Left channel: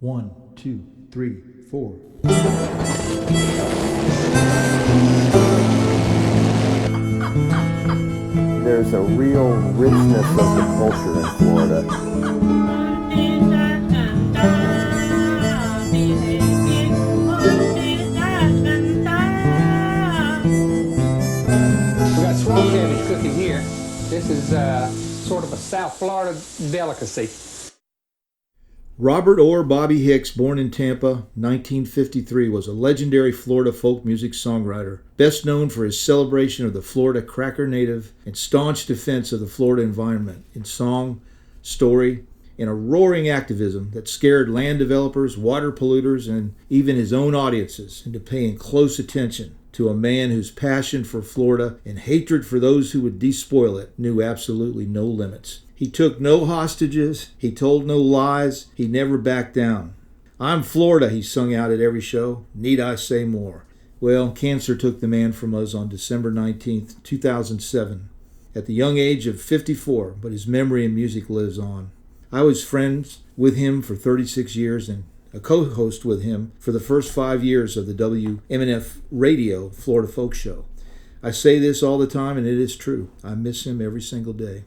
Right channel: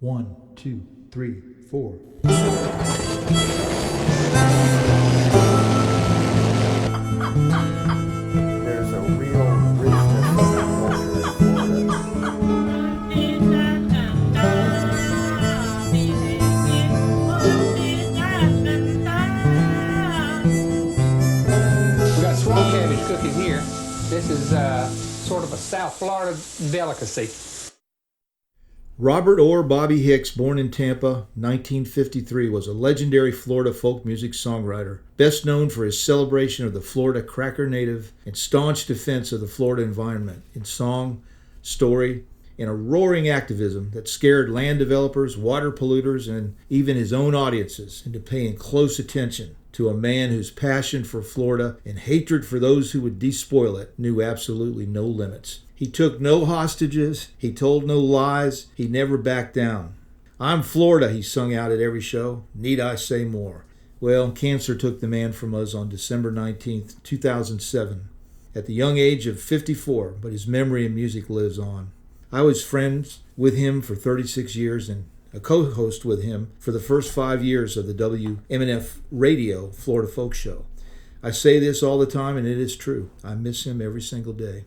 1, 2, 3, 4. There's a real richness of the culture in Florida. We got swamp cabbage cooking here. This is sort of a South Florida delicacy. Robert Orr Bobby Hicks, born in Tampa, 1953, was a legendary Florida folk music songwriter, best known for his celebration of the Florida Cracker Native and staunch defense of the Florida environment in song, story, and a roaring activism that scared land developers, water polluters, and even his own audiences into paying close attention to a man whose passion for Florida and hatred for those who would despoil it knew absolutely no limits. He took no hostages, he told no lies, he never backed down. "I'm Florida," he sung out at every show. Need I say more? Well, cancer took the man from us on December 19th, 2007, at the young age of 54, but his memory and music lives on. I was friends with him for 36 years and a co-host with him for the first 5 years of the WMNF Radio Florida Folk Show. I say this all the time, and it is true. I miss him every single day.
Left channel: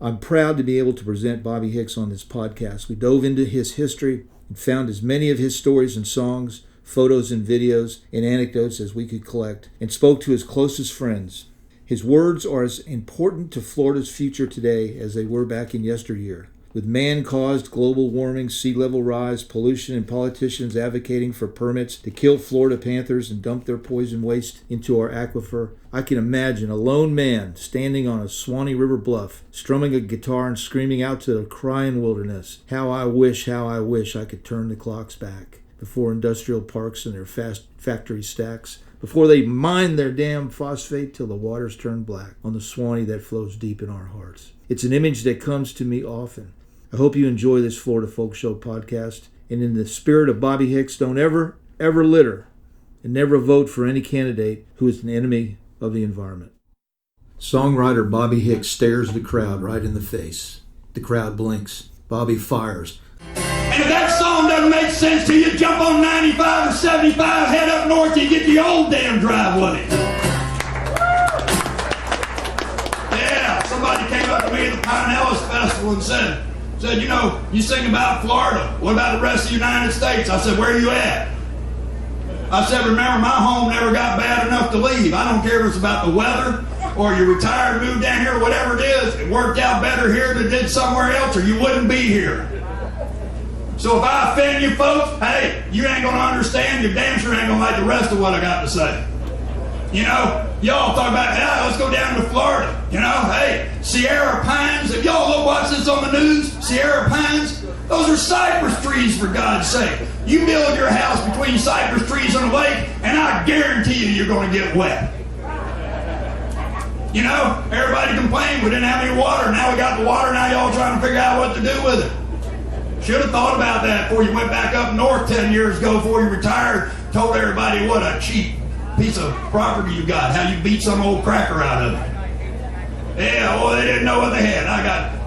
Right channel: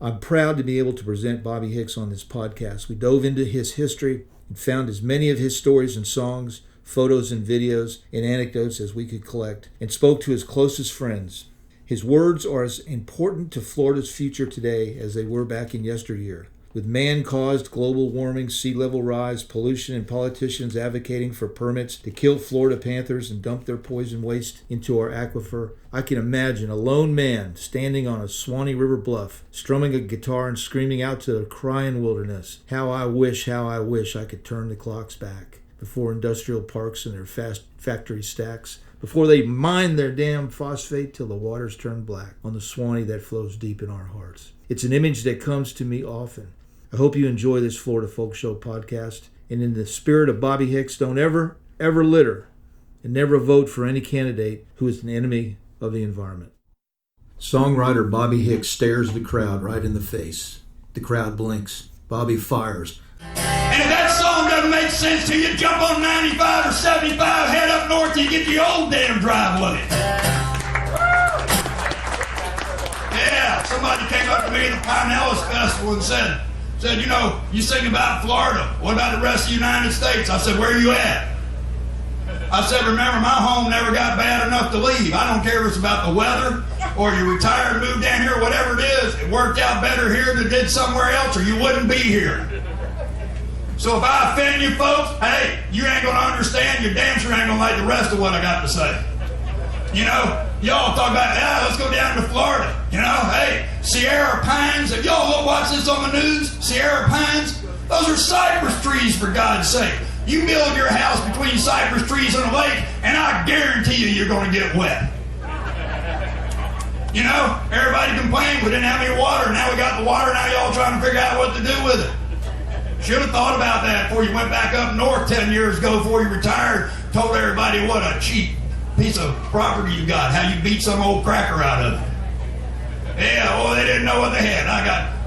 I'm proud to be able to present Bobby Hicks on this podcast. We dove into his history and found as many of his stories and songs, photos and videos, and anecdotes as we could collect, and spoke to his closest friends. His words are as important to Florida's future today as they were back in yesteryear. With man-caused global warming, sea level rise, pollution, and politicians advocating for permits to kill Florida panthers and dump their poison waste into our aquifer, I can imagine a lone man standing on a Swanee River bluff, strumming a guitar and screaming out to the crying wilderness, how I wish I could turn the clocks back before industrial parks and their fast factory stacks, before they mine their damn phosphate till the waters turn black on the Swanee that flows deep in our hearts. It's an image that comes to me often. I hope you enjoy this Florida Folk Show podcast. And in the spirit of Bobby Hicks, don't ever litter and never vote for any candidate who is an enemy of the environment. Songwriter Bobby Hicks stares the crowd right in the face. The crowd blinks. Bobby fires. And if that song doesn't make sense to you, jump on 95 or 75, head up north, you get the old damn driveway. Yeah, somebody came up to me at the Pine Ellis Festival and said, you know, you sing about Florida. What about the rest of the United States? I said, where are you at? I said, remember, my home never got bad enough to leave. I don't care if it's about the weather or you retired, moved down here, whatever it is. It worked out better here than it did somewhere else or you wouldn't be here. So if I offend you folks, hey, you ain't going to understand. You damn sure ain't going to like the rest of what I got to say. You know, y'all talk about, yeah, let's go down to Florida. You know, hey, Sierra Pines, if y'all watch this on the news, Sierra Pines, those are cypress trees, for God's sake. You build your house between cypress trees and a lake, and I guarantee you're going to get wet. You know, everybody complained we didn't have any water. Now we got the water, now y'all trying to figure out what to do with it. Should have thought about that before you went back up north 10 years ago, before you retired, told everybody what a cheap piece of property you got, how you beat some old cracker out of it. Yeah, well, they didn't know what they had.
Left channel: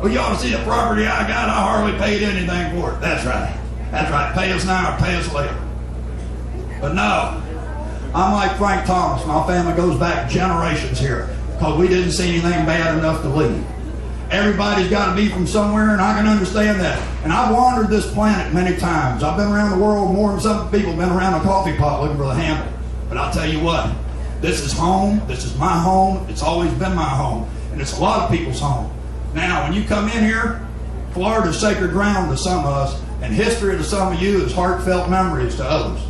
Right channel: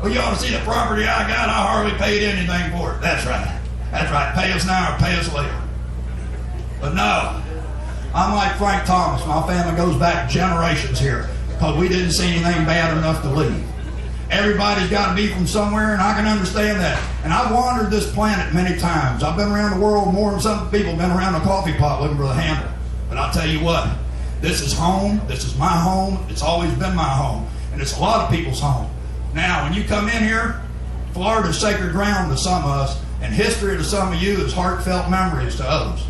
You ought to see the property I got. I hardly paid anything for it. That's right. Pay us now or pay us later. But no, I'm like Frank Thomas. My family goes back generations here because we didn't see anything bad enough to leave. Everybody's got to be from somewhere, and I can understand that. And I've wandered this planet many times. I've been around the world more than some people have been around a coffee pot looking for the handle. But I'll tell you what, this is home, this is my home, it's always been my home, and it's a lot of people's home. Now, when you come in here, Florida's sacred ground to some of us, and history to some of you is heartfelt memories to others.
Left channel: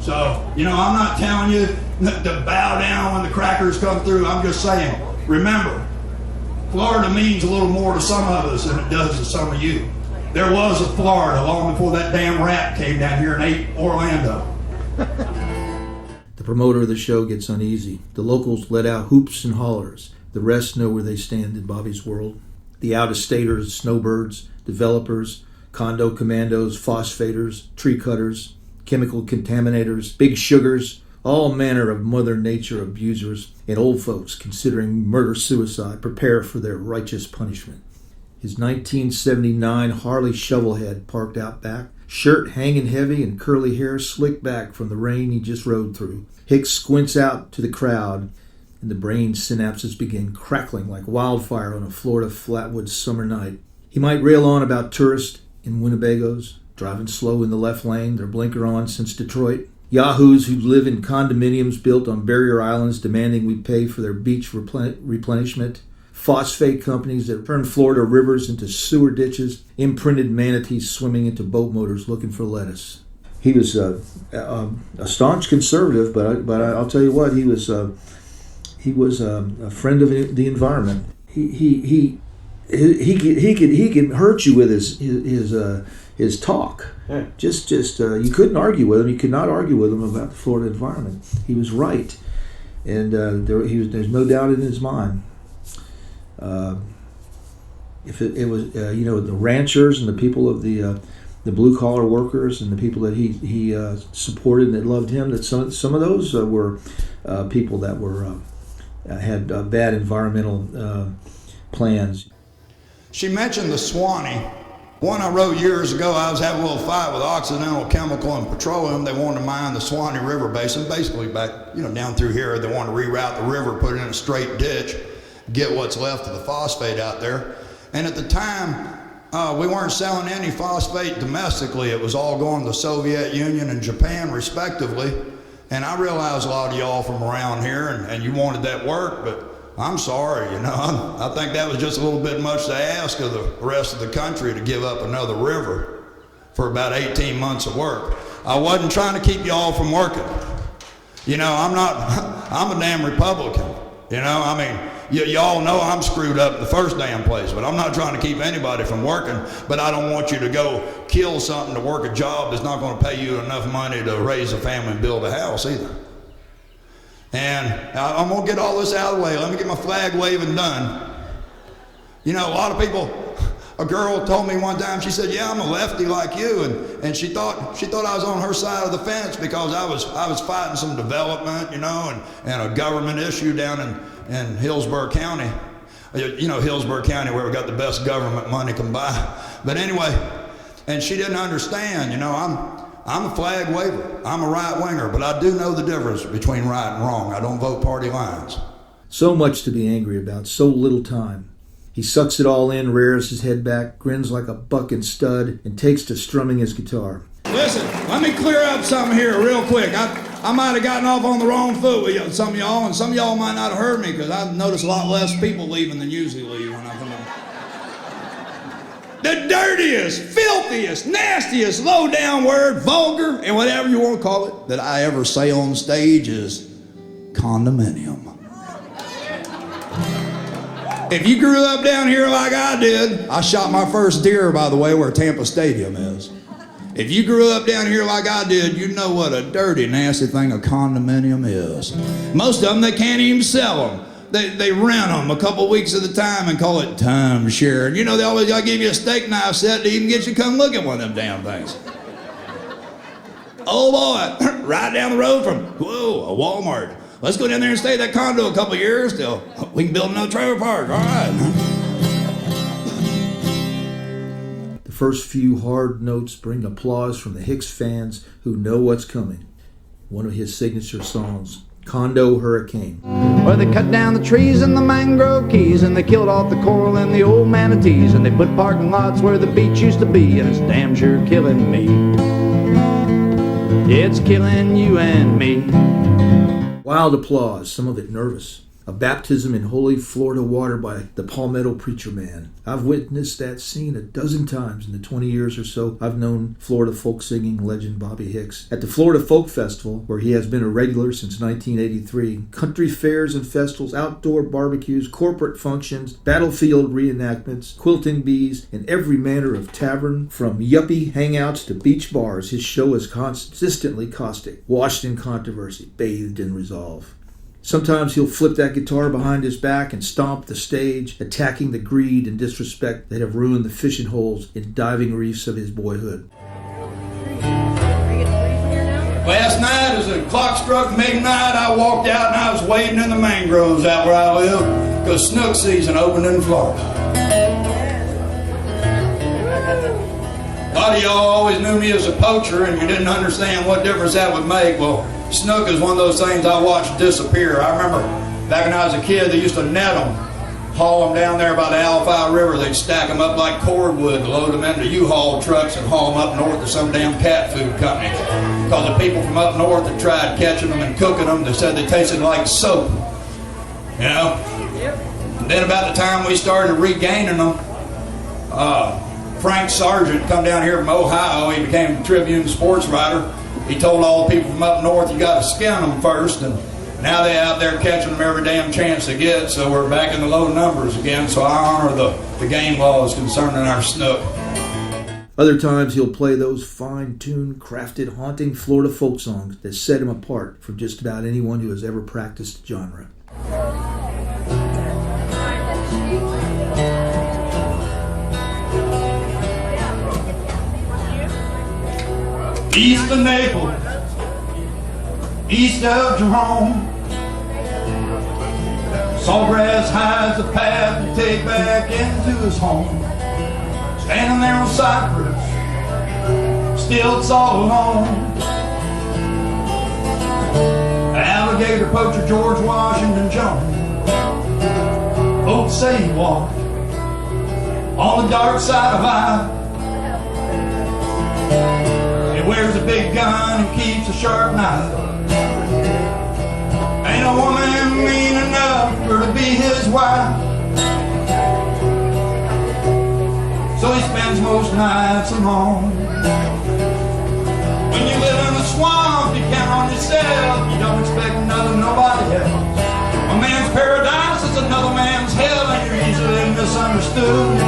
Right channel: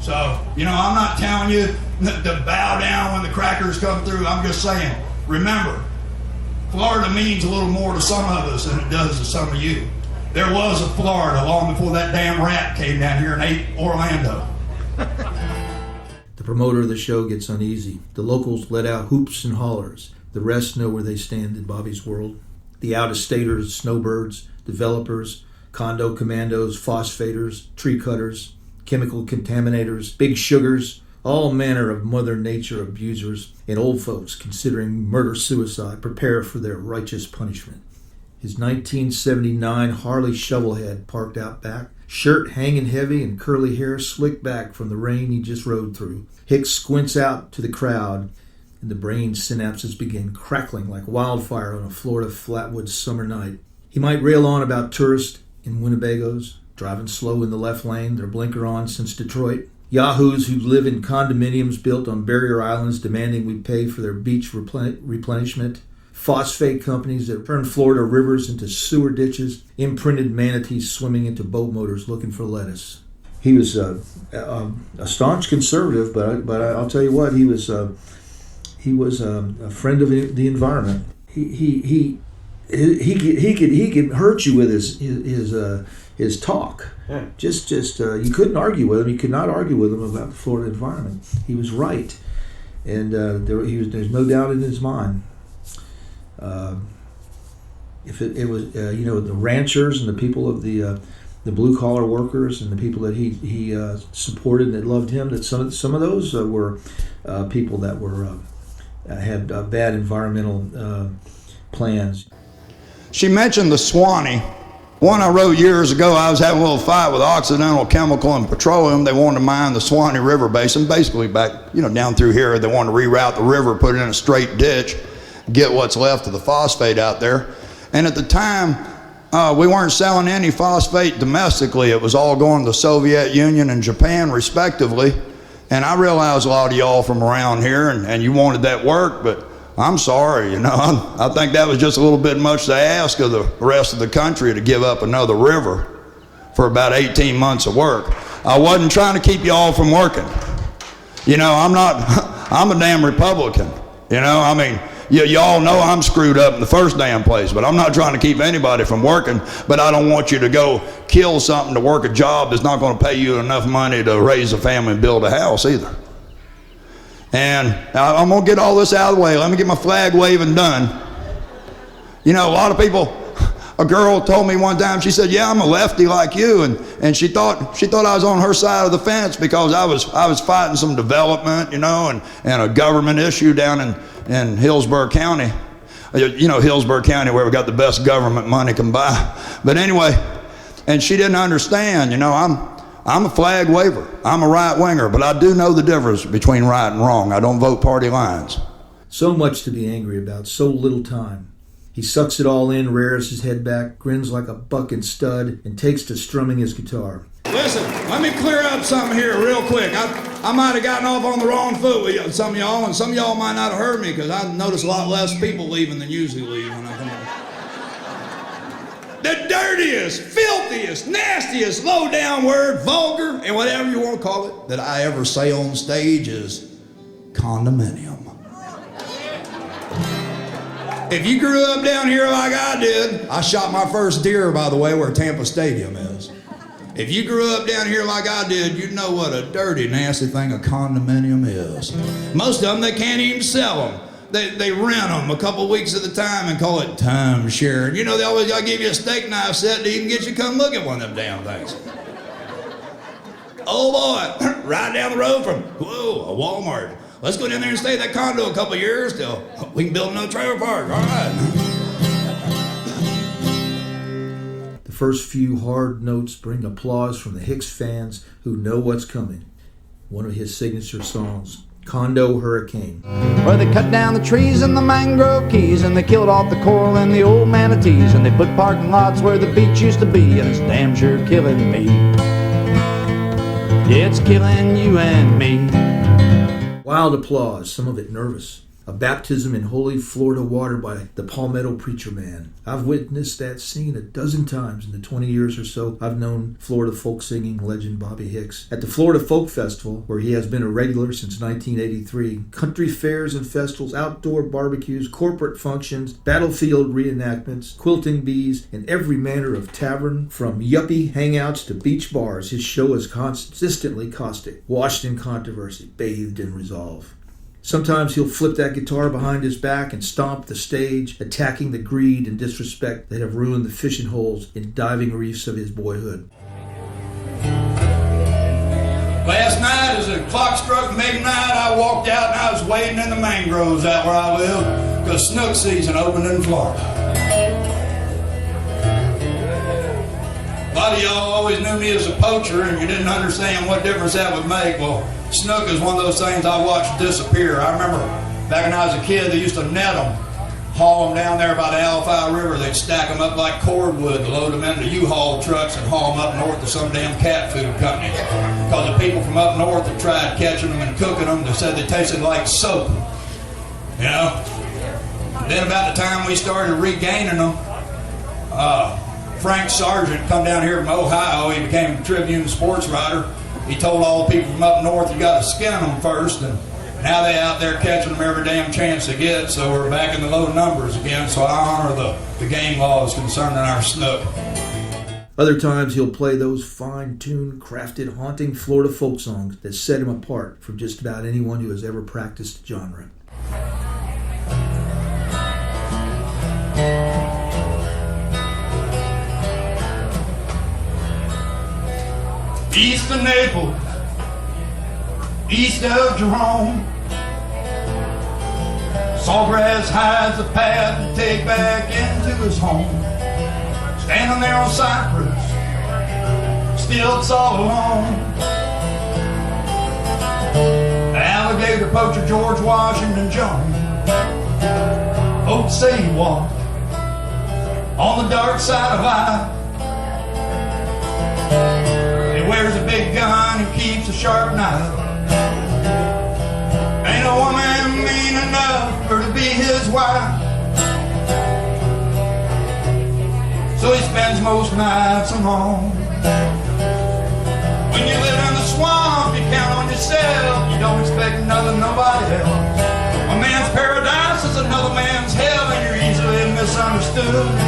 So, you know, I'm not telling you to bow down when the crackers come through, I'm just saying, remember, Florida means a little more to some of us than it does to some of you. There was a Florida long before that damn rat came down here and ate Orlando. The promoter of the show gets uneasy. The locals let out hoops and hollers. The rest know where they stand in Bobby's world. The out-of-staters, snowbirds, developers, condo commandos, phosphators, tree cutters, chemical contaminators, big sugars, all manner of Mother Nature abusers, and old folks considering murder-suicide prepare for their righteous punishment. His 1979 Harley Shovelhead parked out back shirt hanging heavy and curly hair slicked back from the rain he just rode through. Hicks squints out to the crowd, and the brain synapses begin crackling like wildfire on a Florida flatwoods summer night. He might rail on about tourists in Winnebagos, driving slow in the left lane, their blinker on since Detroit. Yahoos who live in condominiums built on barrier islands demanding we pay for their beach replenishment. Phosphate companies that turn Florida rivers into sewer ditches. Imprinted manatees swimming into boat motors looking for lettuce. He was a staunch conservative, but I'll tell you what, he was a friend of the environment. He could hurt you with his talk. Yeah. Just you couldn't argue with him. You could not argue with him about the Florida environment. He was right, and there's no doubt in his mind. If it was the ranchers and the people of the blue collar workers and the people that he supported and that loved him, that some of those were people that were had bad environmental plans. She mentioned the Swanee. One I wrote years ago, I was having a little fight with Occidental Chemical and Petroleum. They wanted to mine the Swanee River Basin, basically back, down through here. They wanted to reroute the river, put it in a straight ditch, get what's left of the phosphate out there. And at the time, we weren't selling any phosphate domestically. It was all going to the Soviet Union and Japan, respectively. And I realize a lot of y'all from around here, and you wanted that work, but I'm sorry, I think that was just a little bit much to ask of the rest of the country to give up another river for about 18 months of work. I wasn't trying to keep y'all from working. I'm a damn Republican. Y'all know I'm screwed up in the first damn place, but I'm not trying to keep anybody from working, but I don't want you to go kill something to work a job that's not going to pay you enough money to raise a family and build a house either. And I'm going to get all this out of the way. Let me get my flag waving done. A lot of people, a girl told me one time, she said, yeah, I'm a lefty like you. And she thought I was on her side of the fence because I was fighting some development, and a government issue down in Hillsborough County. Hillsborough County, where we got the best government money can buy. But anyway, and she didn't understand, I'm a flag waver. I'm a right winger, but I do know the difference between right and wrong. I don't vote party lines. So much to be angry about, so little time. He sucks it all in, rears his head back, grins like a bucking stud, and takes to strumming his guitar. Listen, let me clear up something here real quick. I might have gotten off on the wrong foot with some of y'all, and some of y'all might not have heard me because I notice a lot less people leaving than usually leave when I come in. The dirtiest, filthiest, nastiest, low-down word, vulgar, and whatever you want to call it, that I ever say on stage is condominium. If you grew up down here like I did, I shot my first deer, by the way, where Tampa Stadium is. If you grew up down here like I did, you know what a dirty, nasty thing a condominium is. Most of them, they can't even sell them. They rent them a couple weeks at a time and call it timeshare. And they always got to give you a steak knife set to even get you to come look at one of them damn things. Oh boy, right down the road from, a Walmart. Let's go down there and stay at that condo a couple years till we can build another trailer park. All right. The first few hard notes bring applause from the Hicks fans who know what's coming. One of his signature songs, Condo Hurricane. Well, they cut down the trees and the mangrove keys, and they killed off the coral and the old manatees, and they put parking lots where the beach used to be, and it's damn sure killing me. Yeah, it's killing you and me. Wild applause, some of it nervous. A baptism in holy Florida water by the Palmetto Preacher Man. I've witnessed that scene a dozen times in the 20 years or so I've known Florida folk singing legend Bobby Hicks. At the Florida Folk Festival, where he has been a regular since 1983, country fairs and festivals, outdoor barbecues, corporate functions, battlefield reenactments, quilting bees, and every manner of tavern, from yuppie hangouts to beach bars, his show is consistently caustic, washed in controversy, bathed in resolve. Sometimes he'll flip that guitar behind his back and stomp the stage, attacking the greed and disrespect that have ruined the fishing holes and diving reefs of his boyhood. Last night, as the clock struck midnight, I walked out and I was wading in the mangroves out where I live, because snook season opened in Florida. A lot of y'all always knew me as a poacher and you didn't understand what difference that would make. Well, snook is one of those things I watched disappear. I remember back when I was a kid, they used to net them, haul them down there by the Alphi River. They'd stack them up like cordwood, load them into U-Haul trucks and haul them up north to some damn cat food company. Because the people from up north that tried catching them and cooking them, they said they tasted like soap. You know? Then about the time we started regaining them, Frank Sargent come down here from Ohio. He became a Tribune sports writer. He told all the people from up north, you got to skin them first. And now they're out there catching them every damn chance they get. So we're back in the low numbers again. So I honor the game laws concerning our snook. Other times he'll play those fine-tuned, crafted, haunting Florida folk songs that set him apart from just about anyone who has ever practiced the genre. East of Naples, east of Jerome, Sawgrass hides the path you take back into his home. Standing there on Cypress, stilts all alone. Alligator poacher George Washington Jones, folks say he walked on the dark side of life. He wears a big gun and keeps a sharp knife. Ain't a woman mean enough for to be his wife. So he spends most nights alone. When you live in the swamp, you count on yourself. You don't expect nothing, nobody else. A man's paradise is another man's hell, and you're easily misunderstood.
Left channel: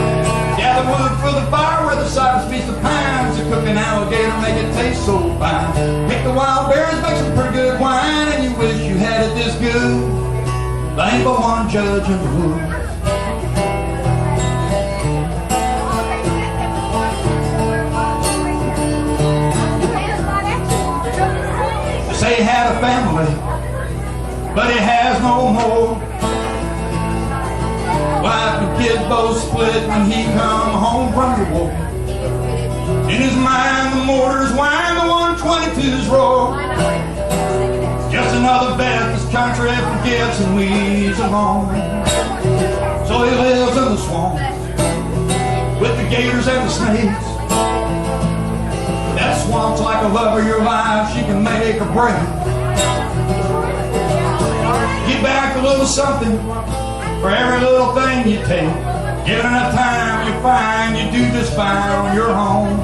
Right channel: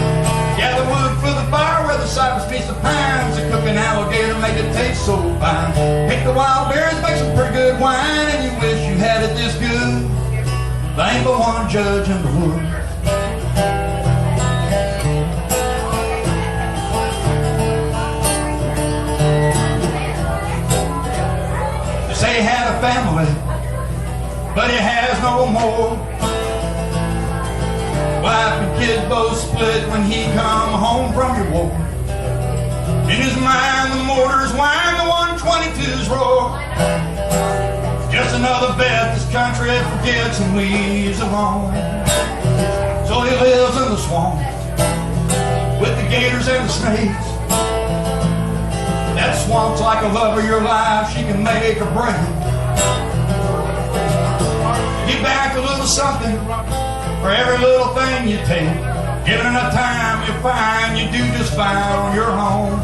Gather wood for the fire where the cypress meets the pines. The cooking alligator make it taste so fine. Pick the wild berries, make some pretty good wine, and you wish you had it this good. There ain't but one judge in the woods. They say he had a family, but he has no more. Wife and kids both split when he come home from your war. In his mind the mortars whine, the 122s roar. Just another vet this country forgets and leaves alone. So he lives in the swamp with the gators and the snakes. That swamp's like a love of your life, she can make or break. Get back a little something for every little thing you take. Given enough time, you'll find you do just fine on your own.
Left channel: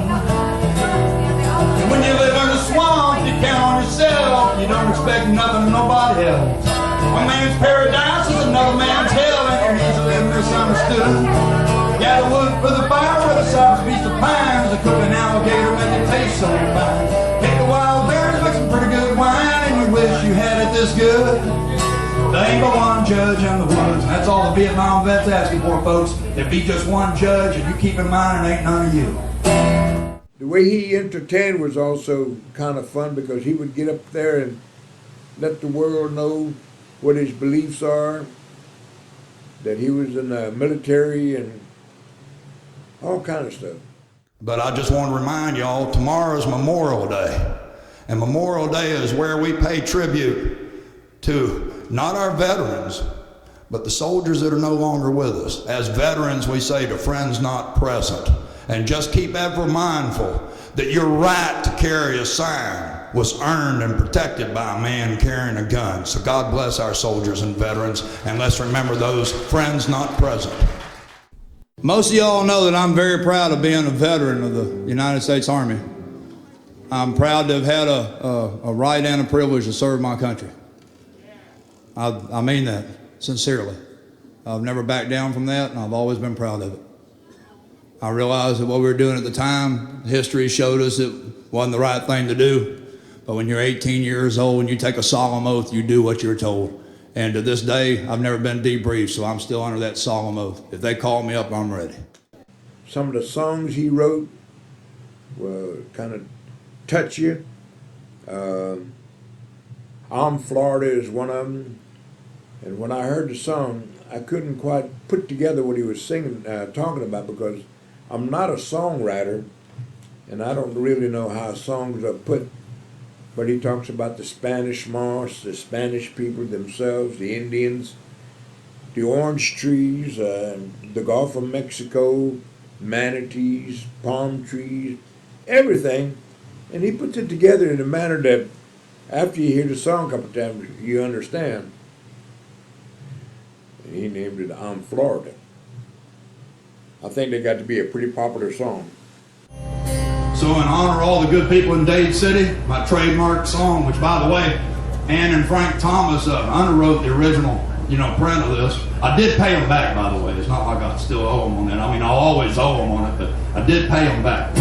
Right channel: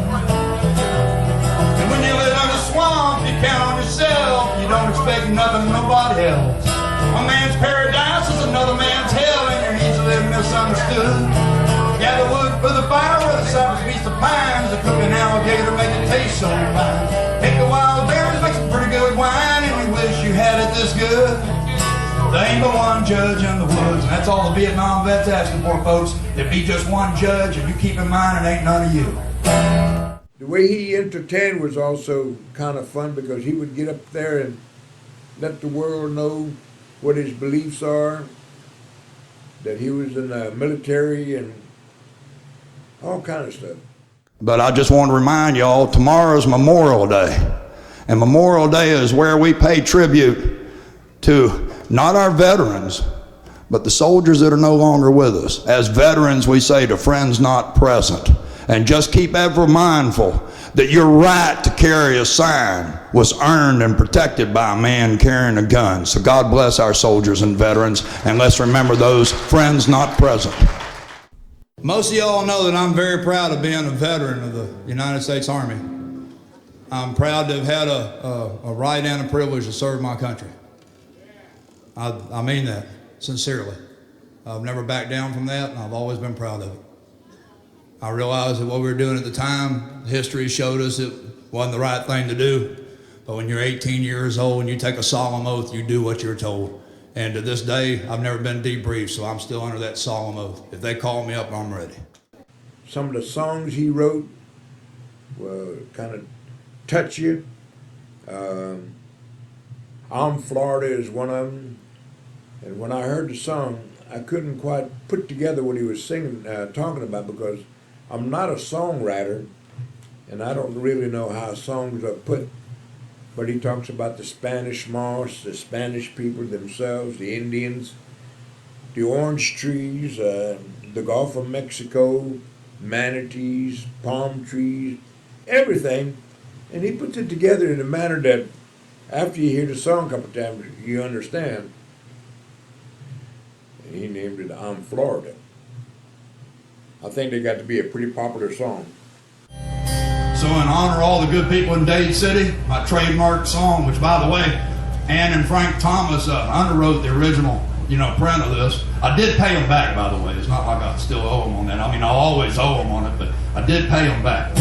And when you live in a swamp, you count on yourself. You don't expect nothing from nobody else. One man's paradise is another man's hell, and you're easily misunderstood. Gather wood for the fire where the cypress meets the pines. A cooking alligator make it taste so fine. Pick the wild berries, make some pretty good wine, and you wish you had it this good. There ain't but one judge in the woods, and that's all the Vietnam vets asking for, folks. There be just one judge, and you keep in mind it ain't none of you. The way he entertained was also kind of fun because he would get up there and let the world know what his beliefs are, that he was in the military and all kind of stuff. But I just want to remind y'all, tomorrow's Memorial Day. And Memorial Day is where we pay tribute to not our veterans, but the soldiers that are no longer with us. As veterans, we say to friends not present. And just keep ever mindful that your right to carry a sign was earned and protected by a man carrying a gun. So God bless our soldiers and veterans, and let's remember those friends not present. Most of y'all know that I'm very proud of being a veteran of the United States Army. I'm proud to have had a right and a privilege to serve my country. I mean that sincerely. I've never backed down from that, and I've always been proud of it. I realized that what we were doing at the time, history showed us it wasn't the right thing to do. But when you're 18 years old and you take a solemn oath, you do what you're told. And to this day, I've never been debriefed, so I'm still under that solemn oath. If they call me up, I'm ready. Some of the songs he wrote will kind of touch you. I'm Florida is one of them. And when I heard the song, I couldn't quite put together what he was singing, talking about, because I'm not a songwriter, And I don't really know how songs are put, but he talks about the Spanish moss, the Spanish people themselves, the Indians, the orange trees, the Gulf of Mexico, manatees, palm trees, everything. And he puts it together in a manner that after you hear the song a couple times, you understand. And he named it I'm Florida. I think they got to be a pretty popular song. So in honor of all the good people in Dade City, my trademark song, which by the way, Ann and Frank Thomas underwrote the original, print of this. I did pay them back, by the way. It's not like I still owe them on that. I mean, I'll always owe them on it, but I did pay them back.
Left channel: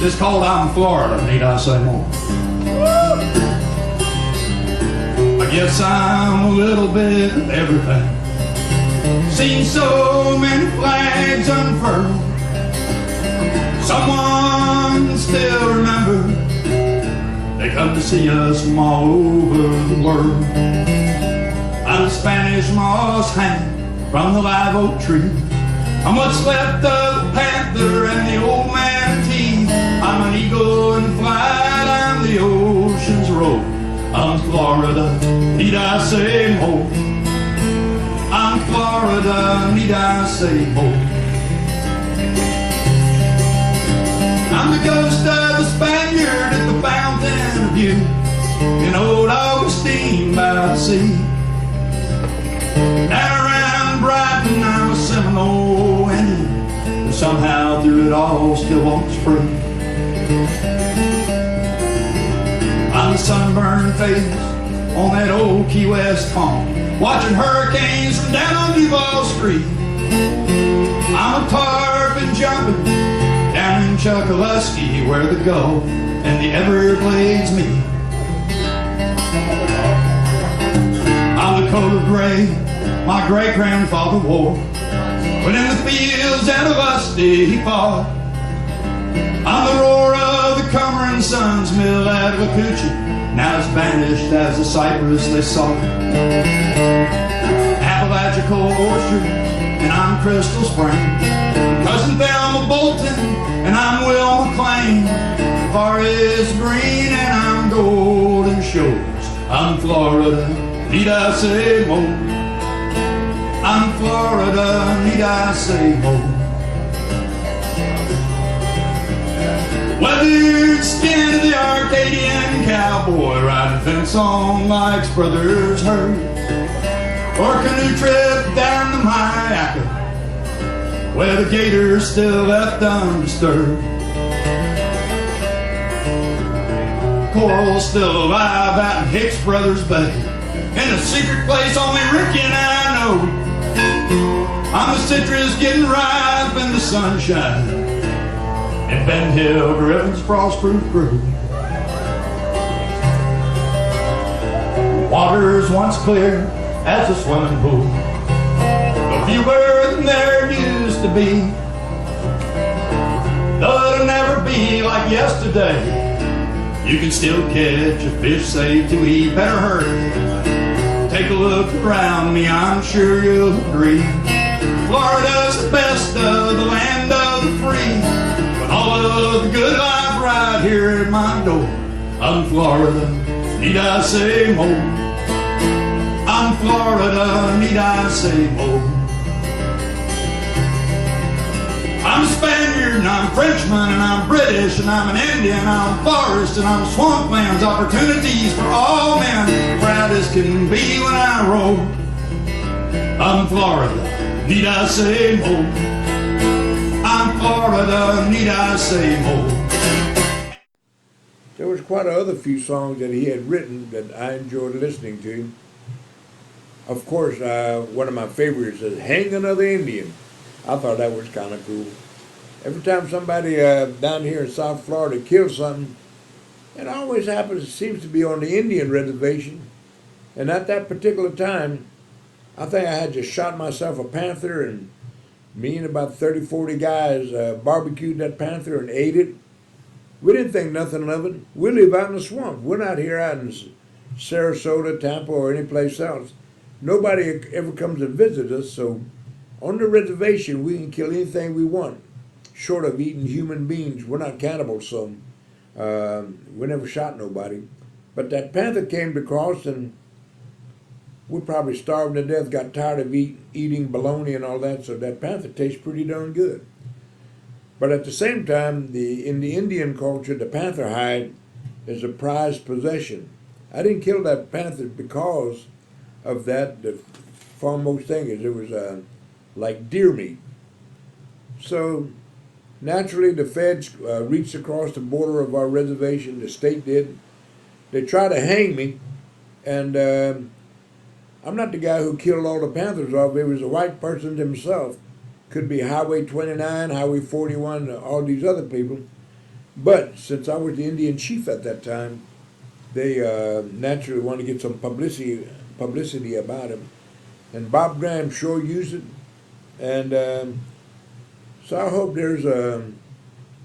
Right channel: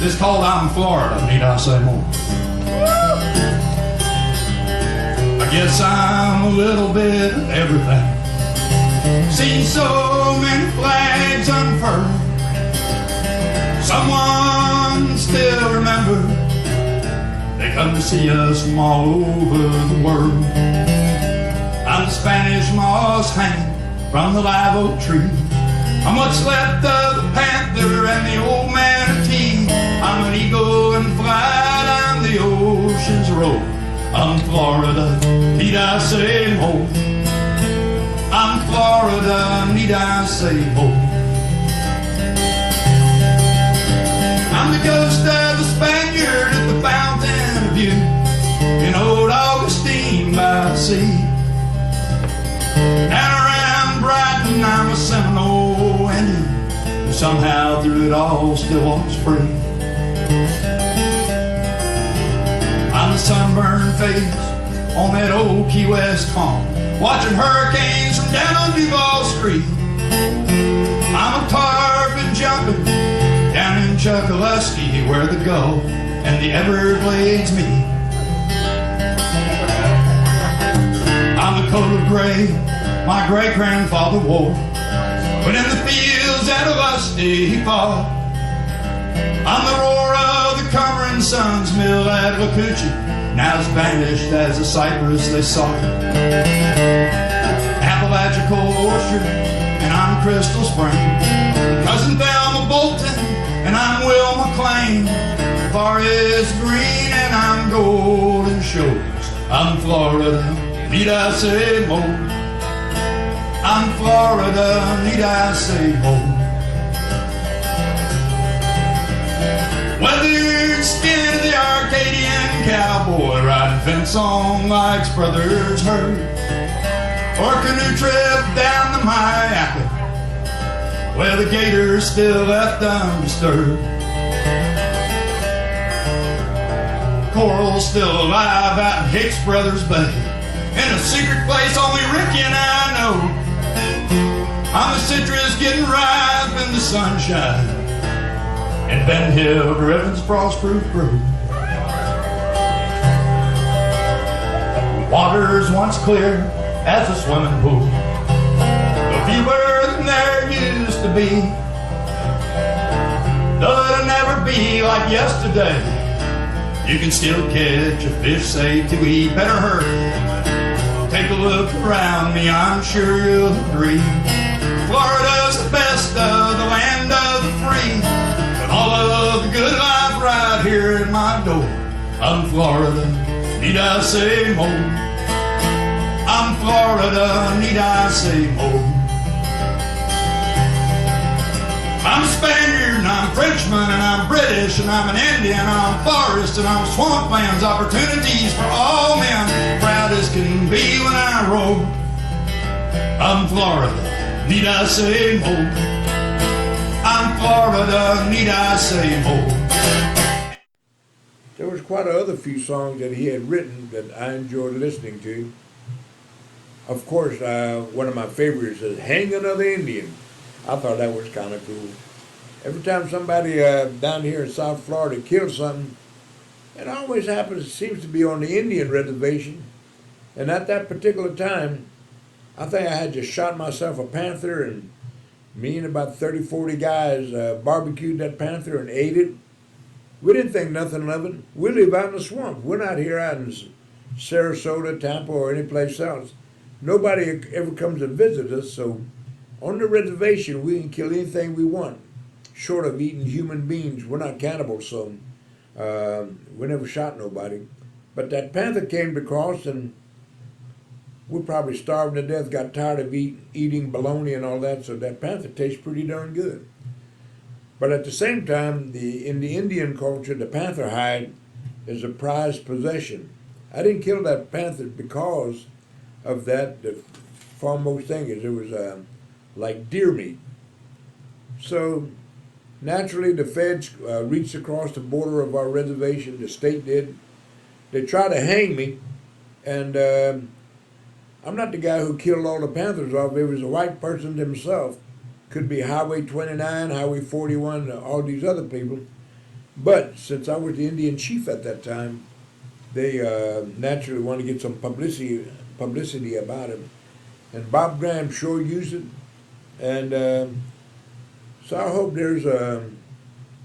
This is called I'm Florida, need I say more? I guess I'm a little bit of everything. Seen so many flags unfurled. Someone still remember. They come to see us from all over the world. I'm the Spanish moss hanging from the live oak tree. I'm what's left of the panther and the old manatee. I'm an eagle in flight, I'm the ocean's road. I'm Florida, need I say more? I'm Florida, need I say more? I'm the ghost of a Spaniard at the fountain of youth in old Augustine by the sea. Down around Brighton, I'm a Seminole Indian who somehow through it all still walks free. I'm the sunburned face on that old Key West calm, watching hurricanes from down on Duval Street. I'm a tarpon jumping down in Chuckaluskee where the Gulf and the Everglades meet. I'm the coat of gray my great-grandfather wore when in the fields at Augusty he fought. I'm the roar of the Cumber and Sons mill at Wacoochee, now as vanished as the cypress they sought. Appalachian Orchard, and I'm Crystal Spring. Cousin Thelma Bolton, and I'm Will McLean. Forest Green, and I'm Golden Shores. I'm Florida, need I say more? I'm Florida, need I say more? Weathered skin of the Arcadian cowboy, riding fence on Mike's brother's herd, or canoe trip down the Myakka, where the gators still left undisturbed. Coral still alive out in Hicks Brothers Bay, in a secret place only Ricky and I know. I'm the citrus getting ripe in the sunshine, and Ben Hill Griffin's frost-proof brew. Water's once clear as a swimming pool, a fewer than there used to be. Though it'll never be like yesterday, you can still catch a fish safe to eat. Better hurry, take a look around me, I'm sure you'll agree. Florida's the best of the land of the free, but all of the good life right here at my door. I'm Florida, need I say more? I'm Florida, need I say more? I'm a Spaniard, and I'm a Frenchman, and I'm British, and I'm an Indian, and I'm forest, and I'm swamplands, opportunities for all men, proud as can be when I roll. I'm Florida, need I say more? I'm Florida, need I say more? There was quite a other few songs that he had written that I enjoyed listening to. Of course, one of my favorites is Hang Another Indian. I thought that was kind of cool. Every time somebody down here in South Florida kills something, it always happens, it seems to be on the Indian reservation. And at that particular time, I think I had just shot myself a panther, and me and about 30, 40 guys barbecued that panther and ate it. We didn't think nothing of it. We live out in the swamp. We're not here out in Sarasota, Tampa, or any place else. Nobody ever comes to visit us, so on the reservation, we can kill anything we want. short of eating human beings. We're not cannibals, so we never shot nobody. But that panther came to cross, and we probably starved to death, got tired of eating bologna and all that, so that panther tastes pretty darn good. But at the same time, in the Indian culture, the panther hide is a prized possession. I didn't kill that panther because of that. The foremost thing is it was like deer meat. So naturally, the feds reached across the border of our reservation. The state did. They tried to hang me, and I'm not the guy who killed all the panthers off. It was a white person himself. Could be Highway 29, Highway 41, all these other people. But since I was the Indian chief at that time, they naturally wanted to get some publicity about him. And Bob Graham sure used it. And so I hope there's a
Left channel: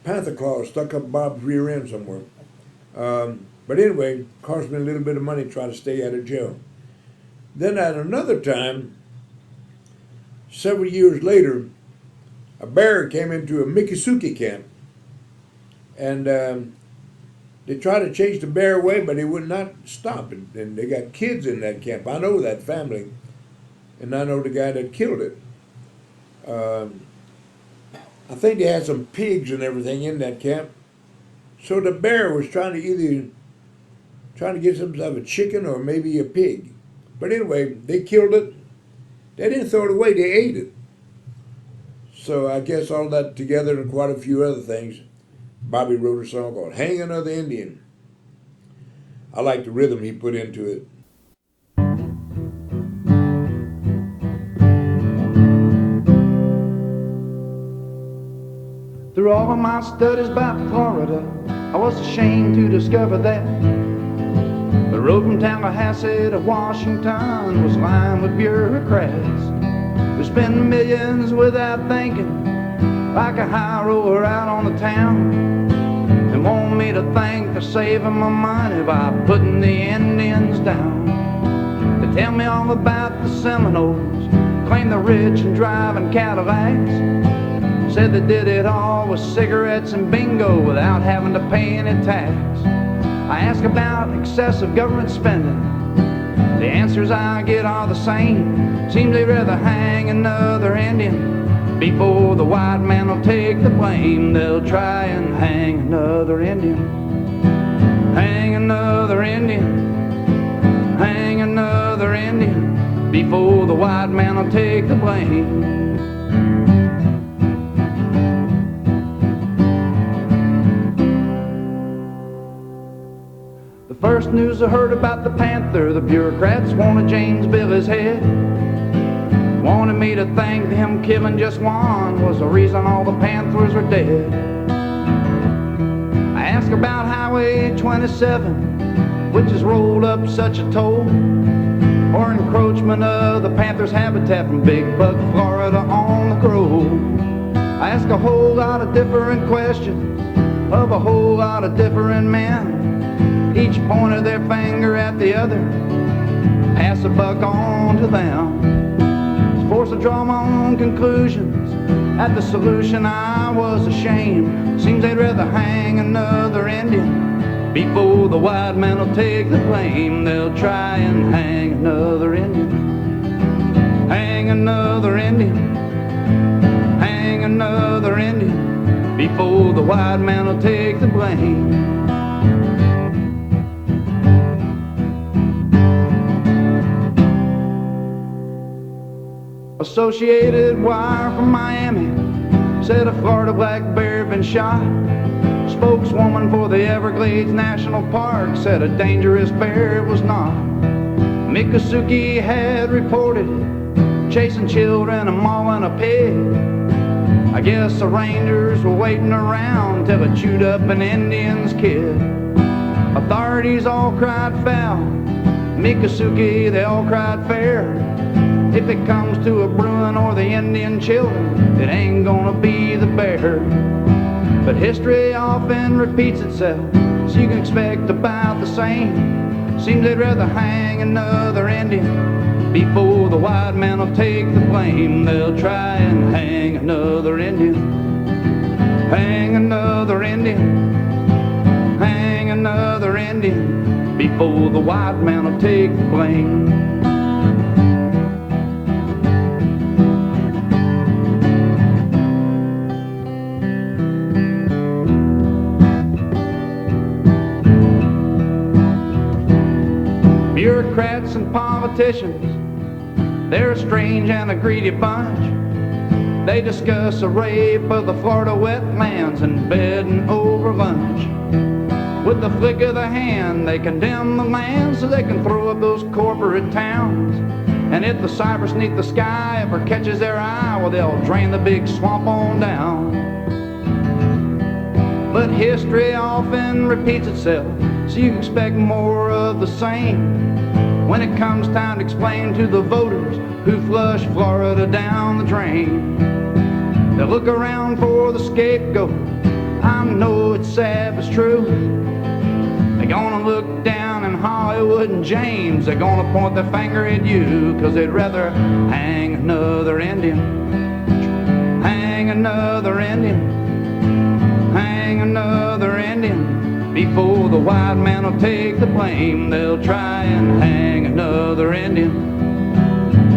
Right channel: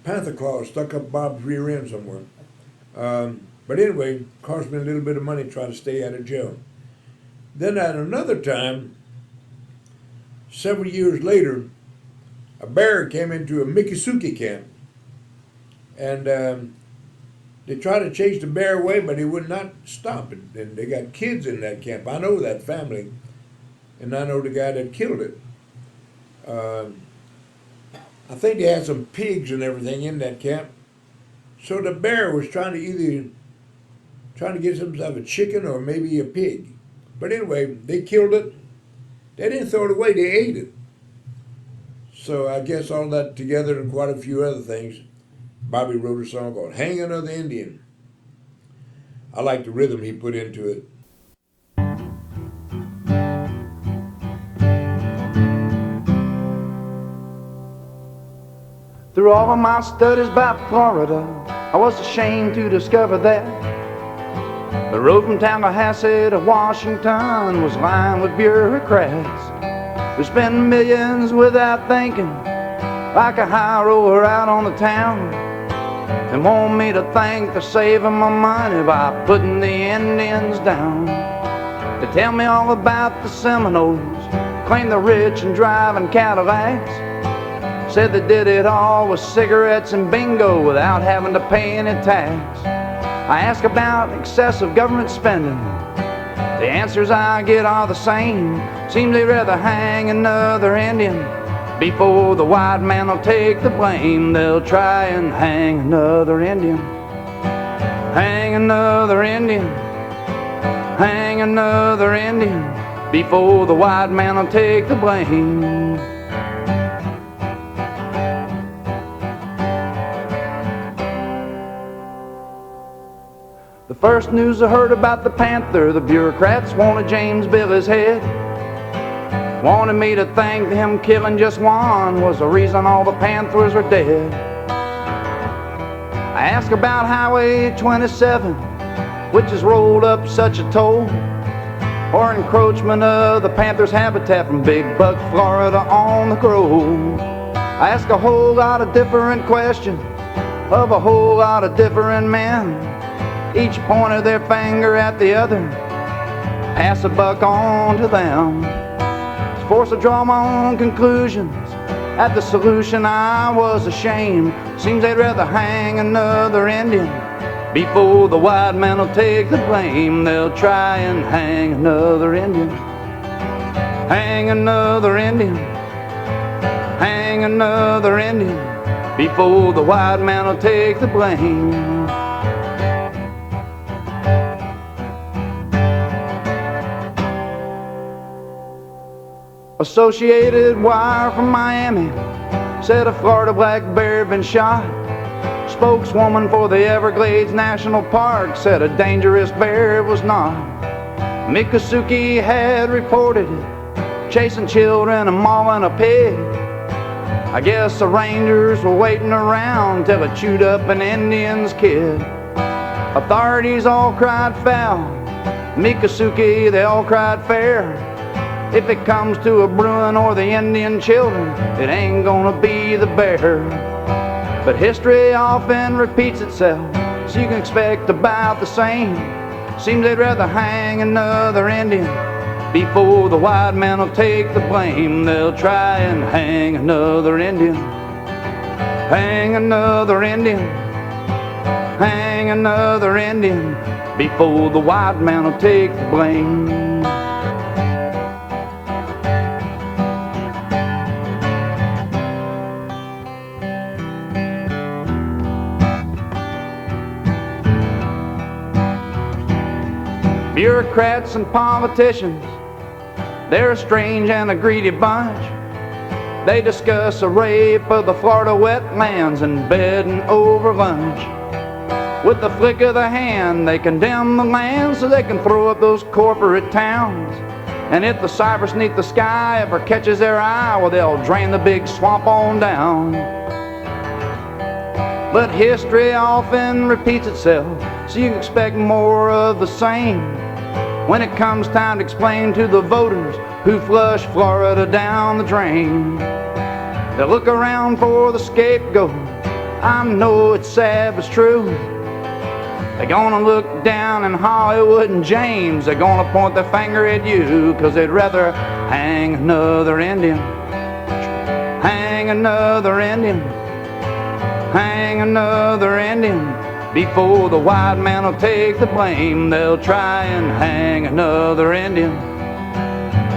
panther claw stuck up Bob's rear end somewhere. But anyway, it cost me a little bit of money trying to stay out of jail. Then at another time, several years later, a bear came into a Miccosukee camp. And they tried to chase the bear away, but he would not stop. And they got kids in that camp. I know that family, and I know the guy that killed it. I think they had some pigs and everything in that camp. So the bear was trying to get himself a chicken or maybe a pig. But anyway, they killed it. They didn't throw it away, they ate it. So I guess all that together and quite a few other things, Bobby wrote a song called Hang Another Indian. I like the rhythm he put into it. Through all of my studies about Florida, I was ashamed to discover that the road from Tallahassee to Washington was lined with bureaucrats who spend millions without thinking, like a high roller out on the town, and want me to think they're saving my money by putting the Indians down. They tell me all about the Seminoles, claim they're rich and driving Cadillacs, said they did it all with cigarettes and bingo without having to pay any tax. I ask about excessive government spending. The answers I get are the same. Seems they'd rather hang another Indian before the white man will take the blame. They'll try and hang another Indian. Hang another Indian. Hang another Indian before the white man will take the blame. The first news I heard about the panther, the bureaucrats wanted James Billy's head. Wanted me to think him killing just one was the reason all the panthers were dead. I asked about Highway 27, which has rolled up such a toll, or encroachment of the panther's habitat from Big Buck, Florida on the Grove. I asked a whole lot of different questions of a whole lot of different men. Each pointed their finger at the other, pass the buck on to them. Forced to draw my own conclusions. At the solution I was ashamed. Seems they'd rather hang another Indian before the white man will take the blame. They'll try and hang another Indian. Hang another Indian. Hang another Indian before the white man will take the blame. Associated Wire from Miami said a Florida black bear had been shot. Spokeswoman for the Everglades National Park said a dangerous bear it was not. Miccosukee had reported it, chasing children and mauling a pig. I guess the rangers were waiting around till it chewed up an Indian's kid. Authorities all cried foul, Miccosukee they all cried fair. If it comes to a Bruin or the Indian children, it ain't gonna be the bear. But history often repeats itself, so you can expect about the same. Seems they'd rather hang another Indian before the white man will take the blame. They'll try and hang another Indian. another Indian, hang another Indian before the white man will take the blame. Bureaucrats and politicians, they're a strange and a greedy bunch. They discuss a rape of the Florida wetlands in bed and over lunch. With the flick of the hand, they condemn the land so they can throw up those corporate towns. And if the cypress neath the sky ever catches their eye, well, they'll drain the big swamp on down. But history often repeats itself, so you expect more of the same. When it comes time to explain to the voters who flushed Florida down the drain, they look around for the scapegoat. I know it's sad but it's true. They're gonna look down in Hollywood and James. They're gonna point their finger at you, 'cause they'd rather hang another Indian, hang another Indian, hang another Indian before the white man will take the blame. They'll try and hang another Indian,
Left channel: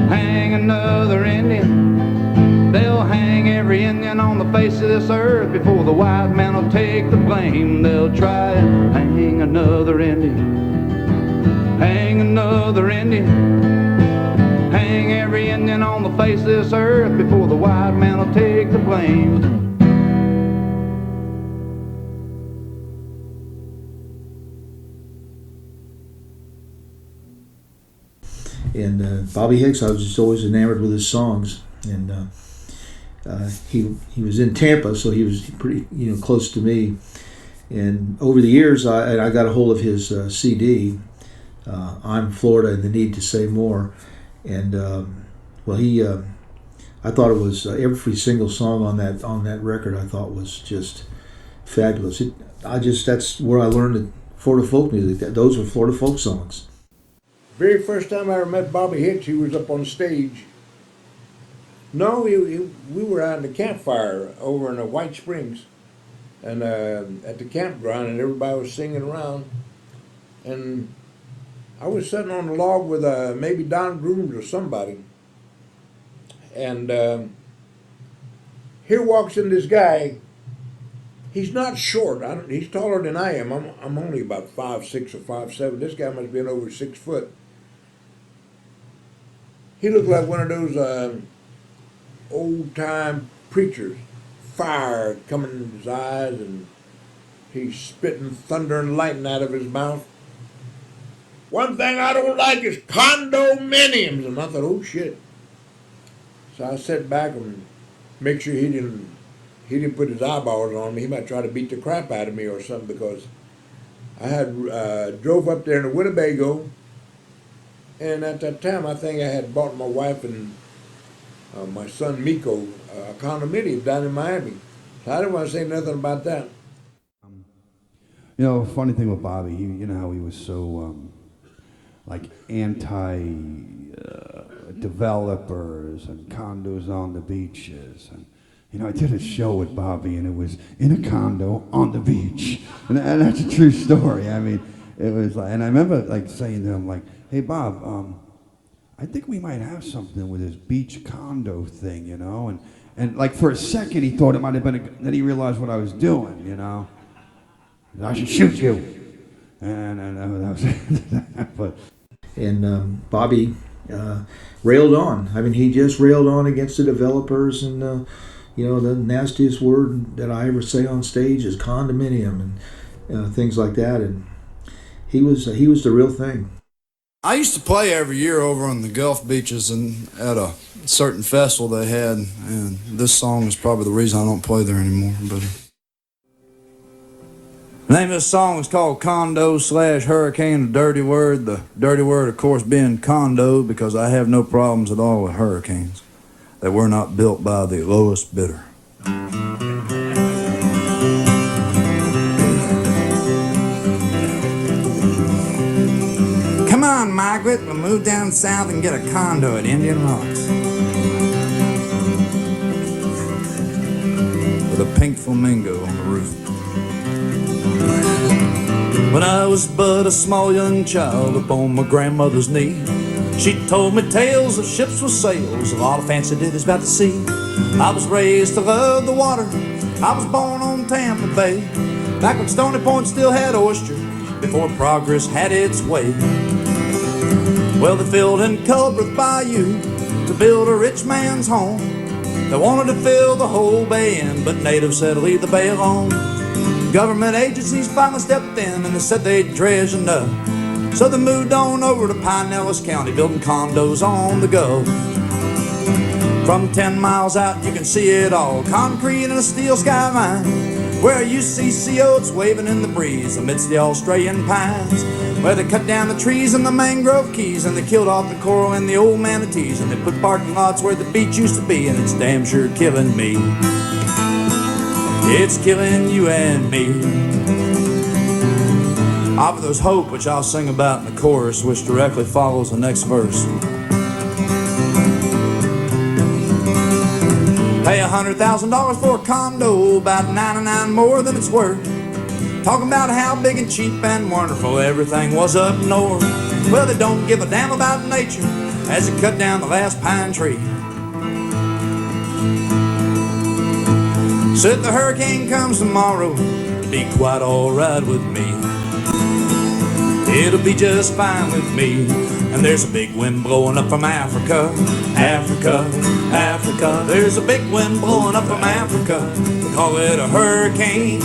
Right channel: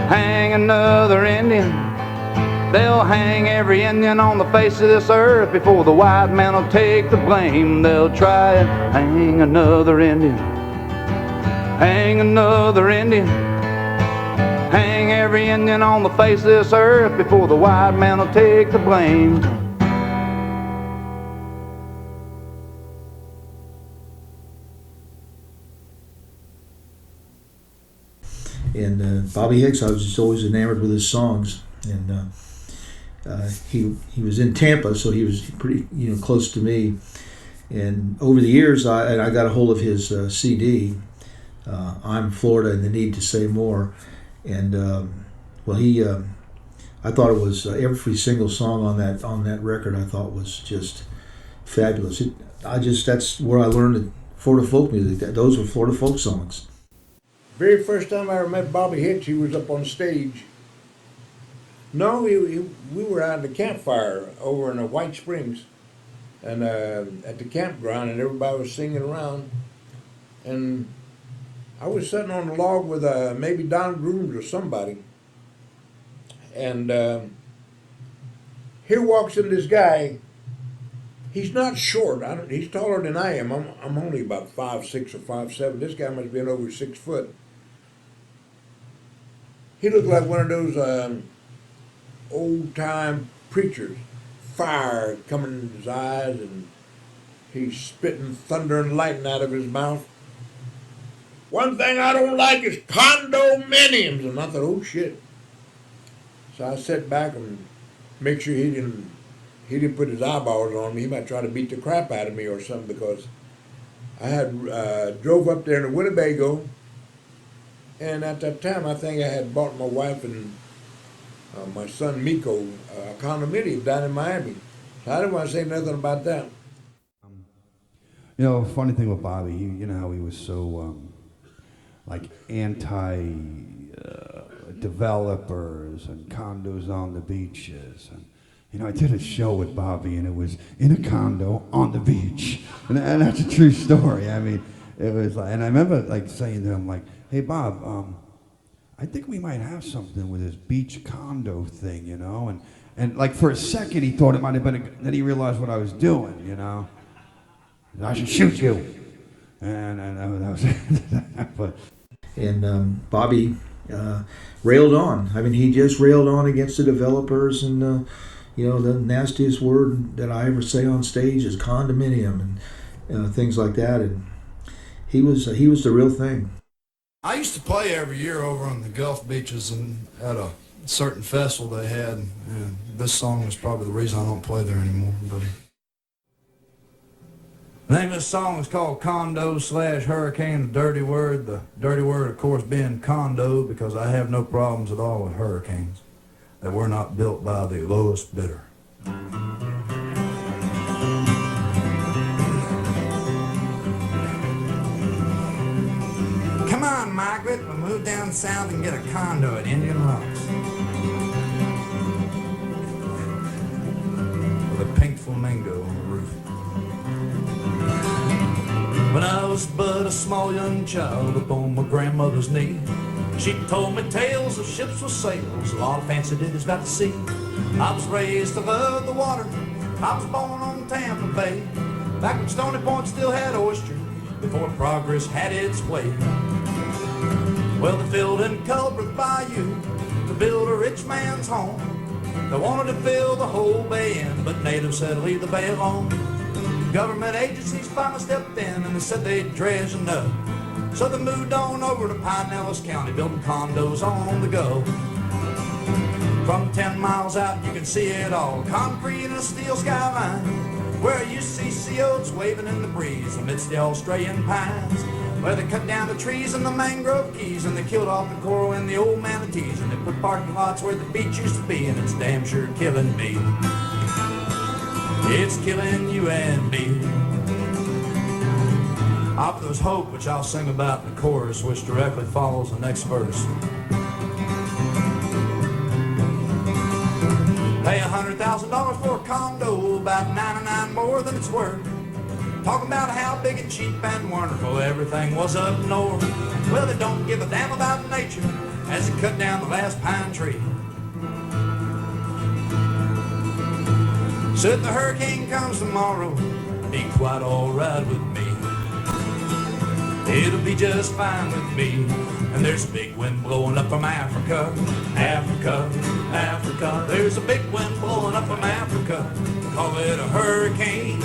hang another Indian. They'll hang every Indian on the face of this earth before the white man will take the blame. They'll try and hang another Indian, hang another Indian. Hang every Indian on the face of this earth before the white man will take the blame. And Bobby Hicks, I was just always enamored with his songs. And he was in Tampa, so he was pretty close to me. And over the years, I got a hold of his CD, "I'm Florida and the Need to Say More." And I thought it was every single song on that record. I thought was just fabulous. That's where I learned Florida folk music. Those were Florida folk songs. Very first time I ever met Bobby Hicks, he was up on stage. No, we were out in the campfire over in White Springs, and at the campground, and everybody was singing around. And I was sitting on the log with maybe Don Grooms or somebody, and here walks in this guy. He's not short. He's taller than I am. I'm only about 5'6" or 5'7". This guy must be over 6 foot. He looked like one of those old-time preachers. Fire coming in his eyes, and he's spitting thunder and lightning out of his mouth. "One thing I don't like is condominiums." And I thought, oh shit. So I sat back and make sure he didn't put his eyeballs on me. He might try to beat the crap out of me or something, because I had drove up there in the Winnebago, and at that time I think I had bought my wife and my son Miko a condominium down in Miami. So I didn't want to say nothing about that. Funny thing with Bobby, you know how he was so like anti-developers and condos on the beaches. And I did a show with Bobby, and it was in a condo on the beach, and that's a true story. I mean, it was like, and I remember like saying to him, like, "Hey Bob, I think we might have something with this beach condo thing, and like for a second he thought it might have been, then he realized what I was doing, I should shoot you, and that was but. And Bobby railed on. I mean, he just railed on against the developers, and the nastiest word that I ever say on stage is condominium and things like that. And he was the real thing. I used to play every year over on the Gulf beaches and at a certain festival they had, and this song is probably the reason I don't play there anymore. But the name of this song is called Condo/Hurricane, a dirty word. The dirty word, of course, being condo, because I have no problems at all with hurricanes. They were not built by the lowest bidder. Come on, Margaret, we'll move down south and get a condo at Indian Rocks. with a pink flamingo on the roof. When I was but a small young child upon my grandmother's knee, she told me tales of ships with sails, a lot of fancy ditties about the sea. I was raised to love the water, I was born on Tampa Bay, back when Stony Point still had oysters, before progress had its way. Well, they filled in Culbreth Bayou to build a rich man's home. They wanted to fill the whole bay in, but natives said leave the bay alone. Government agencies finally stepped in and they said they'd dredge enough. So they moved on over to Pinellas County, building condos on the go. From 10 miles out you can see it all, concrete and a steel skyline, where you see sea oats waving in the breeze amidst the Australian pines, where they cut down the trees and the mangrove keys, and they killed off the coral and the old manatees, and they put parking lots where the beach used to be, and it's damn sure killing me. It's killing you and me. Of There's Hope, which I'll sing about in the chorus, which directly follows the next verse. Pay $100,000 for a condo, about 99 more than it's worth. Talking about how big and cheap and wonderful everything was up north. Well, they don't give a damn about nature as they cut down the last pine tree. Said the hurricane comes tomorrow, it'll be quite alright with me. It'll be just fine with me. And there's a big wind blowing up from Africa, Africa, Africa. There's a big wind blowing up from Africa, we call it a hurricane.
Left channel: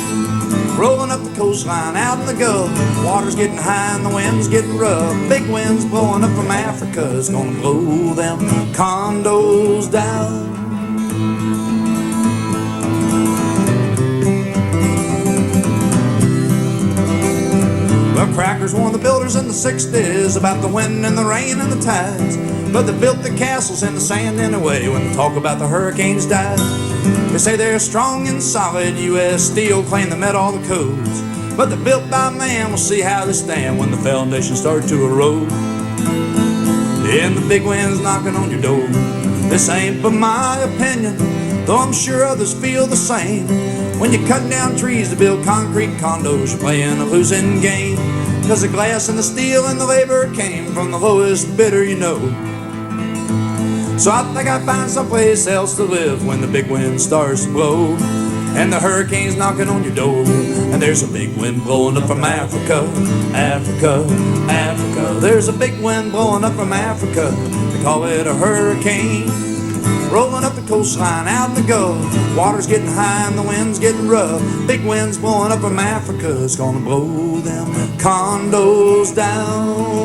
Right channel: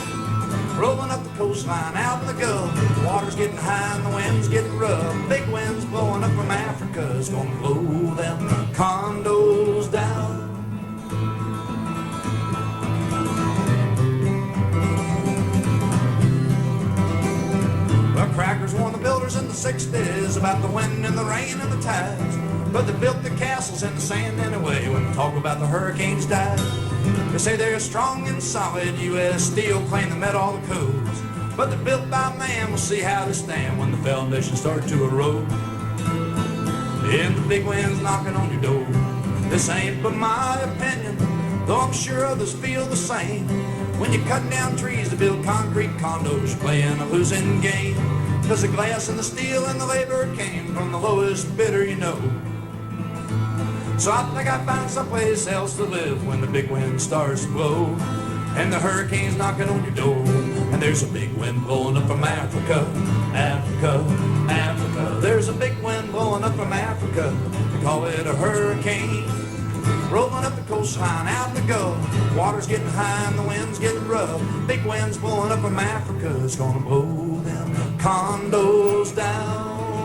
Rolling up the coastline out in the Gulf, the water's getting high and the wind's getting rough. Big winds blowing up from Africa, it's gonna blow them condos down. Well, crackers warned the builders in the 60s about the wind and the rain and the tides, but they built the castles in the sand anyway when they talk about the hurricanes died. They say they're strong and solid, U.S. steel, claim they met all the codes, but they're built by man, we'll see how they stand when the foundations start to erode. And the big wind's knocking on your door. This ain't but my opinion, though I'm sure others feel the same. When you're cutting down trees to build concrete condos, you're playing a losing game, cause the glass and the steel and the labor came from the lowest bidder you know. So I think I find someplace else to live when the big wind starts to blow, and the hurricane's knocking on your door, and there's a big wind blowing up from Africa, Africa, Africa. There's a big wind blowing up from Africa, they call it a hurricane. Rolling up the coastline out in the Gulf, water's getting high and the wind's getting rough. Big winds blowing up from Africa, it's gonna blow them condos down.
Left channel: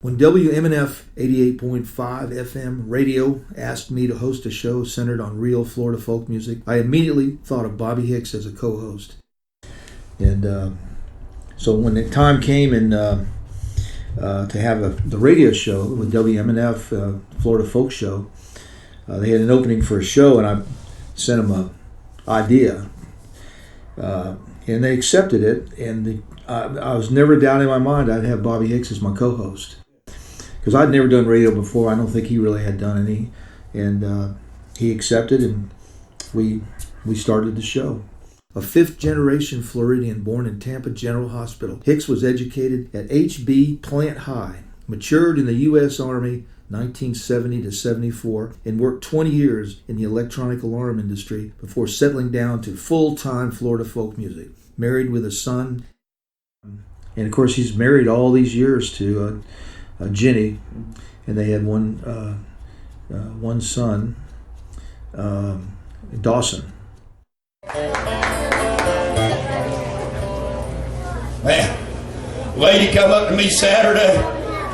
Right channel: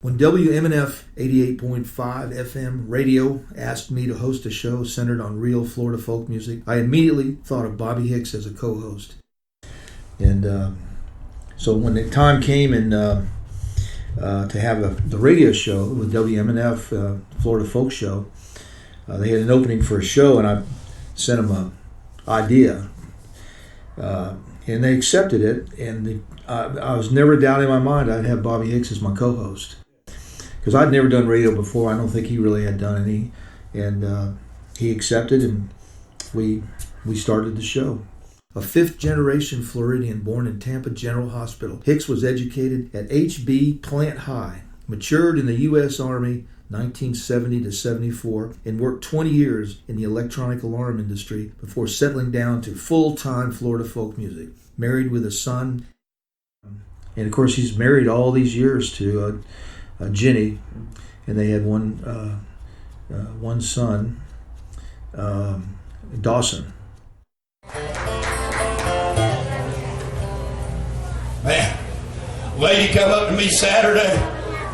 When WMNF 88.5 FM radio asked me to host a show centered on real Florida folk music, I immediately thought of Bobby Hicks as a co-host. And so when the time came and to have the radio show with WMNF, Florida Folk Show, they had an opening for a show, and I sent them an idea. And they accepted it, and I was never doubting in my mind I'd have Bobby Hicks as my co-host, because I'd never done radio before. I don't think he really had done any, and he accepted, and we started the show. A fifth-generation Floridian born in Tampa General Hospital, Hicks was educated at H.B. Plant High, matured in the U.S. Army 1970 to 74, and worked 20 years in the electronic alarm industry before settling down to full-time Florida folk music. Married with a son, and of course he's married all these years to Jenny, and they had one son, Dawson. Man, lady come up to me Saturday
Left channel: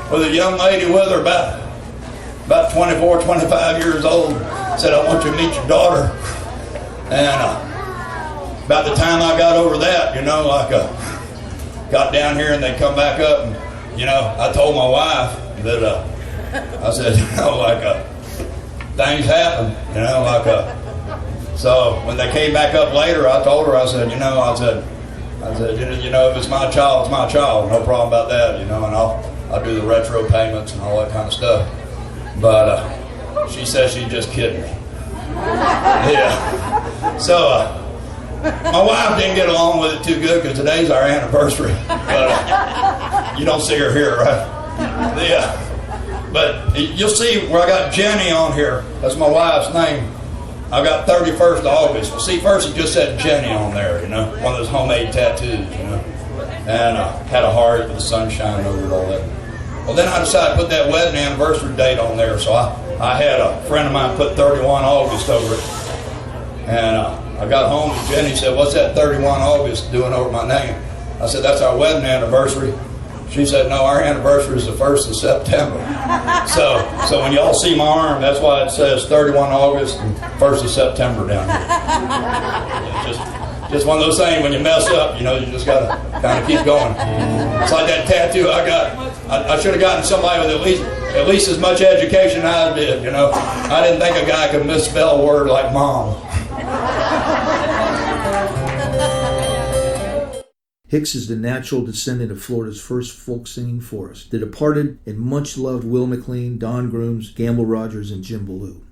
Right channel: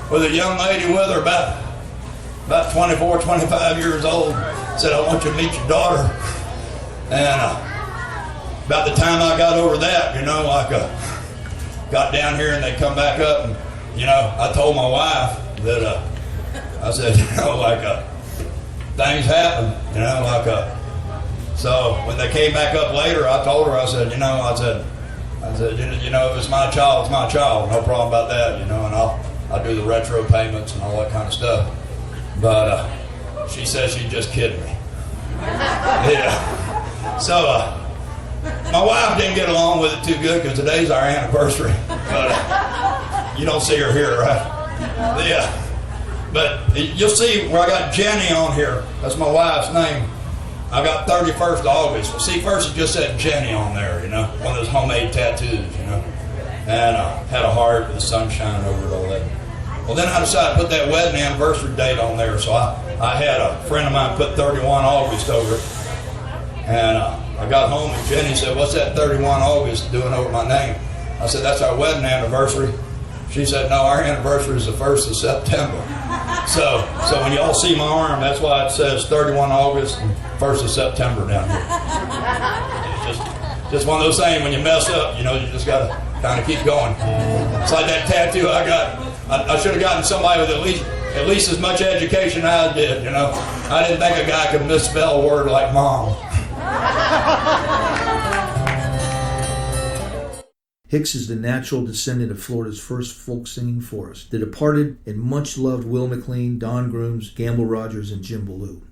with a young lady with her about 24, 25 years old. Said, I want you to meet your daughter. And about the time I got over that, got down here and they come back up and, I told my wife that, I said, things happen, So when they came back up later, I told her, I said, I said, you know, if it's my child, it's my child. No problem about that, you know, and I'll do the retro payments and all that kind of stuff. But she says she's just kidding me. Yeah. So my wife didn't get along with it too good because today's our anniversary. But you don't see her here, right? Yeah. But you'll see where I got Jenny on here. That's my wife's name. I got 31st of August. Well, see, first it just said Jenny on there, you know, one of those homemade tattoos, you know. And had a heart with the sun shining over it, all that. Well, then I decided to put that wedding anniversary date on there. So I had a friend of mine put 31 August over it. And I got home and Jenny said, what's that 31 August doing over my name? I said, that's our wedding anniversary. She said, no, our anniversary is the 1st of September. So when y'all see my arm, that's why it says 31 August and 1st of September down here. It's just one of those things, when you mess up, you know, you just got to kind of keep going. It's like that tattoo I got. I should have gotten somebody with at least as much education I did, you know. I didn't think a guy could misspell a word like mom. Hicks is the natural descendant of Florida's first folk singing forest, the departed and much-loved Will McLean, Don Grooms, Gamble Rogers, and Jim Ballou.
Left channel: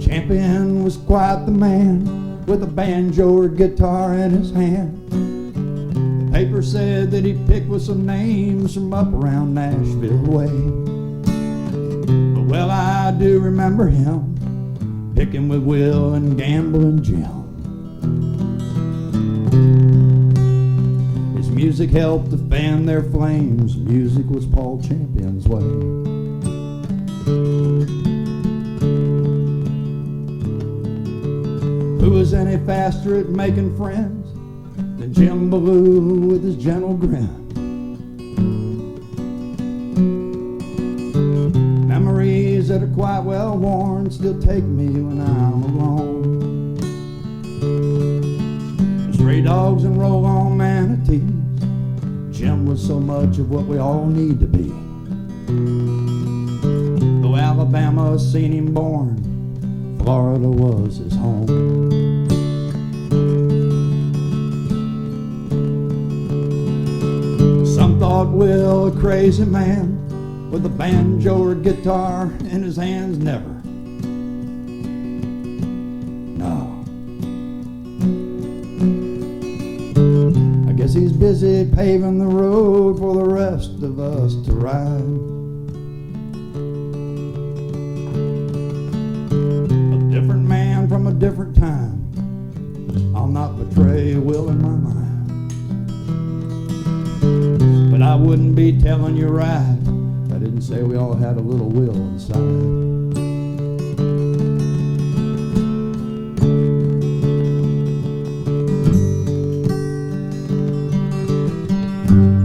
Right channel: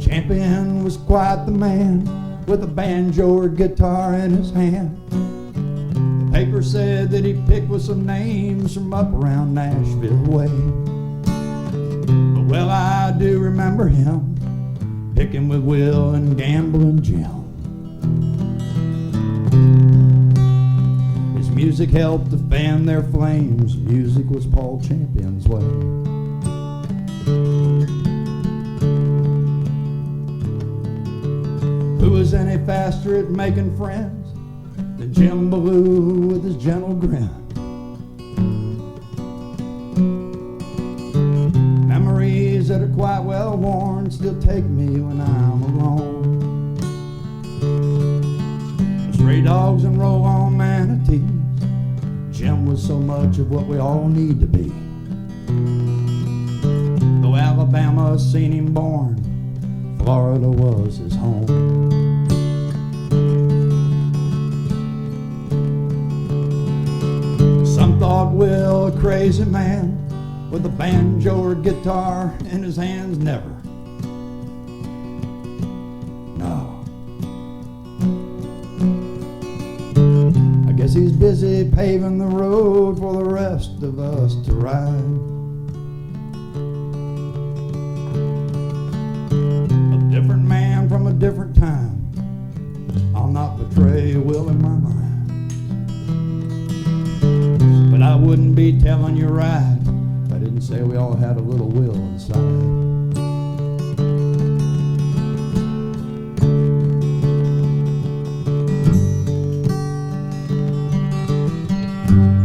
Champion was quite the man, with a banjo or guitar in his hand. The paper said that he picked with some names from up around Nashville way. But well, I do remember him picking with Will and Gamble and Jim. His music helped to fan their flames. Music was Paul Champion's way. Who was any faster at making friends than Jim Ballou with his gentle grin? Memories that are quite well worn still take me when I'm alone. Stray dogs and roll-on manatees, Jim was so much of what we all need to be. Though Alabama seen him born, Florida was his home. Some thought Will a crazy man with a banjo or guitar in his hands. Never. No. I guess he's busy paving the road for the rest of us to ride. Different man from a different time. I'll not betray Will in my mind. But I wouldn't be telling you right if I didn't say we all had a little Will inside.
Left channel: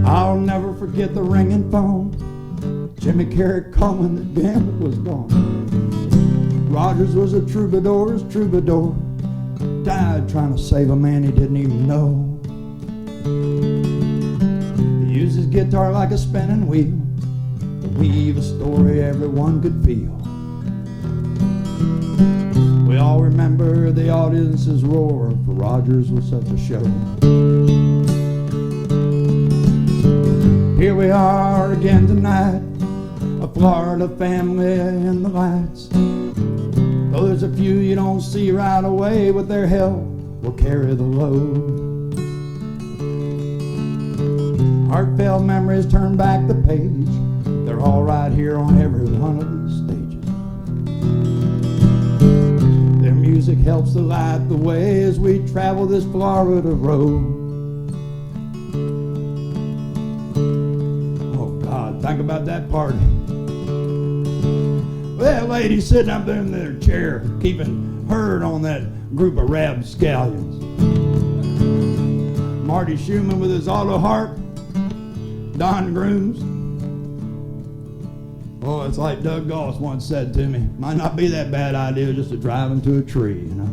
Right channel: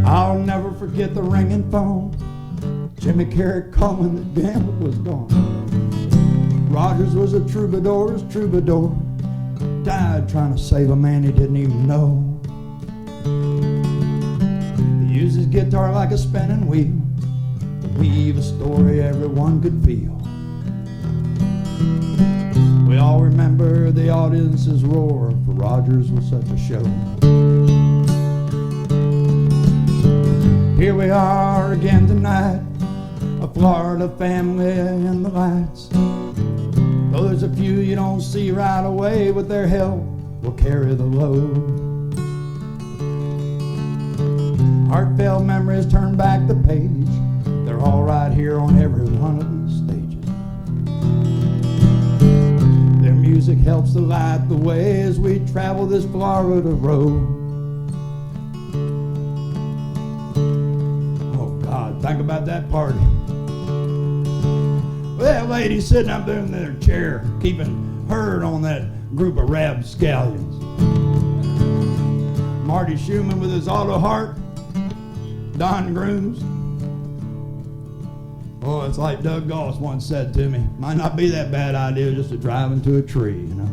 I'll never forget the ringing phone. Jimmy Carrick calling that Gamble was gone. Rogers was a troubadour's troubadour, died trying to save a man he didn't even know. He used his guitar like a spinning wheel to weave a story everyone could feel. We all remember the audience's roar, for Rogers was such a show. Here we are again tonight, a Florida family in the lights. Though there's a few you don't see right away, but their help will carry the load. Heartfelt memories turn back the page. They're all right here on every one of these stages. Their music helps to light the way as we travel this Florida road. Oh God, think about that party. That lady sitting up there in their chair, keeping herd on that group of rapscallions. Marty Schumann with his auto harp, Don Grooms. Oh, it's like Doug Goss once said to me, might not be that bad idea just to drive into a tree, you know.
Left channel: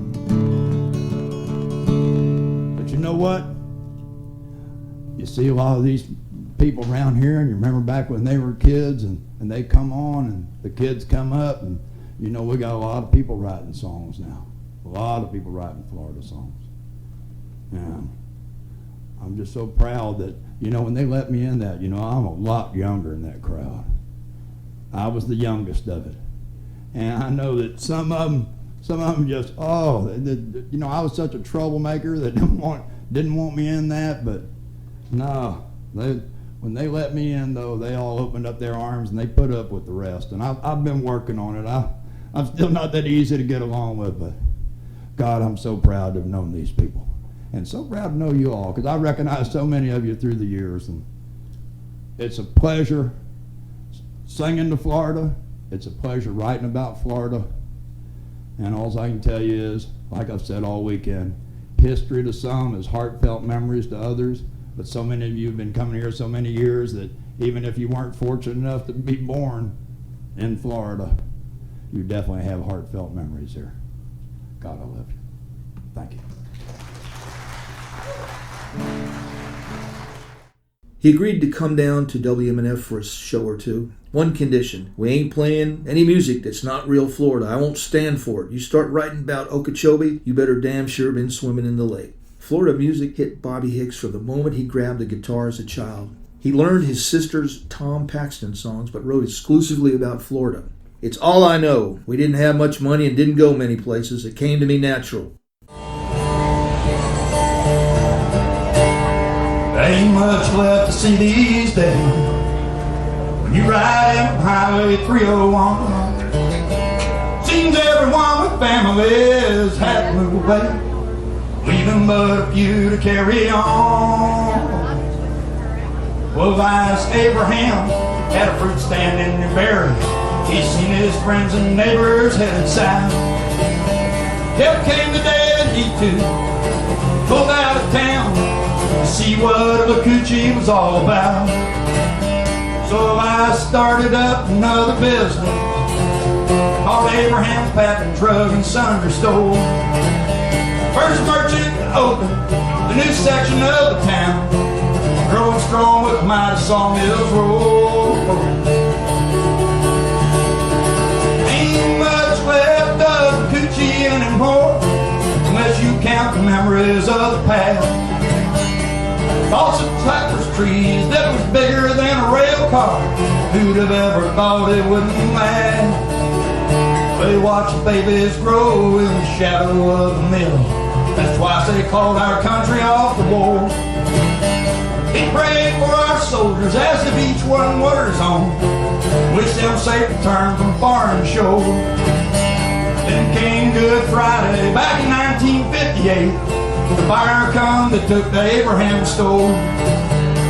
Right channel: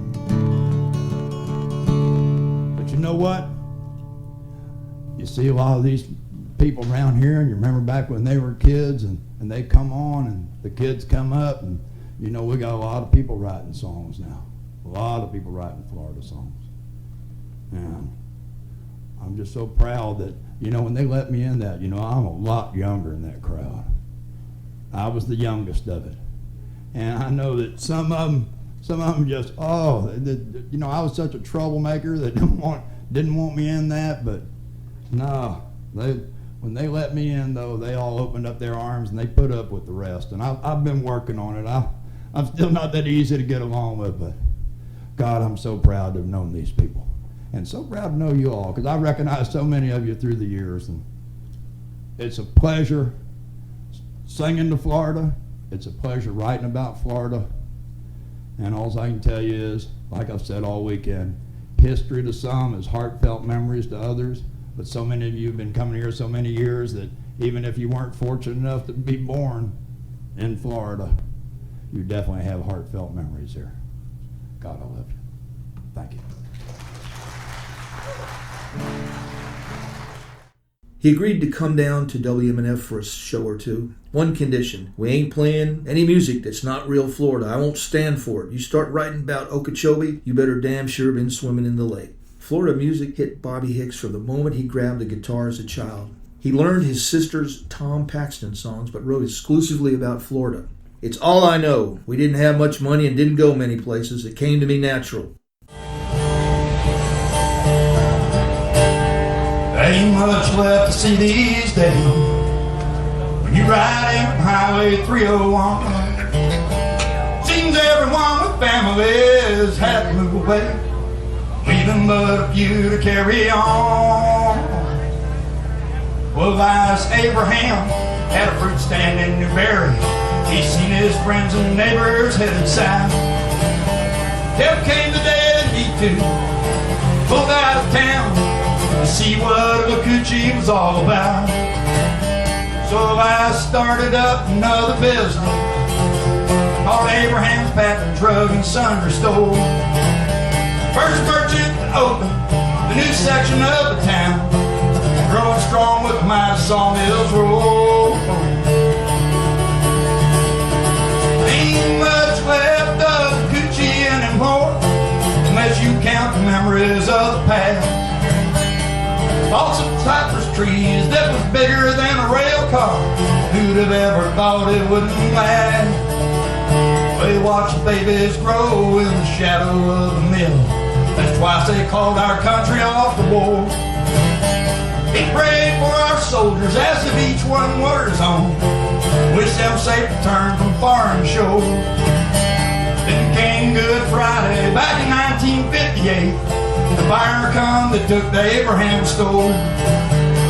But you know what? you see a lot of these people around here, and you remember back when they were kids, and they come on, and the kids come up, and you know, we got a lot of people writing songs now. A lot of people writing Florida songs. And I'm just so proud that, you know, when they let me in that, you know, I'm a lot younger in that crowd. I was the youngest of it. And I know that some of them just, you know, I was such a troublemaker that didn't want me in that, but no, when they let me in, though, they all opened up their arms and they put up with the rest. And I've been working on it. I'm still not that easy to get along with, but God, I'm so proud to have known these people. And so proud to know you all, because I recognize so many of you through the years. And it's a pleasure singing to Florida. It's a pleasure writing about Florida. And all I can tell you is, like I've said all weekend, history to some is heartfelt memories to others. But so many of you have been coming here so many years that even if you weren't fortunate enough to be born in Florida, you definitely have heartfelt memories here. God, I love you. Thank you. He agreed to come down to WMNF for a show or two. One condition: we ain't playing any music that's not real Florida. I won't stand for it. You start writing about Okeechobee, you better damn sure been swimming in the lake. Florida music hit Bobby Hicks from the moment he grabbed the guitar as a child. He learned his sister's Tom Paxton songs, but wrote exclusively about Florida. It's all I know. We didn't have much money and didn't go many places. It came to me natural. There ain't much left to see these days when you ride in Highway 301. Seems everyone with families had to move away, leaving but a few to carry on. Well, Vice Abraham had a fruit stand in Newberry. He's seen his friends and neighbors headed south. Help came the day that he too pulled out of town to see what a Coochie was all about. So I started up another business called Abraham's Patent Drug and Sundry Store. First merchant to open the new section of the town, growing strong with the mighty sawmills roll. Ain't much left of the Coochie anymore, unless you count the memories of the past. Thoughts of cypress trees that was bigger than a rail car. Who'd have ever thought it wouldn't last? They watched babies grow in the shadow of the mill. That's twice they called our country off the war. He prayed for our soldiers as if each one were his own. Wish them safe return from foreign shore. Then came Good Friday back in 1958. The fire come that took the Abraham store.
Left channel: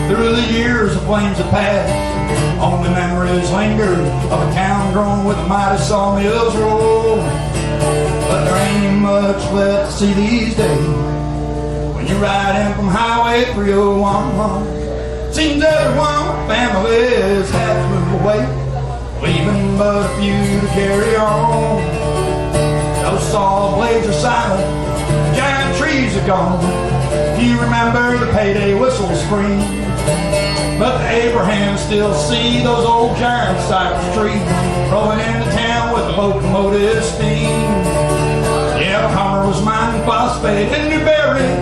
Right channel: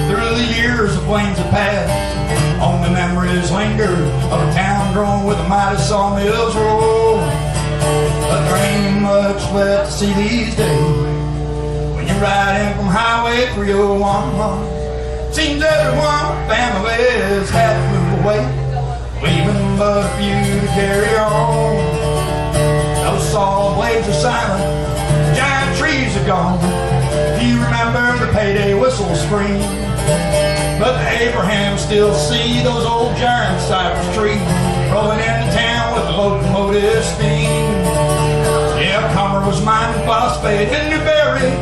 Through the years the flames have passed, on the memories linger of a town grown with the mighty sawmills roll. But there ain't much left to see these days when you ride in from Highway 301. Seems everyone with families had to move away, leaving but a few to carry on. Those saw blades are silent, giant trees are gone. You remember the payday whistles scream, but the Abrahams still see those old giant cypress trees rolling into town with the locomotive steam. Yeah, Comer was mining phosphate in Newberry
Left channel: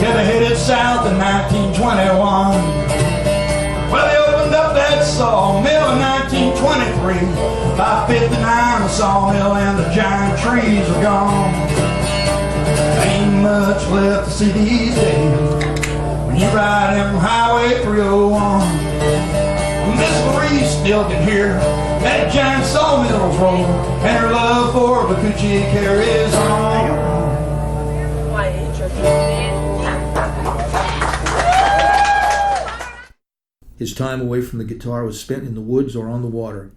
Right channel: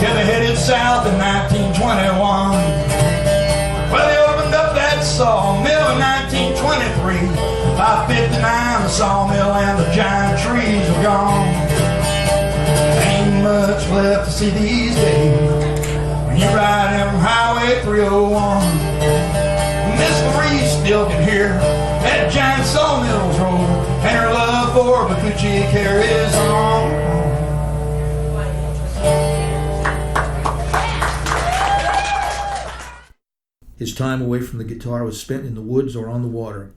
till they headed south in 1921. Well, they opened up that sawmill in 1923. By 59, the sawmill and the giant trees are gone. Ain't much left to see these days when you ride in from Highway 301. Miss Marie still can hear that giant sawmills roll, and her love for the Coochie carries on. His time away from the guitar was spent in the woods or on the water.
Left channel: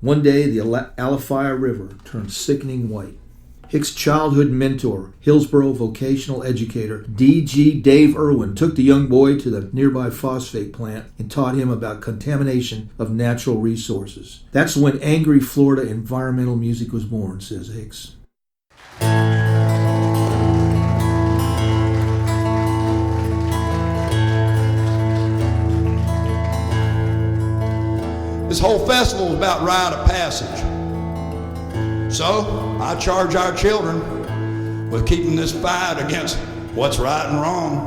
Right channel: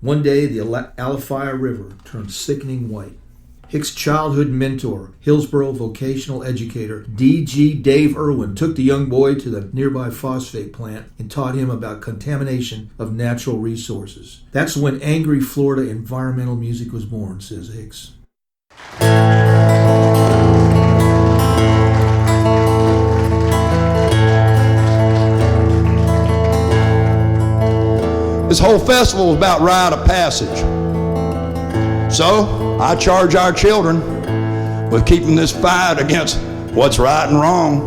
One day, the Alafia River turned sickening white. Hicks' childhood mentor, Hillsboro vocational educator D.G. Dave Irwin, took the young boy to the nearby phosphate plant and taught him about contamination of natural resources. That's when angry Florida environmental music was born, says Hicks. This whole festival is about rite of passage. So I charge our children with keeping this fight against what's right and wrong,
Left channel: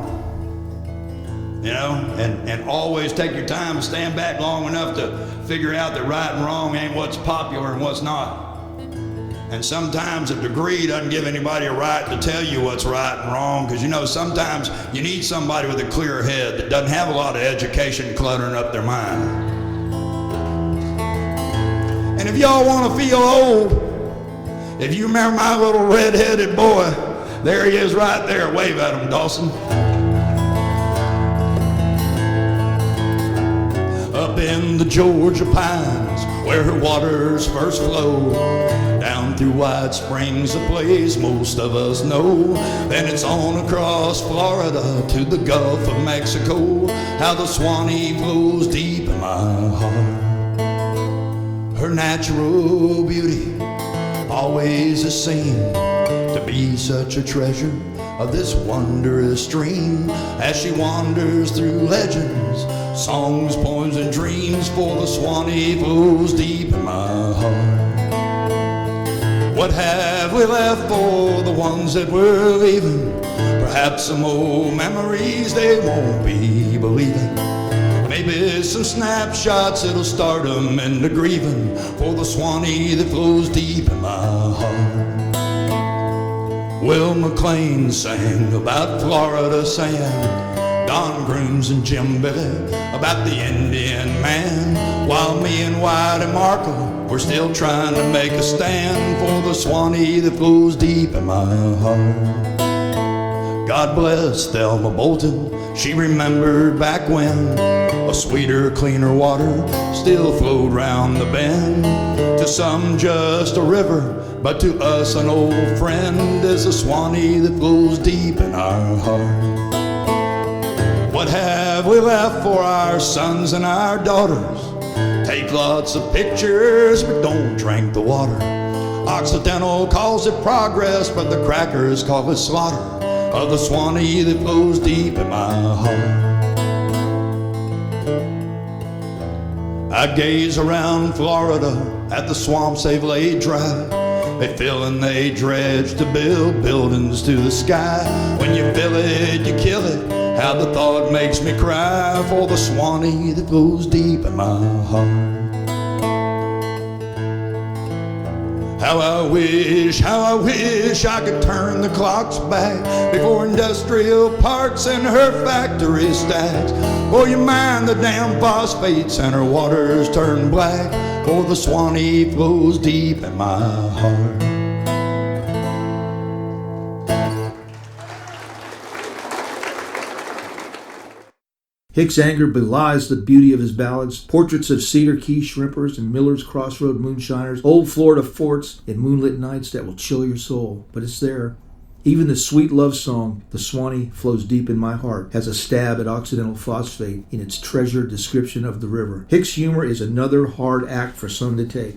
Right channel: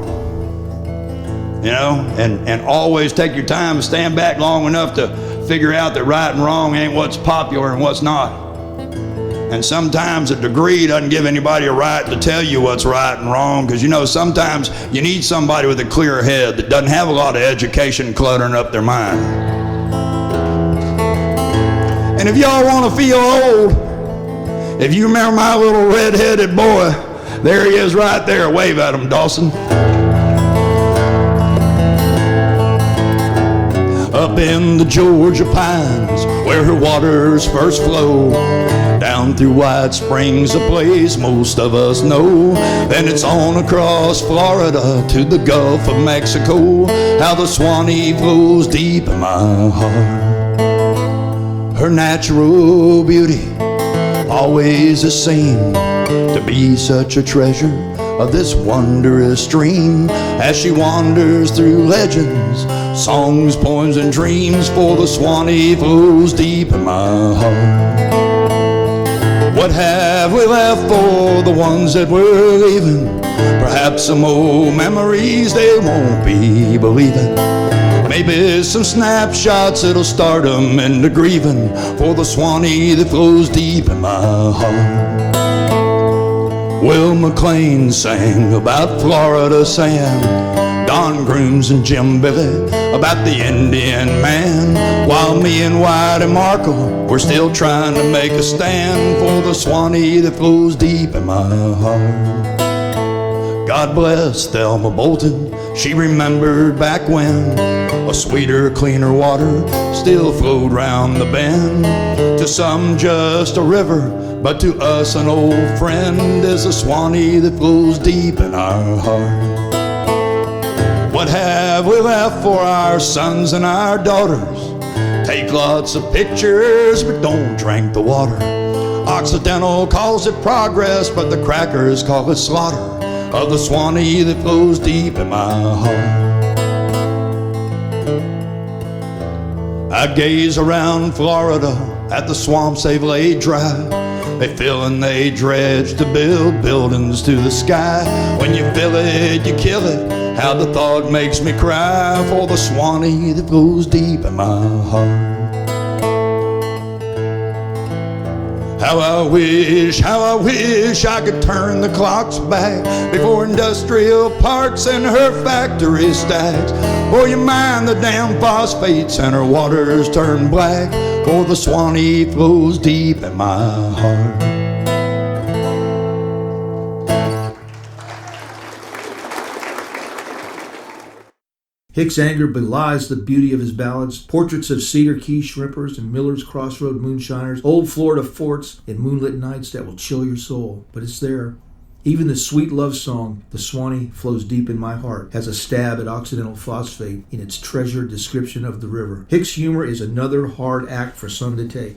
you know, and always take your time and stand back long enough to figure out that right and wrong ain't what's popular and what's not. And sometimes a degree doesn't give anybody a right to tell you what's right and wrong, because, you know, sometimes you need somebody with a clear head that doesn't have a lot of education cluttering up their mind. And if y'all want to feel old, if you remember my little red-headed boy, there he is right there. Wave at him, Dawson. Up in the Georgia pines, where her waters first flow, down through White Springs, a place most of us know. Then it's on across Florida to the Gulf of Mexico, how the Swanee flows deep in my heart. Her natural beauty always is seen to be such a treasure of this wondrous stream, as she wanders through legends, songs, poems, and dreams, for the Swanee flows deep in my heart. What have we left for the ones that we're leaving? Perhaps some old memories they won't be believing. Maybe some snapshots that'll start them into grieving, for the Swanee that flows deep in my heart. Will McLean sang about Florida sand, Don Grooms and Jim Billy about the Indian man, while me and White and Markle, we're still trying to make a stand for the Swanee that flows deep in my heart. God bless Thelma Bolton, she remembered back when a sweeter, cleaner water still flowed round the bend. To some just a river, but to us an old friend is the Swanee that flows deep in our heart. What have we left for our sons and our daughters? Take lots of pictures, but don't drink the water. Occidental calls it progress, but the crackers call it slaughter of the Swanee that flows deep in my heart. I gaze around Florida at the swamps they've laid dry. They fill and they dredge to build buildings to the sky. When you fill it, you kill it. How the thought makes me cry for the Swanee that flows deep in my heart. How I wish I could turn the clocks back before industrial parks and her factory stacks. For you mind the damn phosphates and her waters turn black, for the Swanee flows deep in my heart. Hicks' anger belies the beauty of his ballads, portraits of Cedar Key shrimpers and Miller's Crossroad moonshiners, old Florida forts and moonlit nights that will chill your soul. But it's there. Even the sweet love song, The Swanee Flows Deep in My Heart, has a stab at Occidental phosphate in its treasured description of the river. Hicks' humor is another hard act for some to take.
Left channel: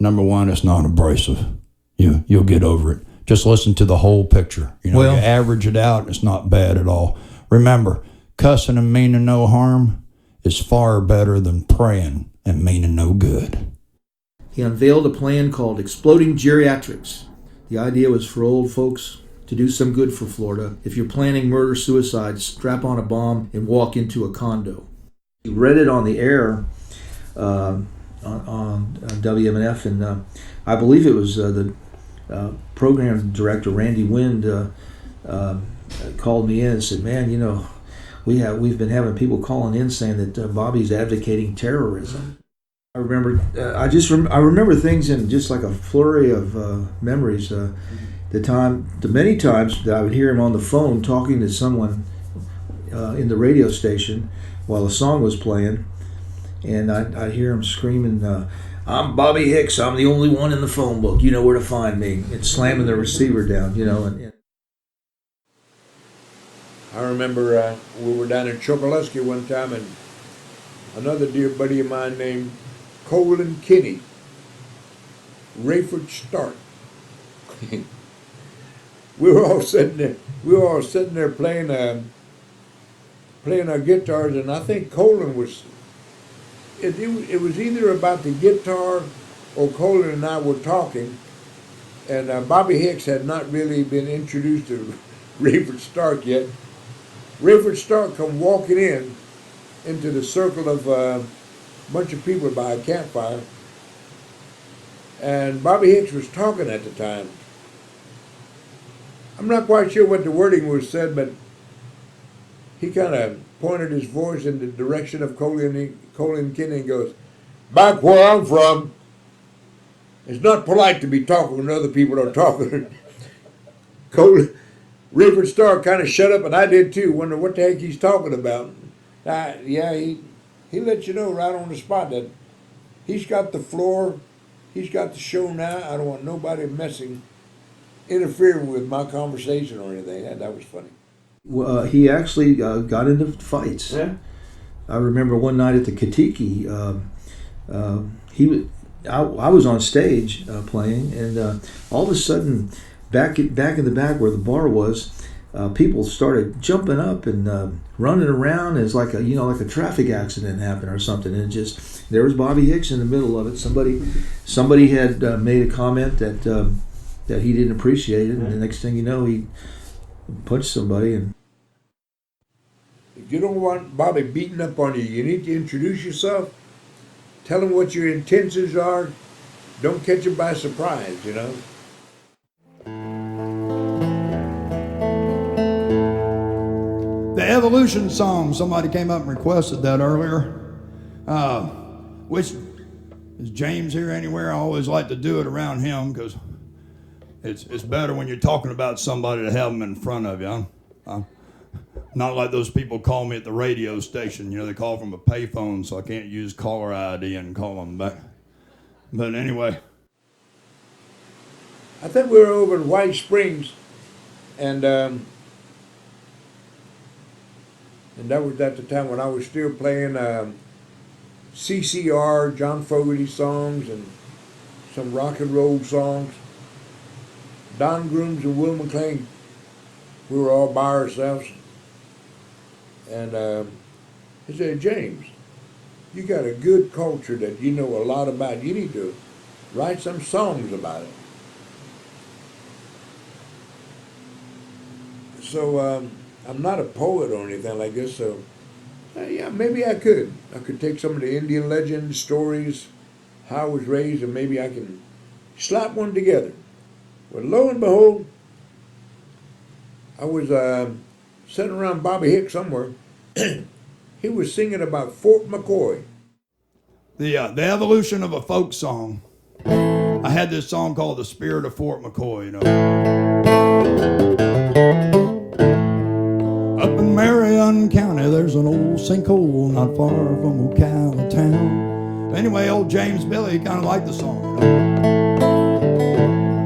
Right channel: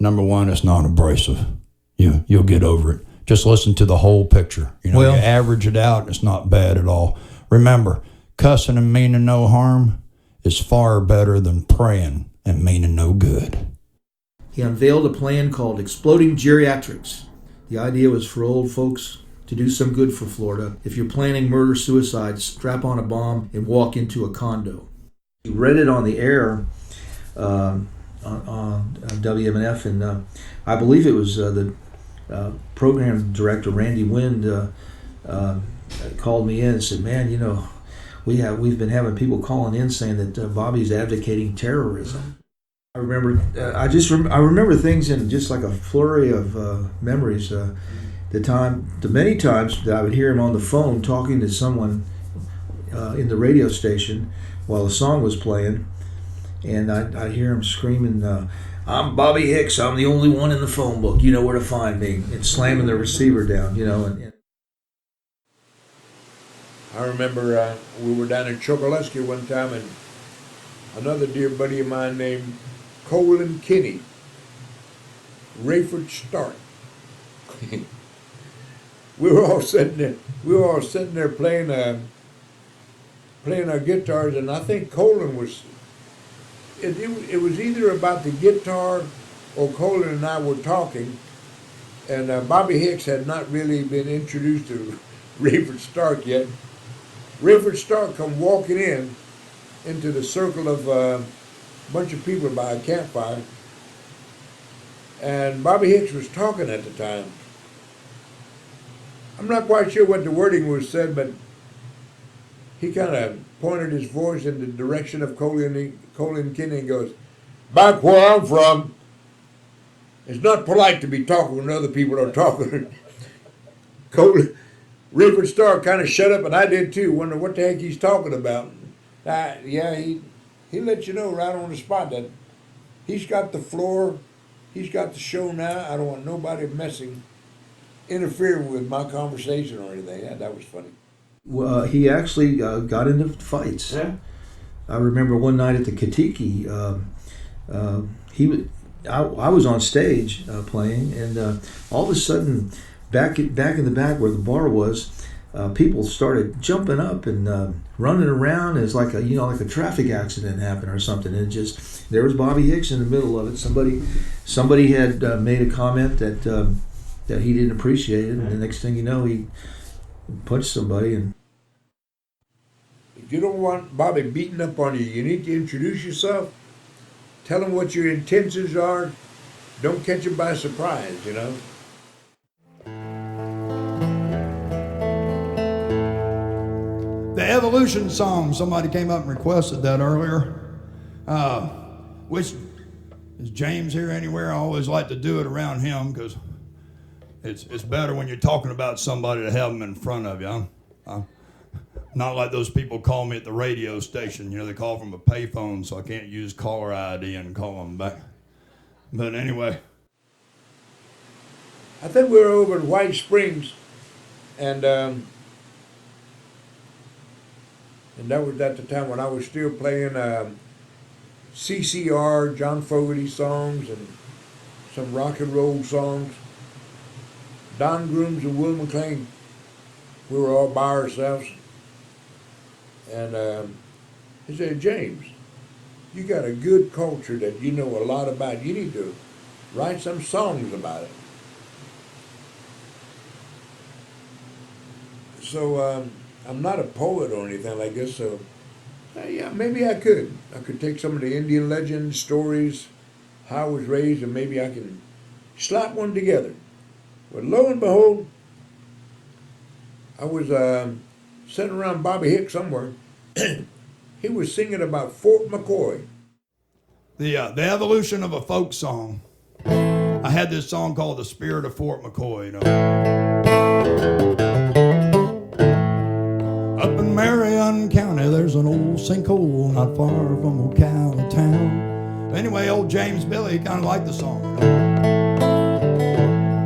Number one, it's not abrasive. You'll get over it. Just listen to the whole picture. You average it out, and it's not bad at all. Remember, cussing and meaning no harm is far better than praying and meaning no good. He unveiled a plan called Exploding Geriatrics. The idea was for old folks to do some good for Florida. If you're planning murder-suicide, strap on a bomb and walk into a condo. He read it on the air on WMNF, and I believe it was the program director, Randy Wind, called me in and said, man, we've been having people calling in saying that Bobby's advocating terrorism. I remember, I remember things in just like a flurry of memories. The many times that I would hear him on the phone talking to someone in the radio station while a song was playing, and I'd hear him screaming, "I'm Bobby Hicks. I'm the only one in the phone book. You know where to find me." And slamming the receiver down, and I remember we were down in Chokoloskee one time, and another dear buddy of mine named Colin Kinney, Rayford Stark. we were all sitting there playing our guitars, and I think Colin was it was either about the guitar or Colin and I were talking, and Bobby Hicks had not really been introduced to Rayford Stark yet. Rayford Stark come walking into the circle of a bunch of people by a campfire, and Bobby Hicks was talking at the time. I'm not quite sure what the wording was said, but he kind of pointed his voice in the direction of Colin Kinney and goes, "Back where I'm from, it's not polite to be talking when other people are talking." Colin, Rayford Starr kind of shut up, and I did too, wonder what the heck he's talking about. Yeah, he let you know right on the spot that he's got the floor, he's got the show now. I don't want nobody interfering with my conversation or anything. That was funny. He actually got into fights. Yeah. I remember one night at the Katiki, I was on stage playing, and all of a sudden, back in the back where the bar was, people started jumping up and running around as like a traffic accident happened or something. And there was Bobby Hicks in the middle of it. Somebody had made a comment that he didn't appreciate it, and the next thing you know, he punched somebody. And if you don't want Bobby beating up on you, you need to introduce yourself. Tell him what your intentions are. Don't catch him by surprise, you know. The Evolution song, somebody came up and requested that earlier. Which, is James here anywhere? I always like to do it around him because it's better when you're talking about somebody to have them in front of you. I'm not like those people call me at the radio station. You know, they call from a payphone, so I can't use caller ID and call them back. But anyway. I think we were over in White Springs, and that was at the time when I was still playing CCR, John Fogerty songs, and some rock and roll songs. Don Grooms and Will McLean, we were all by ourselves. And he said, "James, you got a good culture that you know a lot about. You need to write some songs about it." So I'm not a poet or anything like this, so yeah, maybe I could. I could take some of the Indian legend stories, how I was raised, and maybe I can slap one together. Well, lo and behold, I was sitting around Bobby Hicks somewhere. He was singing about Fort McCoy. The evolution of a folk song. I had this song called "The Spirit of Fort McCoy," you know. Up in Marion County, there's an old sinkhole not far from Ocala town. Anyway, old James Billy kind of liked the song, you know.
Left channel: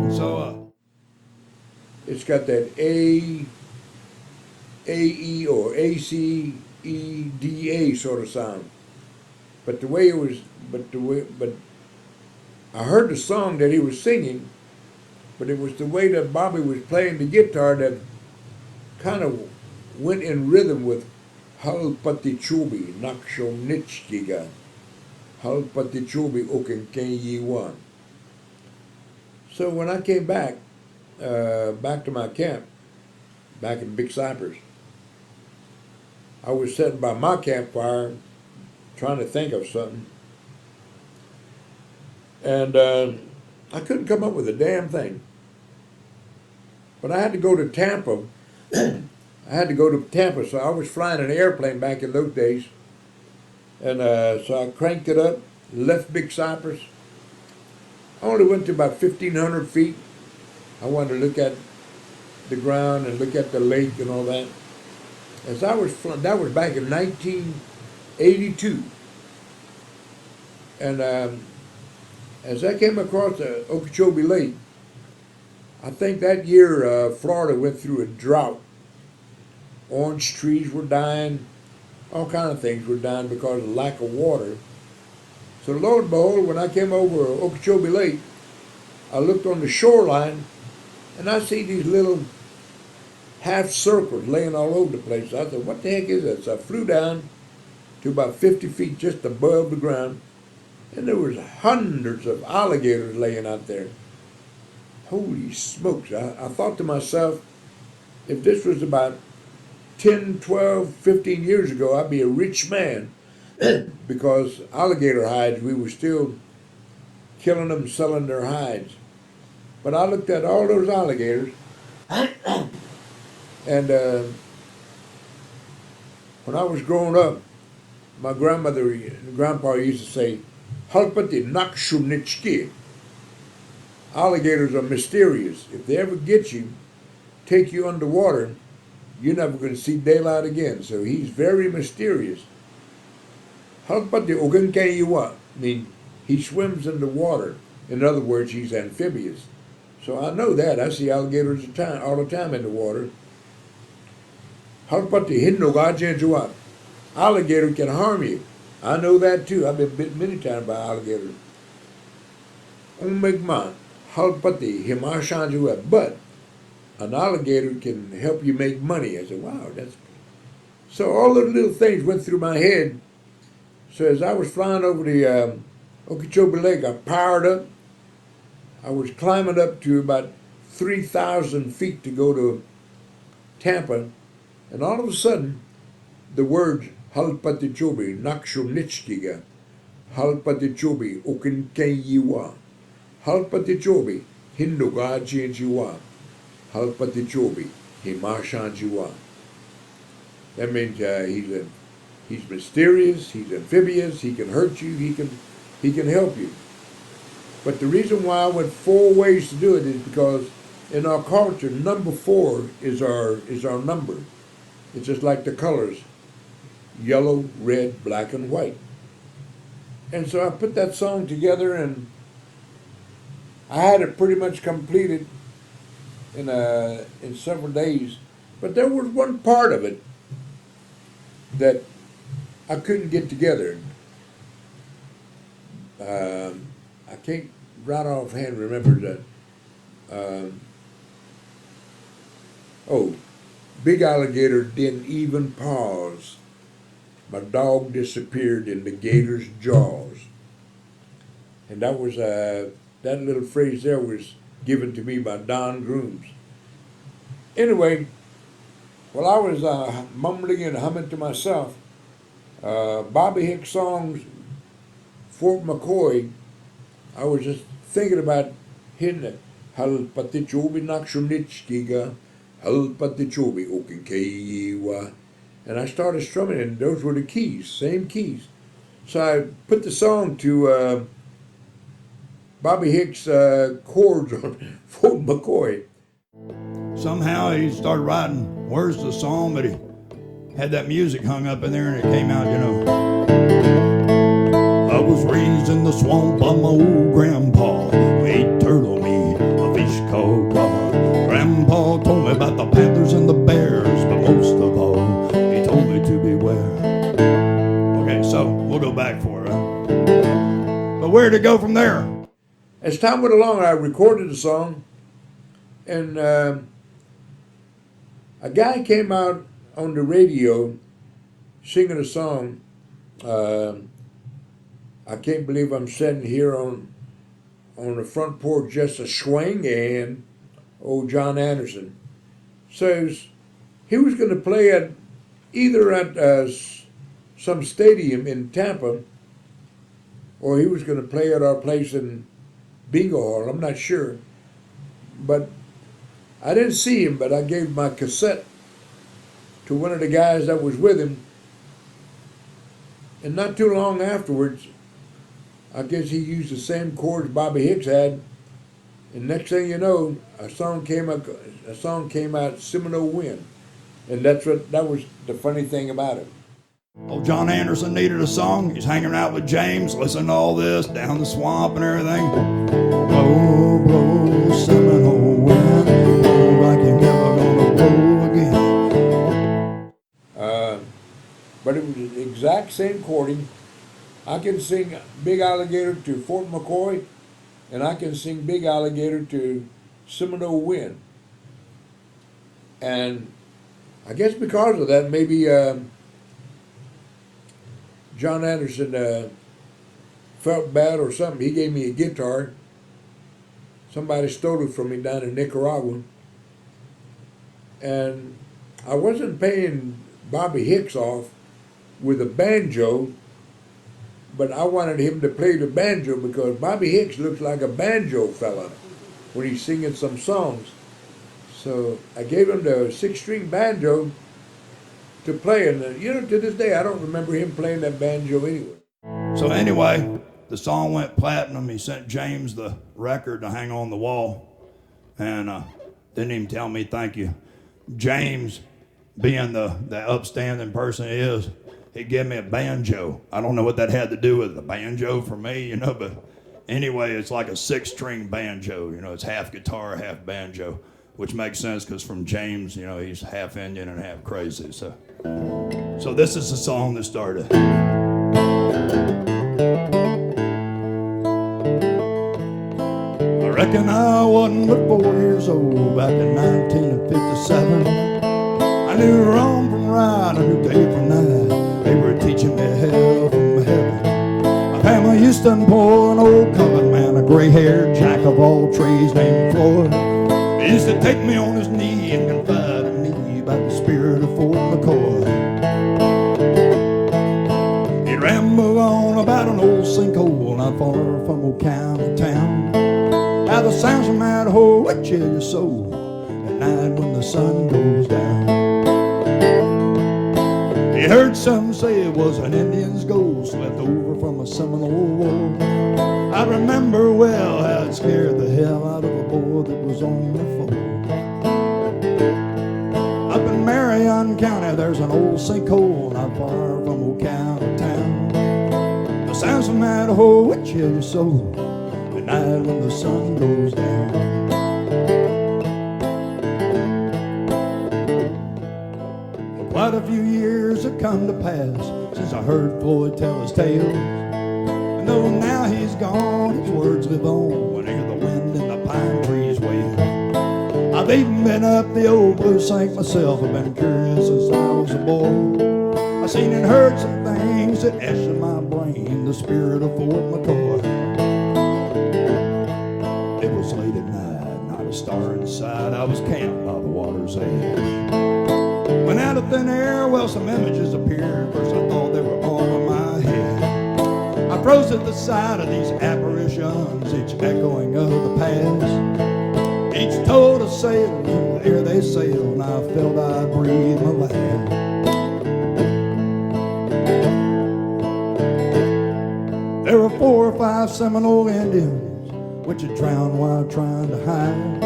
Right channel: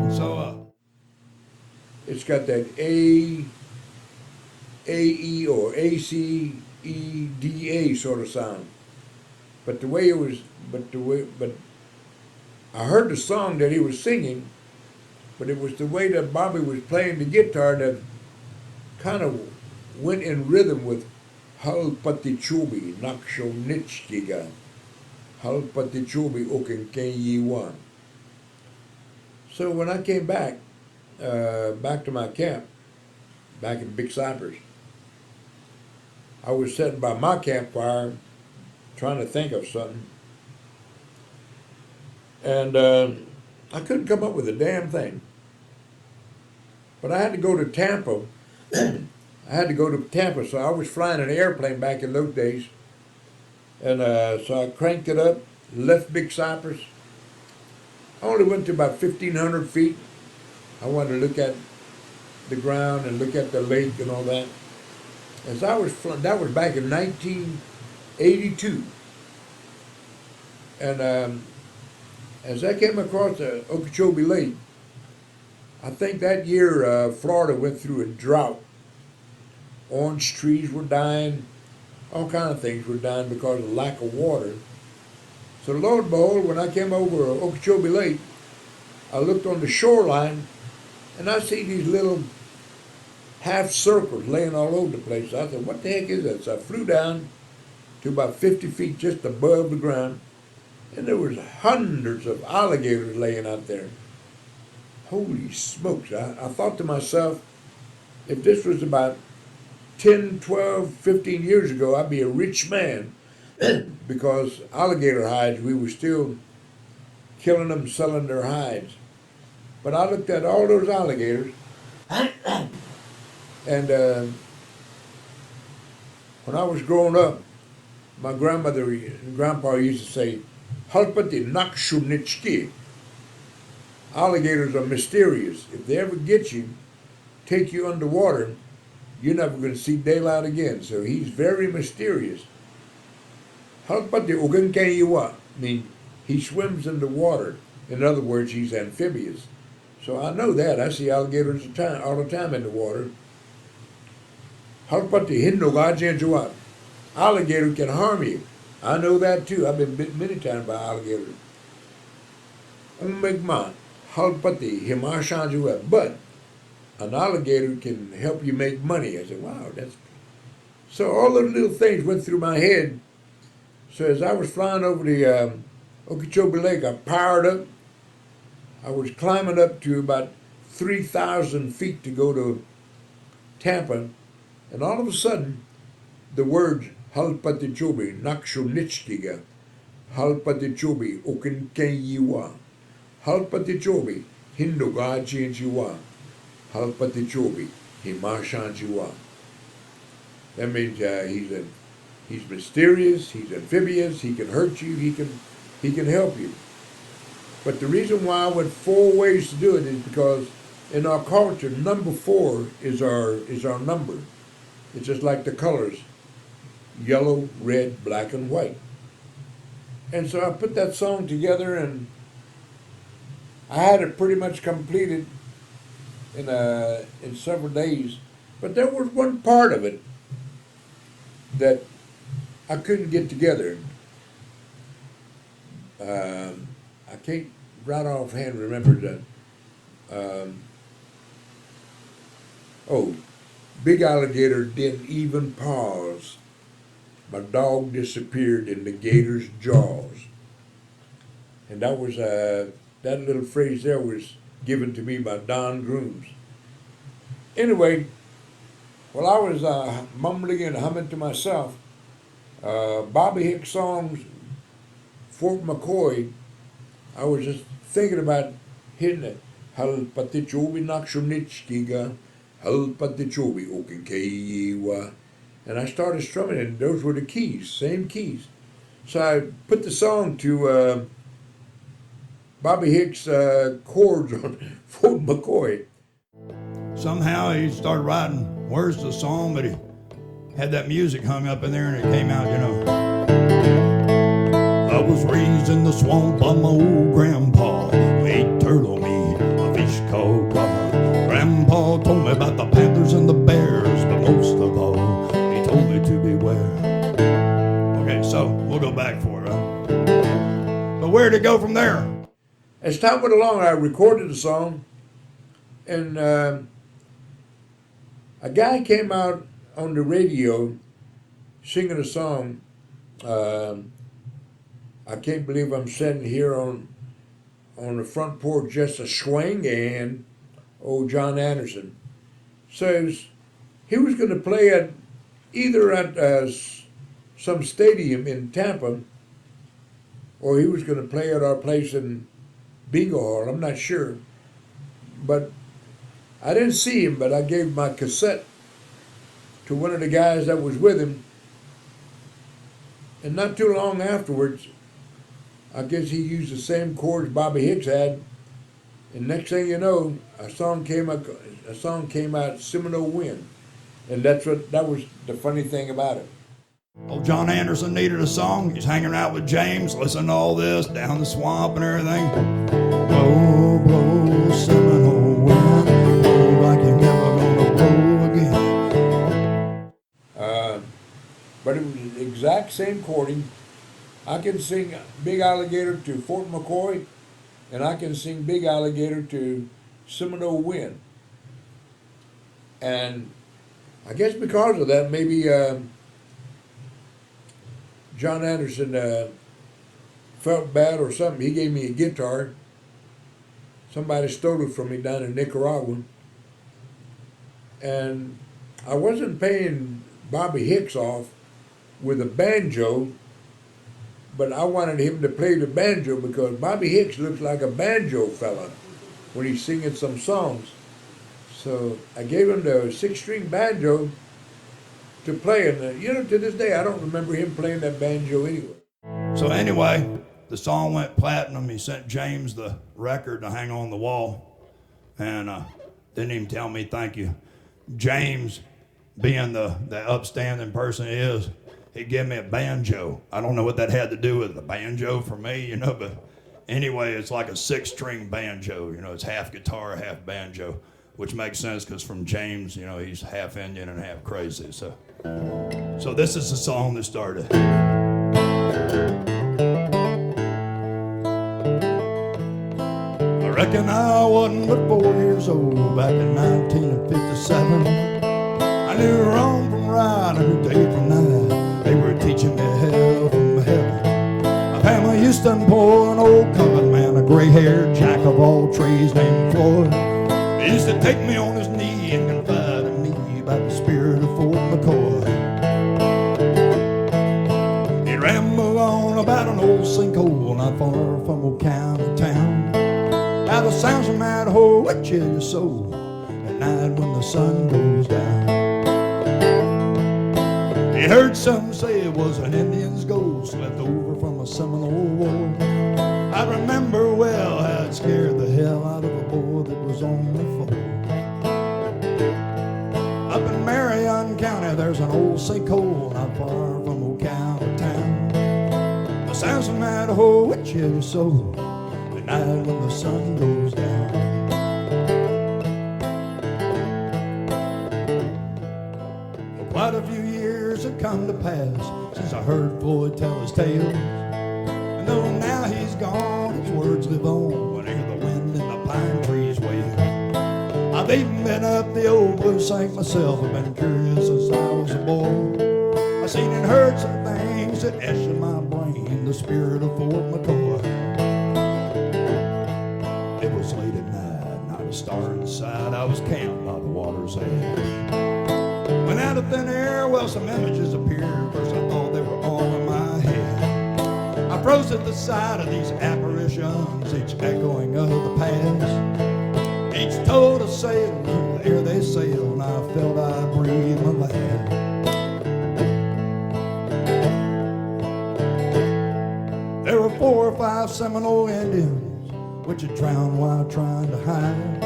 And so, it's got that A-E or A-C-E-D-A sort of sound. But I heard the song that he was singing, but it was the way that Bobby was playing the guitar that kind of went in rhythm with Hal Patichubi, Naksho Nitchkiga, Hal Patichubi Okenkenyiwan. So when I came back to my camp, back in Big Cypress, I was sitting by my campfire trying to think of something. And I couldn't come up with a damn thing. But I had to go to Tampa. So I was flying an airplane back in those days. And so I cranked it up, left Big Cypress. I only went to about 1,500 feet. I wanted to look at the ground and look at the lake and all that. As I was flying, that was back in 1982. And as I came across the Okeechobee Lake, I think that year Florida went through a drought. Orange trees were dying, all kind of things were dying because of lack of water. So lo and behold, when I came over Okeechobee Lake, I looked on the shoreline, and I see these little half circles laying all over the place. I said, "What the heck is that?" So I flew down, to about 50 feet just above the ground, and there was hundreds of alligators laying out there. Holy smokes. I thought to myself, if this was about 10, 12, 15 years ago, I'd be a rich man because alligator hides, we were still killing them, selling their hides. But I looked at all those alligators, and when I was growing up, my grandmother and grandpa used to say, Halpati nakshunitski. Alligators are mysterious. If they ever get you, take you underwater, you're never going to see daylight again. So he's very mysterious. Halpati ogankayiwa. I mean, he swims in the water. In other words, he's amphibious. So I know that. I see alligators all the time in the water. Halpati hinnogajanjuwa. Alligator can harm you. I know that too. I've been bit many times by alligators. Omegma, halpati himashanjuwa. But an alligator can help you make money. I said, wow, that's... So all those little things went through my head. So as I was flying over the Okeechobee Lake, I powered up. I was climbing up to about 3,000 feet to go to Tampa. And all of a sudden, the words Halpatichobi, Nakshunitskiga, Halpatichobi, Okinkayiwa, Halpatichobi, Hindogajianjiwa, Halpatichobi, Himashanjiwa. That means he's mysterious, he's amphibious, he can hurt you, he can help you. But the reason why I went 4 ways to do it is because in our culture, number 4 is our number. It's just like the colors, yellow, red, black, and white. And so I put that song together, and I had it pretty much completed in several days. But there was one part of it that I couldn't get together. I can't right offhand remember that. Big alligator didn't even pause. My dog disappeared in the gator's jaws. And that was that little phrase there was given to me by Don Grooms. Anyway, while I was mumbling and humming to myself, Bobby Hicks' songs, Fort McCoy, I was just thinking about hitting it. Hal patichobi nakshunitskiga, hal patichobi okinkayiwa. And I started strumming, and those were the keys, same keys. So I put the song to Bobby Hicks' chords on Fort McCoy. Somehow he started writing words to the song, but he had that music hung up in there, and it came out, I was raised in the swamp by my old grandpa, who ate turtle meat, a fish called cod. Grandpa told me about the panthers and the bears, but most of all, he told me to beware. Okay, so we'll go back for it. But where'd it go from there? As time went along, I recorded the song, and a guy came out on the radio singing a song. I can't believe I'm sitting here on the front porch just a swinging. Old John Anderson. So he was going to play either at some stadium in Tampa, or he was going to play at our place in Bingo Hall. I'm not sure. But I didn't see him, but I gave my cassette to one of the guys that was with him. And not too long afterwards, I guess he used the same chords Bobby Hicks had. And next thing you know, a song came out, Seminole Wind. And that was the funny thing about it. Old John Anderson needed a song. He's hanging out with James, listening to all this, down the swamp and everything. Blow, blow, Seminole wind, blow like you're never gonna blow again. But it was the exact same chording. I can sing Big Alligator to Fort McCoy, and I can sing Big Alligator to Seminole Wind. And I guess because of that, maybe John Anderson felt bad or something. He gave me a guitar. Somebody stole it from me down in Nicaragua. And I wasn't paying Bobby Hicks off with a banjo, but I wanted him to play the banjo because Bobby Hicks looks like a banjo fella when he's singing some songs. So I gave him the 6-string banjo to play, and to this day I don't remember him playing that banjo anyway. So anyway, the song went platinum. He sent James the record to hang on the wall, and didn't even tell me thank you. James, being the upstanding person he is, he gave me a banjo. I don't know what that had to do with the banjo for me, but anyway, it's like a 6-string banjo. It's half guitar, half banjo, which makes sense because from James, he's half Indian and half crazy. So this is the song that started. I reckon I wasn't but 4 years old back in 1957. I knew wrong from right, I knew day from night. They were teaching me hell from heaven. My family used to employ an old colored man, a gray-haired jack of all trades named Floyd. He used to take me on his knee and confide in me about the spirit of Fort McCoy. He'd ramble on about an old sinkhole not far from old county town. How the sounds from that hole would chill your soul at night when the sun goes down. He heard some say it was an Indian's ghost left over from a Seminole war. I remember well how it scared the hell out of a boy that was on the floor. Up in Marion County there's an old sinkhole not far from old county town. The sounds from that hole would chill your soul at night when the sun goes down. Quite a few years have come to pass since I heard Floyd tell his tales. And though now he's gone, his words live on when I hear the wind in the pine trees wail. I've even been up the old Blue Sink myself. I've been curious since I was a boy. I've seen and heard some things that etched in my brain the spirit of Fort McCoy. It was late at night, not a star in sight. I was camped by the water's edge. When out of thin air, well, some images appeared. First I thought they were all in my head. I froze at the sight of these apparitions, each echoing of the past. Each told a sail, in the air they sailed, and I felt I'd breathe my last. There were 4 or 5 Seminole Indians, which had drowned while trying to hide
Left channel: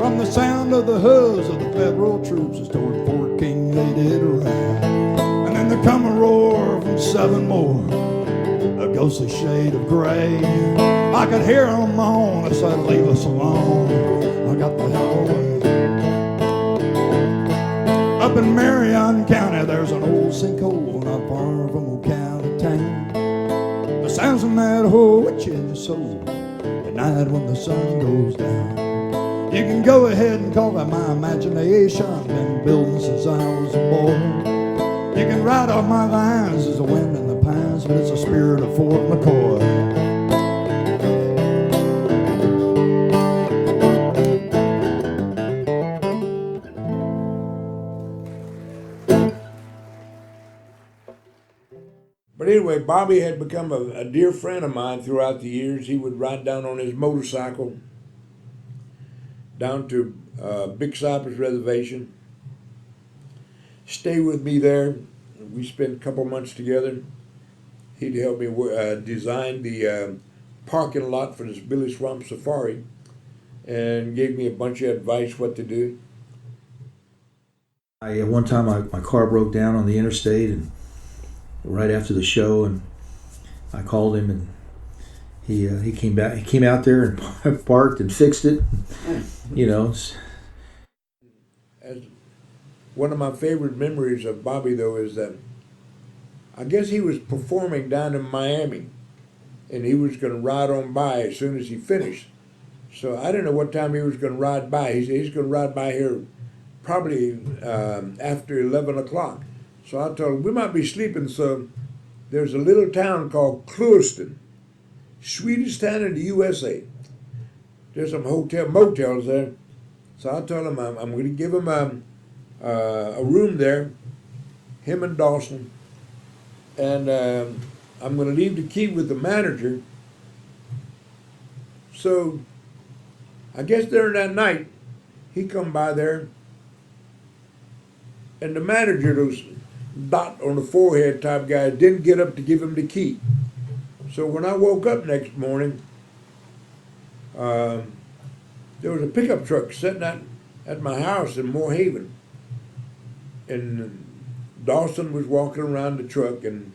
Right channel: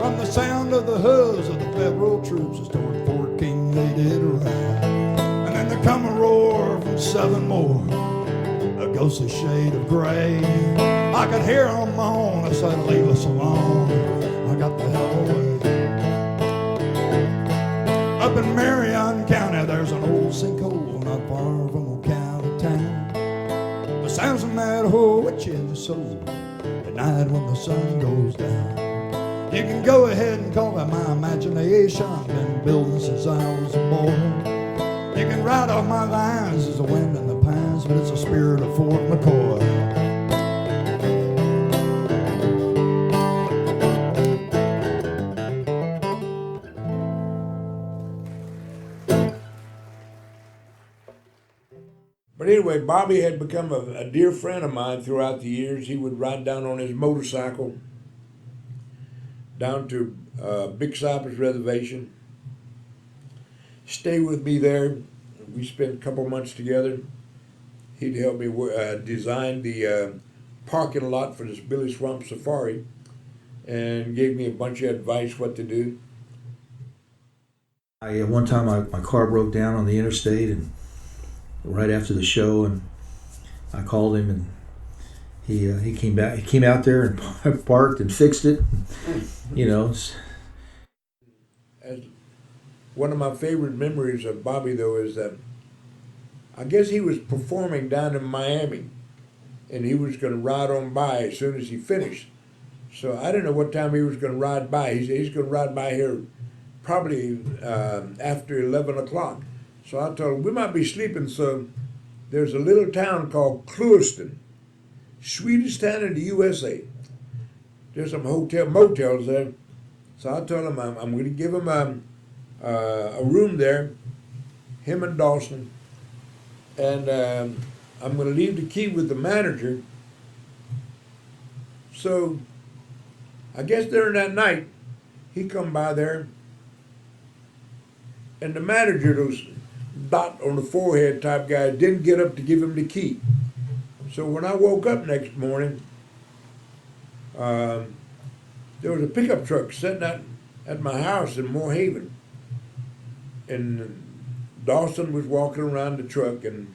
from the sound of the hooves of the federal troops as toward Fort King they did ride. And then there come a roar from 7 more, a ghostly shade of gray. I could hear them moan, I said, leave us alone, I got the hell away. Up in Marion County there's an old sinkhole not far from old county town. The sounds from that hole would chill your soul at night when the sun goes down. You can go ahead and call that my imagination. Been building since I was a boy. You can write off my lines as the wind in the pines, but it's the spirit of Fort McCoy. But anyway, Bobby had become a dear friend of mine throughout the years. He would ride down on his motorcycle down to Big Cypress Reservation, stay with me there. We spent a couple months together. He'd help me design the parking lot for this Billy Swamp Safari and gave me a bunch of advice what to do. One time my car broke down on the interstate, and right after the show, and I called him, and he came back. He came out there and parked and fixed it. As one of my favorite memories of Bobby, though, is that I guess he was performing down in Miami, and he was going to ride on by as soon as he finished. So I didn't know what time he was going to ride by. He's going to ride by here probably after 11 o'clock. So I told him, we might be sleeping, so there's a little town called Clewiston, sweetest town in the USA. There's some motels there. So I told him I'm going to give him a room there, him and Dawson, and I'm going to leave the key with the manager. So I guess during that night, he come by there, and the manager, those dot on the forehead type guys, didn't get up to give him the key. So when I woke up next morning, there was a pickup truck sitting at my house in Moore Haven, and Dawson was walking around the truck, and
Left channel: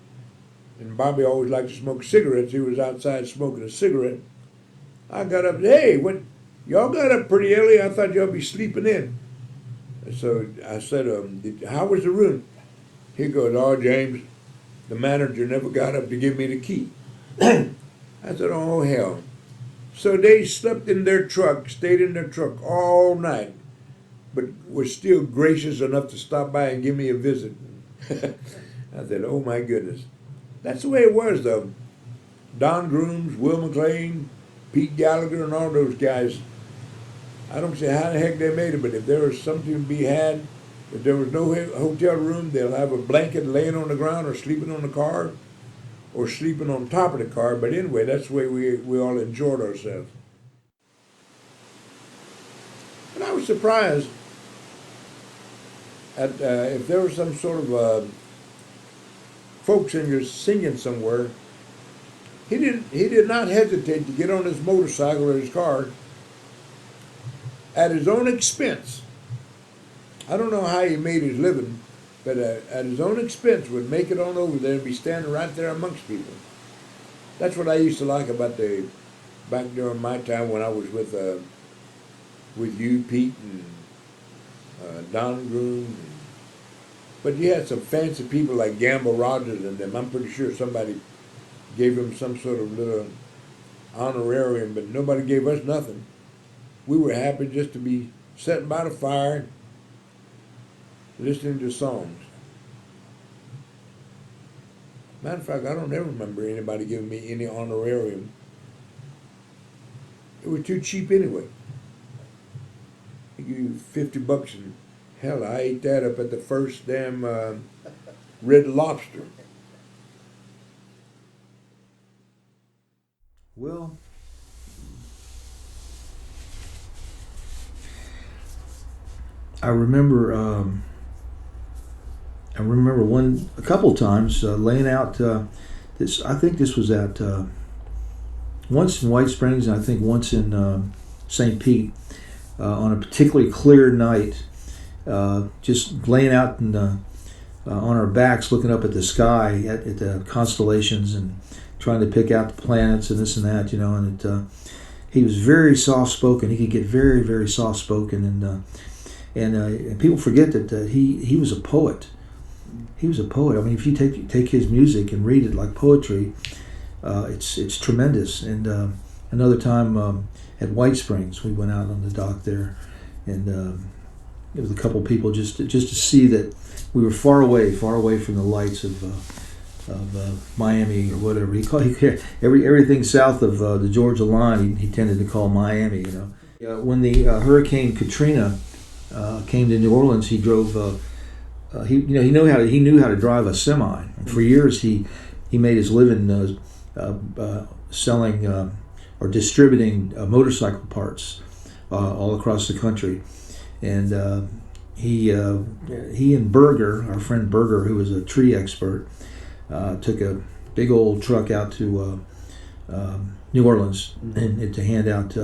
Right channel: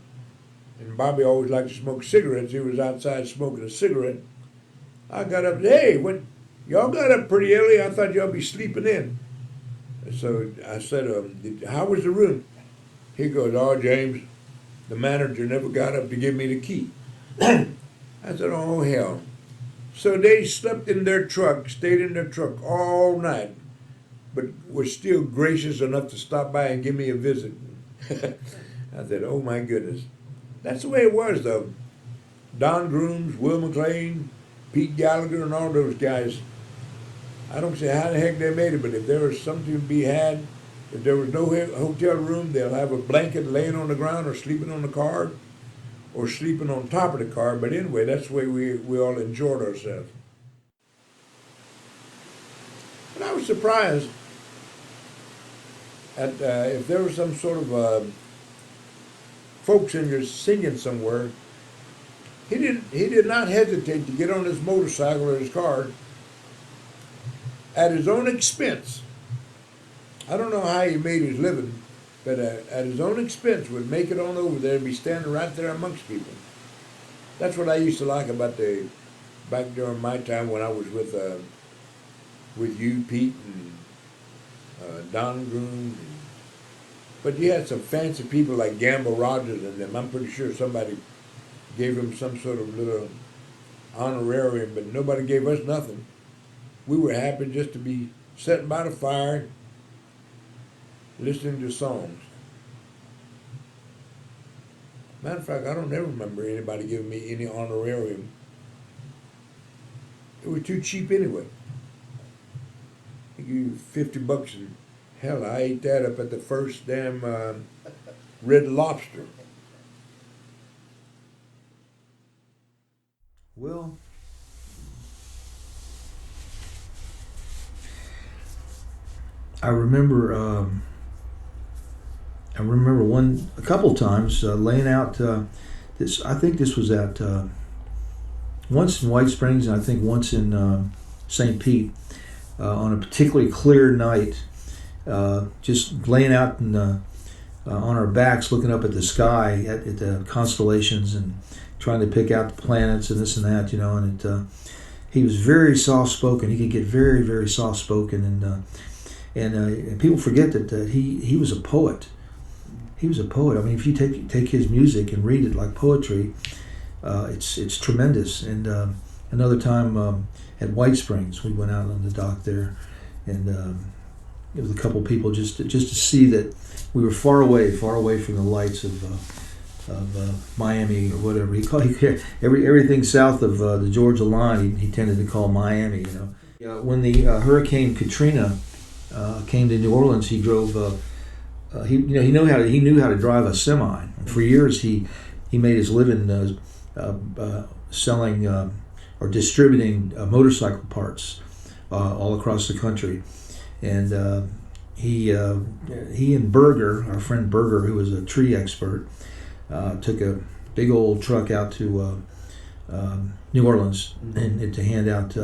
Bobby always liked to smoke cigarettes. He was outside smoking a cigarette. I got up and said, "Hey, what? Y'all got up pretty early. I thought y'all be sleeping in." So I said, "How was the room?" He goes, "Oh, James, the manager never got up to give me the key." I said, "Oh, hell." So they slept in their truck, stayed in their truck all night, but were still gracious enough to stop by and give me a visit. I said, "Oh, my goodness." That's the way it was, though. Don Grooms, Will McLean, Pete Gallagher, and all those guys. I don't say how the heck they made it, but if there was something to be had, if there was no hotel room, they'll have a blanket laying on the ground or sleeping on the car or sleeping on top of the car. But anyway, that's the way we all enjoyed ourselves. But I was surprised at if there was some sort of folk singer singing somewhere. He did not hesitate to get on his motorcycle or his car at his own expense. I don't know how he made his living, but at his own expense would make it on over there and be standing right there amongst people. That's what I used to like about back during my time when I was with you, Pete, and Don Groom. But you had some fancy people like Gamble Rogers and them. I'm pretty sure somebody gave him some sort of little honorarium, but nobody gave us nothing. We were happy just to be sitting by the fire, listening to songs. Matter of fact, I don't ever remember anybody giving me any honorarium. It was too cheap anyway. They give you $50 and hell, I ate that up at the first damn Red Lobster. Well, I remember a couple times laying out this. I think this was at once in White Springs, and I think once in St. Pete on a particularly clear night. Just laying out on our backs, looking up at the sky, at the constellations, and trying to pick out the planets and this and that, you know. And he was very soft-spoken. He could get very, very soft-spoken, and people forget that he was a poet. He was a poet. I mean, if you take his music and read it like poetry, it's tremendous. And another time at White Springs, we went out on the dock there, and it was a couple people just to see that we were far away from the lights of Miami or whatever. He called everything south of the Georgia line. He tended to call Miami. You know, when the Hurricane Katrina came to New Orleans, he drove. He knew how to drive a semi. For years, he made his living selling or distributing motorcycle parts all across the country. And he and Berger, our friend Berger, who was a tree expert, took a big old truck out to New Orleans and to hand out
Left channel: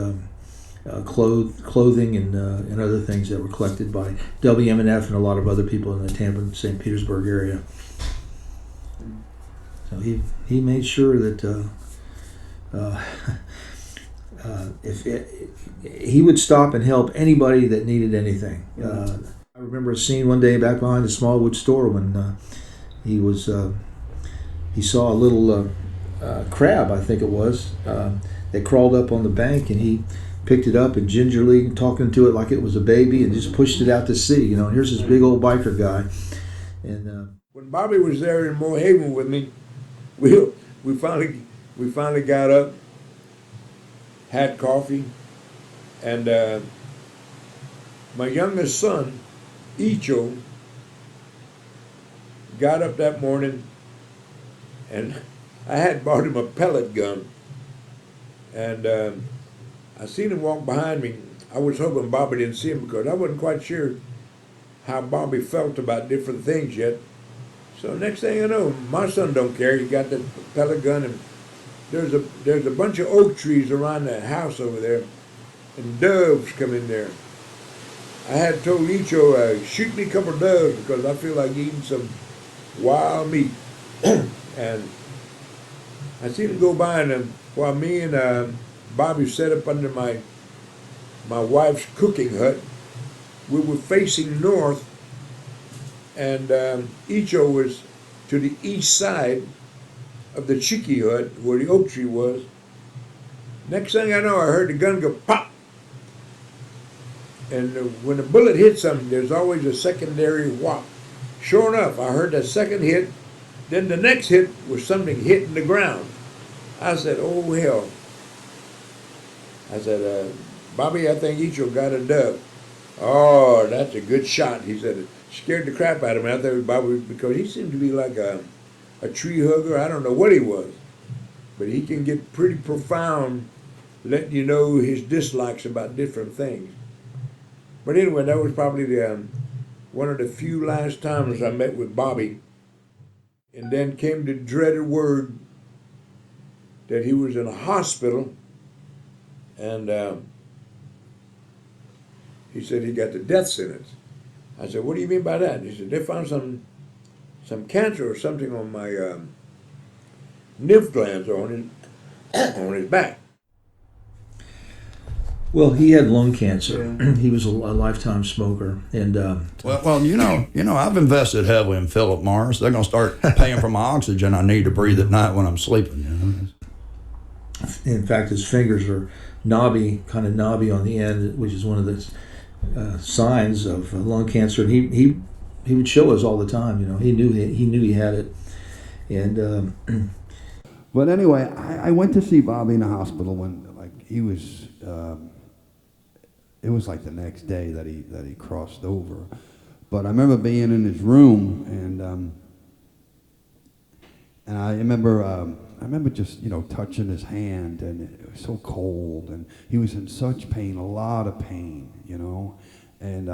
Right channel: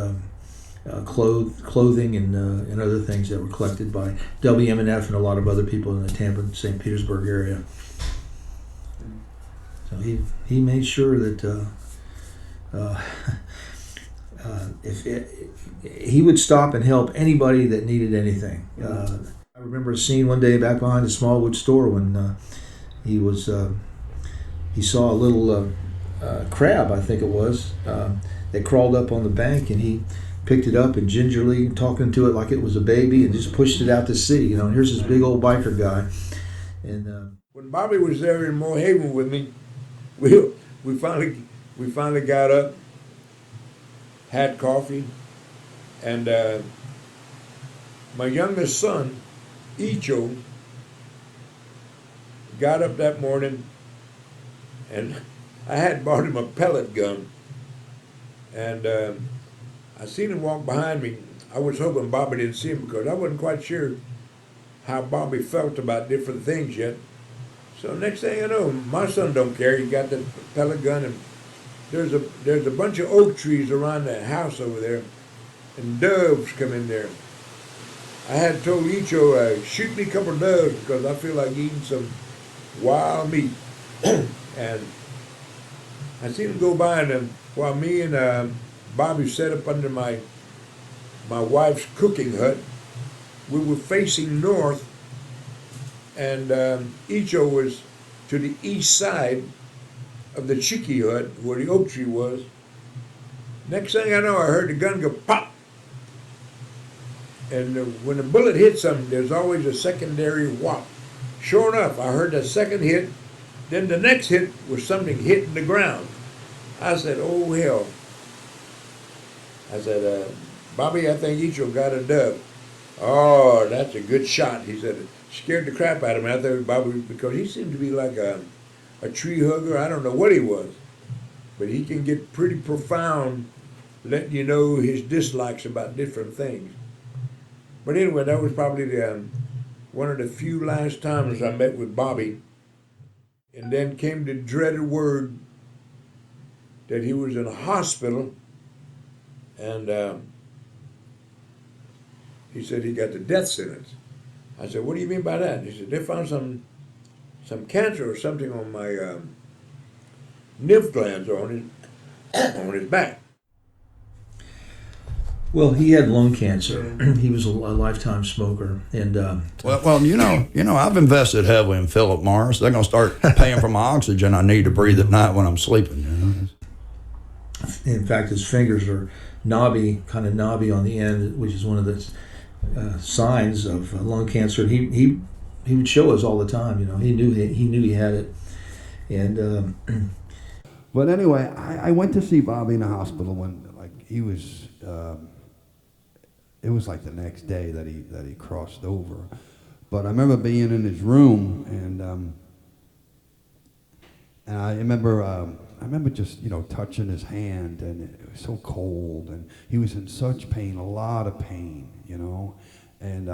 clothing and other things that were collected by WMNF and a lot of other people in the Tampa and St. Petersburg area. So he made sure that he would stop and help anybody that needed anything. I remember a scene one day back behind the Smallwood store when he saw a little crab, I think it was, that crawled up on the bank, and he picked it up and gingerly, talking to it like it was a baby, and just pushed it out to sea. You know, and here's this big old biker guy. And when Bobby was there in Moore Haven with me, we we finally got up, had coffee, and my youngest son, Icho, got up that morning, and I had bought him a pellet gun, and I seen him walk behind me. I was hoping Bobby didn't see him because I wasn't quite sure how Bobby felt about different things yet. So next thing I know, my son don't care. He got the pellet gun, and there's a bunch of oak trees around that house over there, and doves come in there. I had told Icho, shoot me a couple of doves because I feel like eating some wild meat. And I seen him go by, and while me and Bobby sat up under my wife's cooking hut, we were facing north, and Icho was to the east side of the Chicky hut where the oak tree was. Next thing I know, I heard the gun go pop. And when a bullet hits something, there's always a secondary whop. Sure enough, I heard that second hit. Then the next hit was something hitting the ground. I said, oh, hell. I said, Bobby, I think Icho got a dove. Oh, that's a good shot. He said, it scared the crap out of me. I thought Bobby, because he seemed to be like a tree hugger. I don't know what he was. But he can get pretty profound, letting you know his dislikes about different things. But anyway, that was probably one of the few last times I met with Bobby. And then came the dreaded word that he was in a hospital, and he said he got the death sentence. I said, what do you mean by that? He said, they found some cancer or something on my lymph glands or on his back. Well, he had lung cancer. Yeah. He was a lifetime smoker, and well, you know, I've invested heavily in Philip Morris. They're going to start paying for my oxygen I need to breathe at night when I'm sleeping. You know? In fact, his fingers are kind of knobby on the end, which is one of the signs of lung cancer. And he would show us all the time. You know, he knew he had it, and. But anyway, I went to see Bobby in the hospital when he was. It was like the next day that he crossed over, but I remember being in his room, and I remember just touching his hand, and it was so cold, and he was in such pain, a lot of pain, and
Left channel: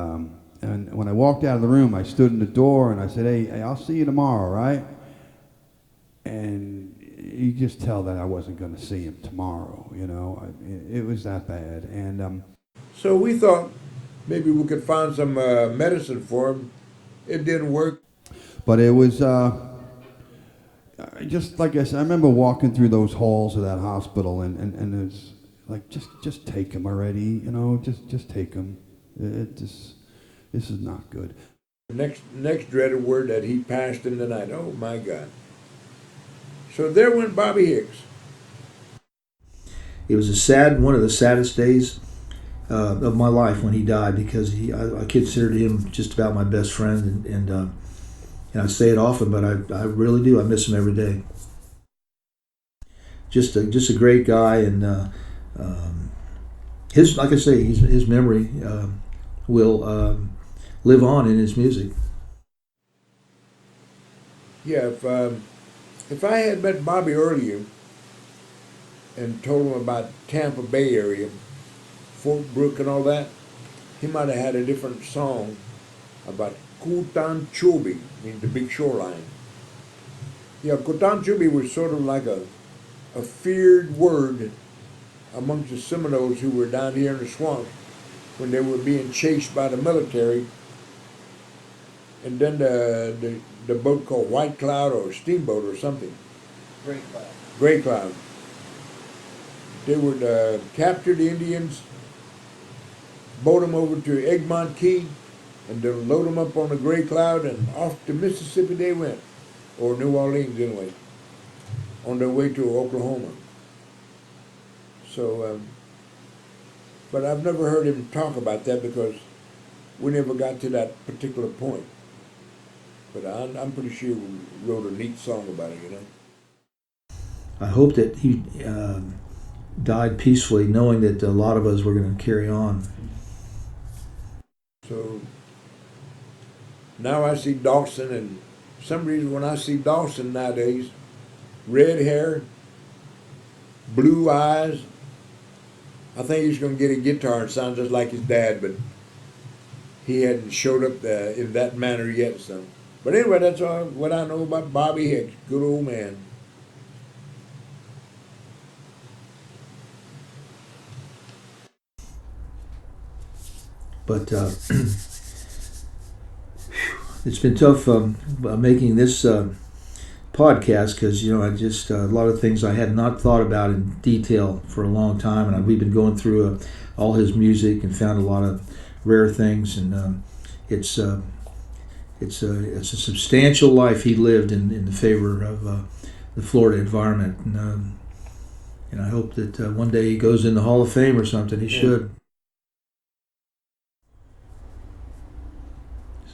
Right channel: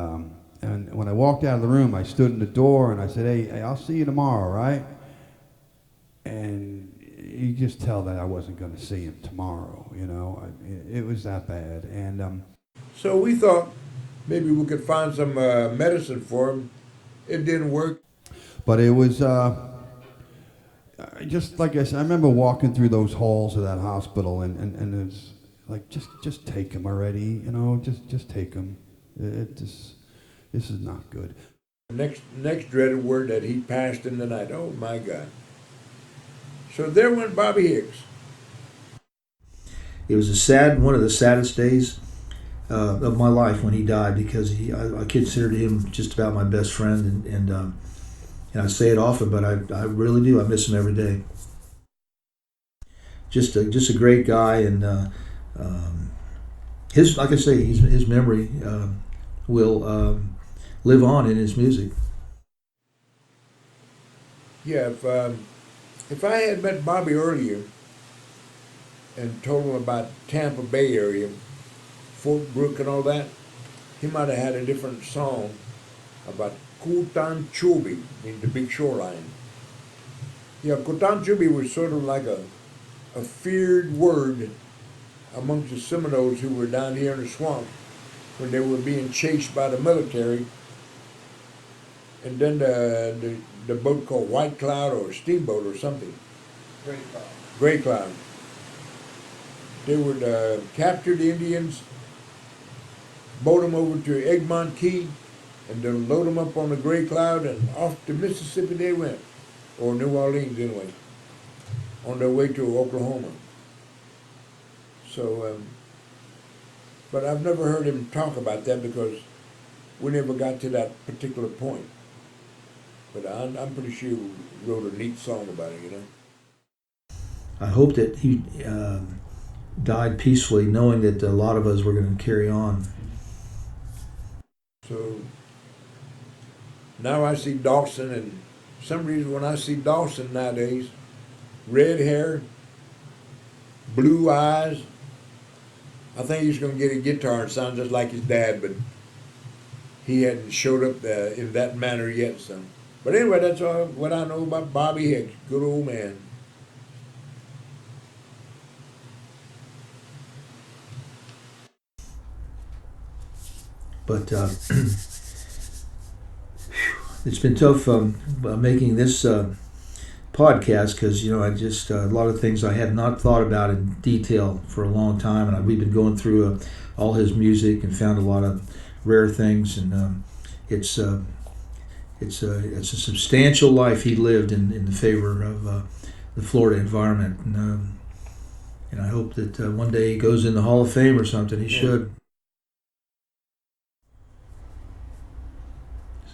when I walked out of the room, I stood in the door and I said, hey, I'll see you tomorrow, right? And you just tell that I wasn't going to see him tomorrow, it was that bad, and. So we thought maybe we could find some medicine for him. It didn't work. But it was just like I said. I remember walking through those halls of that hospital, and it's like just take him already, just take him. This is not good. Next dreaded word that he passed in the night. Oh my God! So there went Bobby Hicks. It was one of the saddest days of my life when he died, because I considered him just about my best friend, and I say it often, but I really do. I miss him every day. Just a great guy, and like I say, his memory will live on in his music. Yeah, if I had met Bobby earlier and told him about Tampa Bay area, Fort Brooke and all that, he might have had a different song about Kutan Chubi, meaning the big shoreline. Yeah, Kutan Chubi was sort of like a feared word amongst the Seminoles who were down here in the swamp when they were being chased by the military. And then the boat called White Cloud or Steamboat or something. Gray Cloud. They would capture the Indians, boat them over to Egmont Key, and then load them up on the Gray Cloud, and off to Mississippi they went, or New Orleans anyway, on their way to Oklahoma. So, but I've never heard him talk about that because we never got to that particular point. But I'm pretty sure he wrote a neat song about it, I hope that he died peacefully, knowing that a lot of us were going to carry on. So now I see Dawson, and for some reason when I see Dawson nowadays, red hair, blue eyes, I think he's going to get a guitar and sound just like his dad, but he hadn't showed up in that manner yet. So, but anyway, that's all what I know about Bobby Hicks. Good old man. But it's been tough making this podcast because, you know, I just a lot of things I had not thought about in detail for a long time, and we've been going through all his music and found a lot of rare things, and it's a substantial life he lived in the favor of the Florida environment, and I hope that one day he goes in the Hall of Fame or something. He should.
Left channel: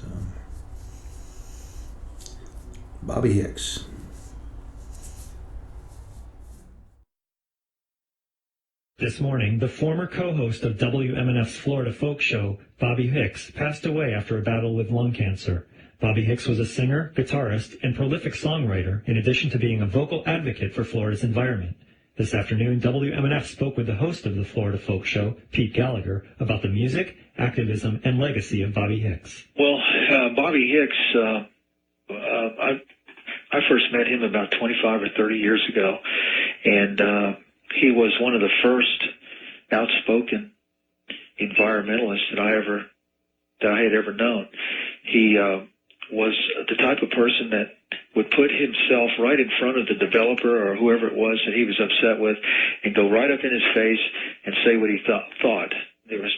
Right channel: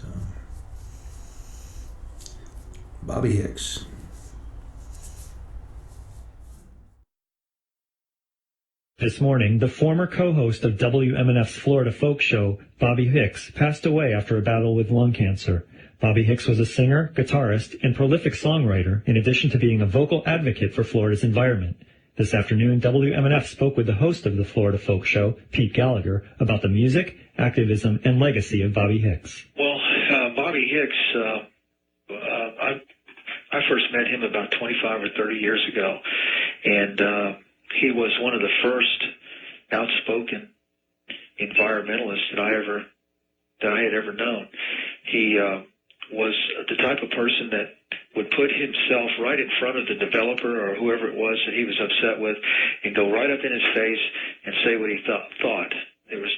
So, Bobby Hicks. This morning, the former co-host of WMNF's Florida Folk Show, Bobby Hicks, passed away after a battle with lung cancer. Bobby Hicks was a singer, guitarist, and prolific songwriter, in addition to being a vocal advocate for Florida's environment. This afternoon, WMNF spoke with the host of the Florida Folk Show, Pete Gallagher, about the music, activism, and legacy of Bobby Hicks. Well, Bobby Hicks, I first met him about 25 or 30 years ago, and he was one of the first outspoken environmentalists that I had ever known. He was the type of person that would put himself right in front of the developer or whoever it was that he was upset with, and go right up in his face and say what he thought. There was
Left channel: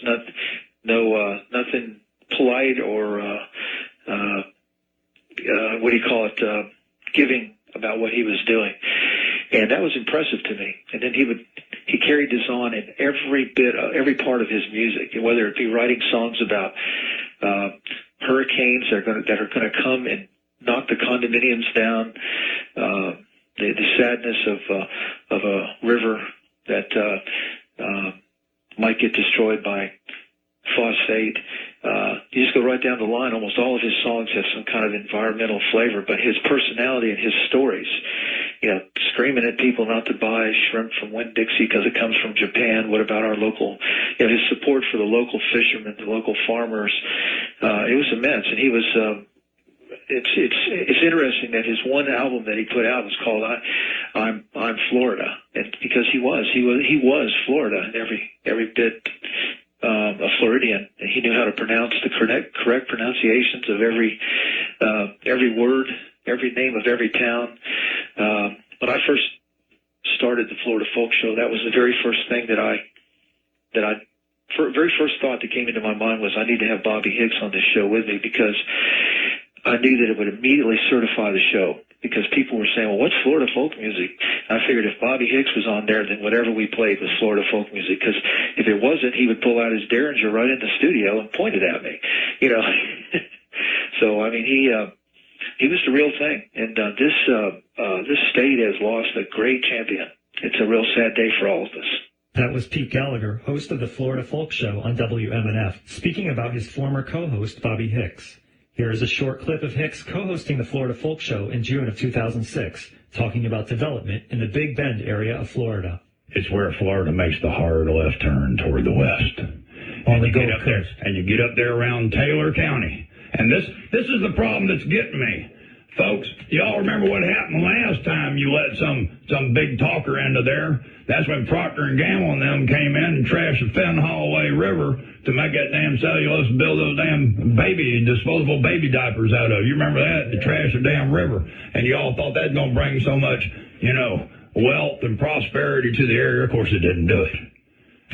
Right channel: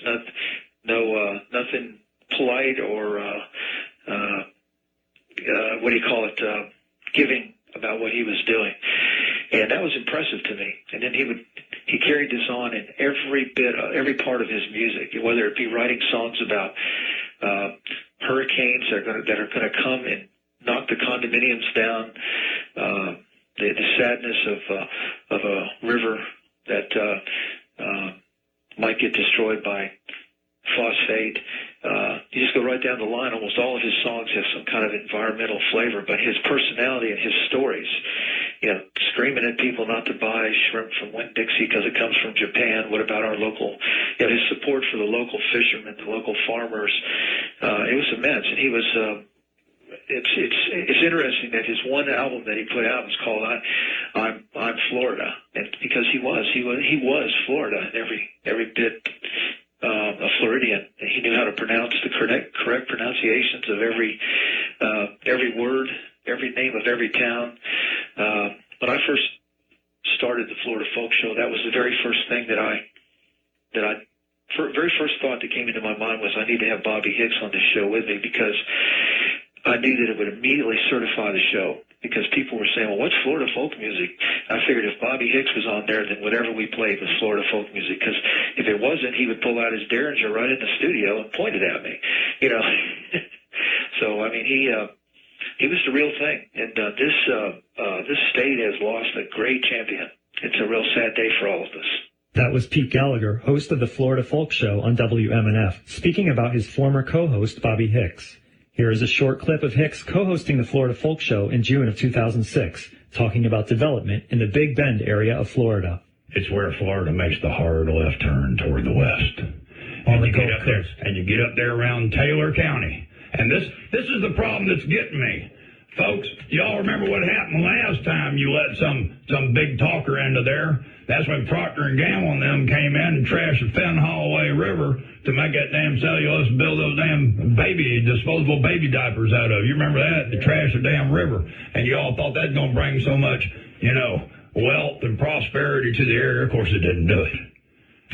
nothing polite or giving about what he was doing. And that was impressive to me. And then he carried this on in every part of his music, whether it be writing songs about hurricanes that are going to come and knock the condominiums down, the sadness of a river that might get destroyed by phosphate. You just go right down the line. Almost all of his songs have some kind of environmental flavor, but his personality and his stories, screaming at people not to buy shrimp from Winn-Dixie because it comes from Japan. What about our local, his support for the local fishermen, the local farmers, it was immense. And he was, it's interesting that his one album that he put out was called I'm Florida. And because he was Florida in every bit, a Floridian. He knew how to pronounce the correct pronunciations of every word, every name of every town. When I first started the Florida Folk Show, that was the very first thing very first thought that came into my mind was I need to have Bobby Hicks on this show with me, because I knew that it would immediately certify the show. Because people were saying, well, what's Florida folk music? I figured if Bobby Hicks was on there, then whatever we played was Florida folk music. Because if it wasn't, he would pull out his Derringer right in the studio and point it at me, So, I mean, he was the real thing. And this state has lost a great champion. It's a real sad day for all of us. That was Pete Gallagher, host of the Florida Folk Show on WMNF, speaking about his former co-host, Bobby Hicks. Here is a short clip of Hicks co-hosting the Florida Folk Show in June of 2006, talking about development in the Big Bend area of Florida. It's where Florida makes the hard left turn toward the west. On the Gulf Coast. And you get up there around Taylor County. And this is the problem that's getting me. Folks, y'all remember what happened last time you let some big talker into there? That's when Procter & Gamble and them came in and trashed the Fenn Holloway River to make that damn cellulose and build those damn disposable baby diapers out of. You remember that? They trashed the damn river. And you all thought that was going to bring so much, wealth and prosperity to the area. Of course, it didn't do it.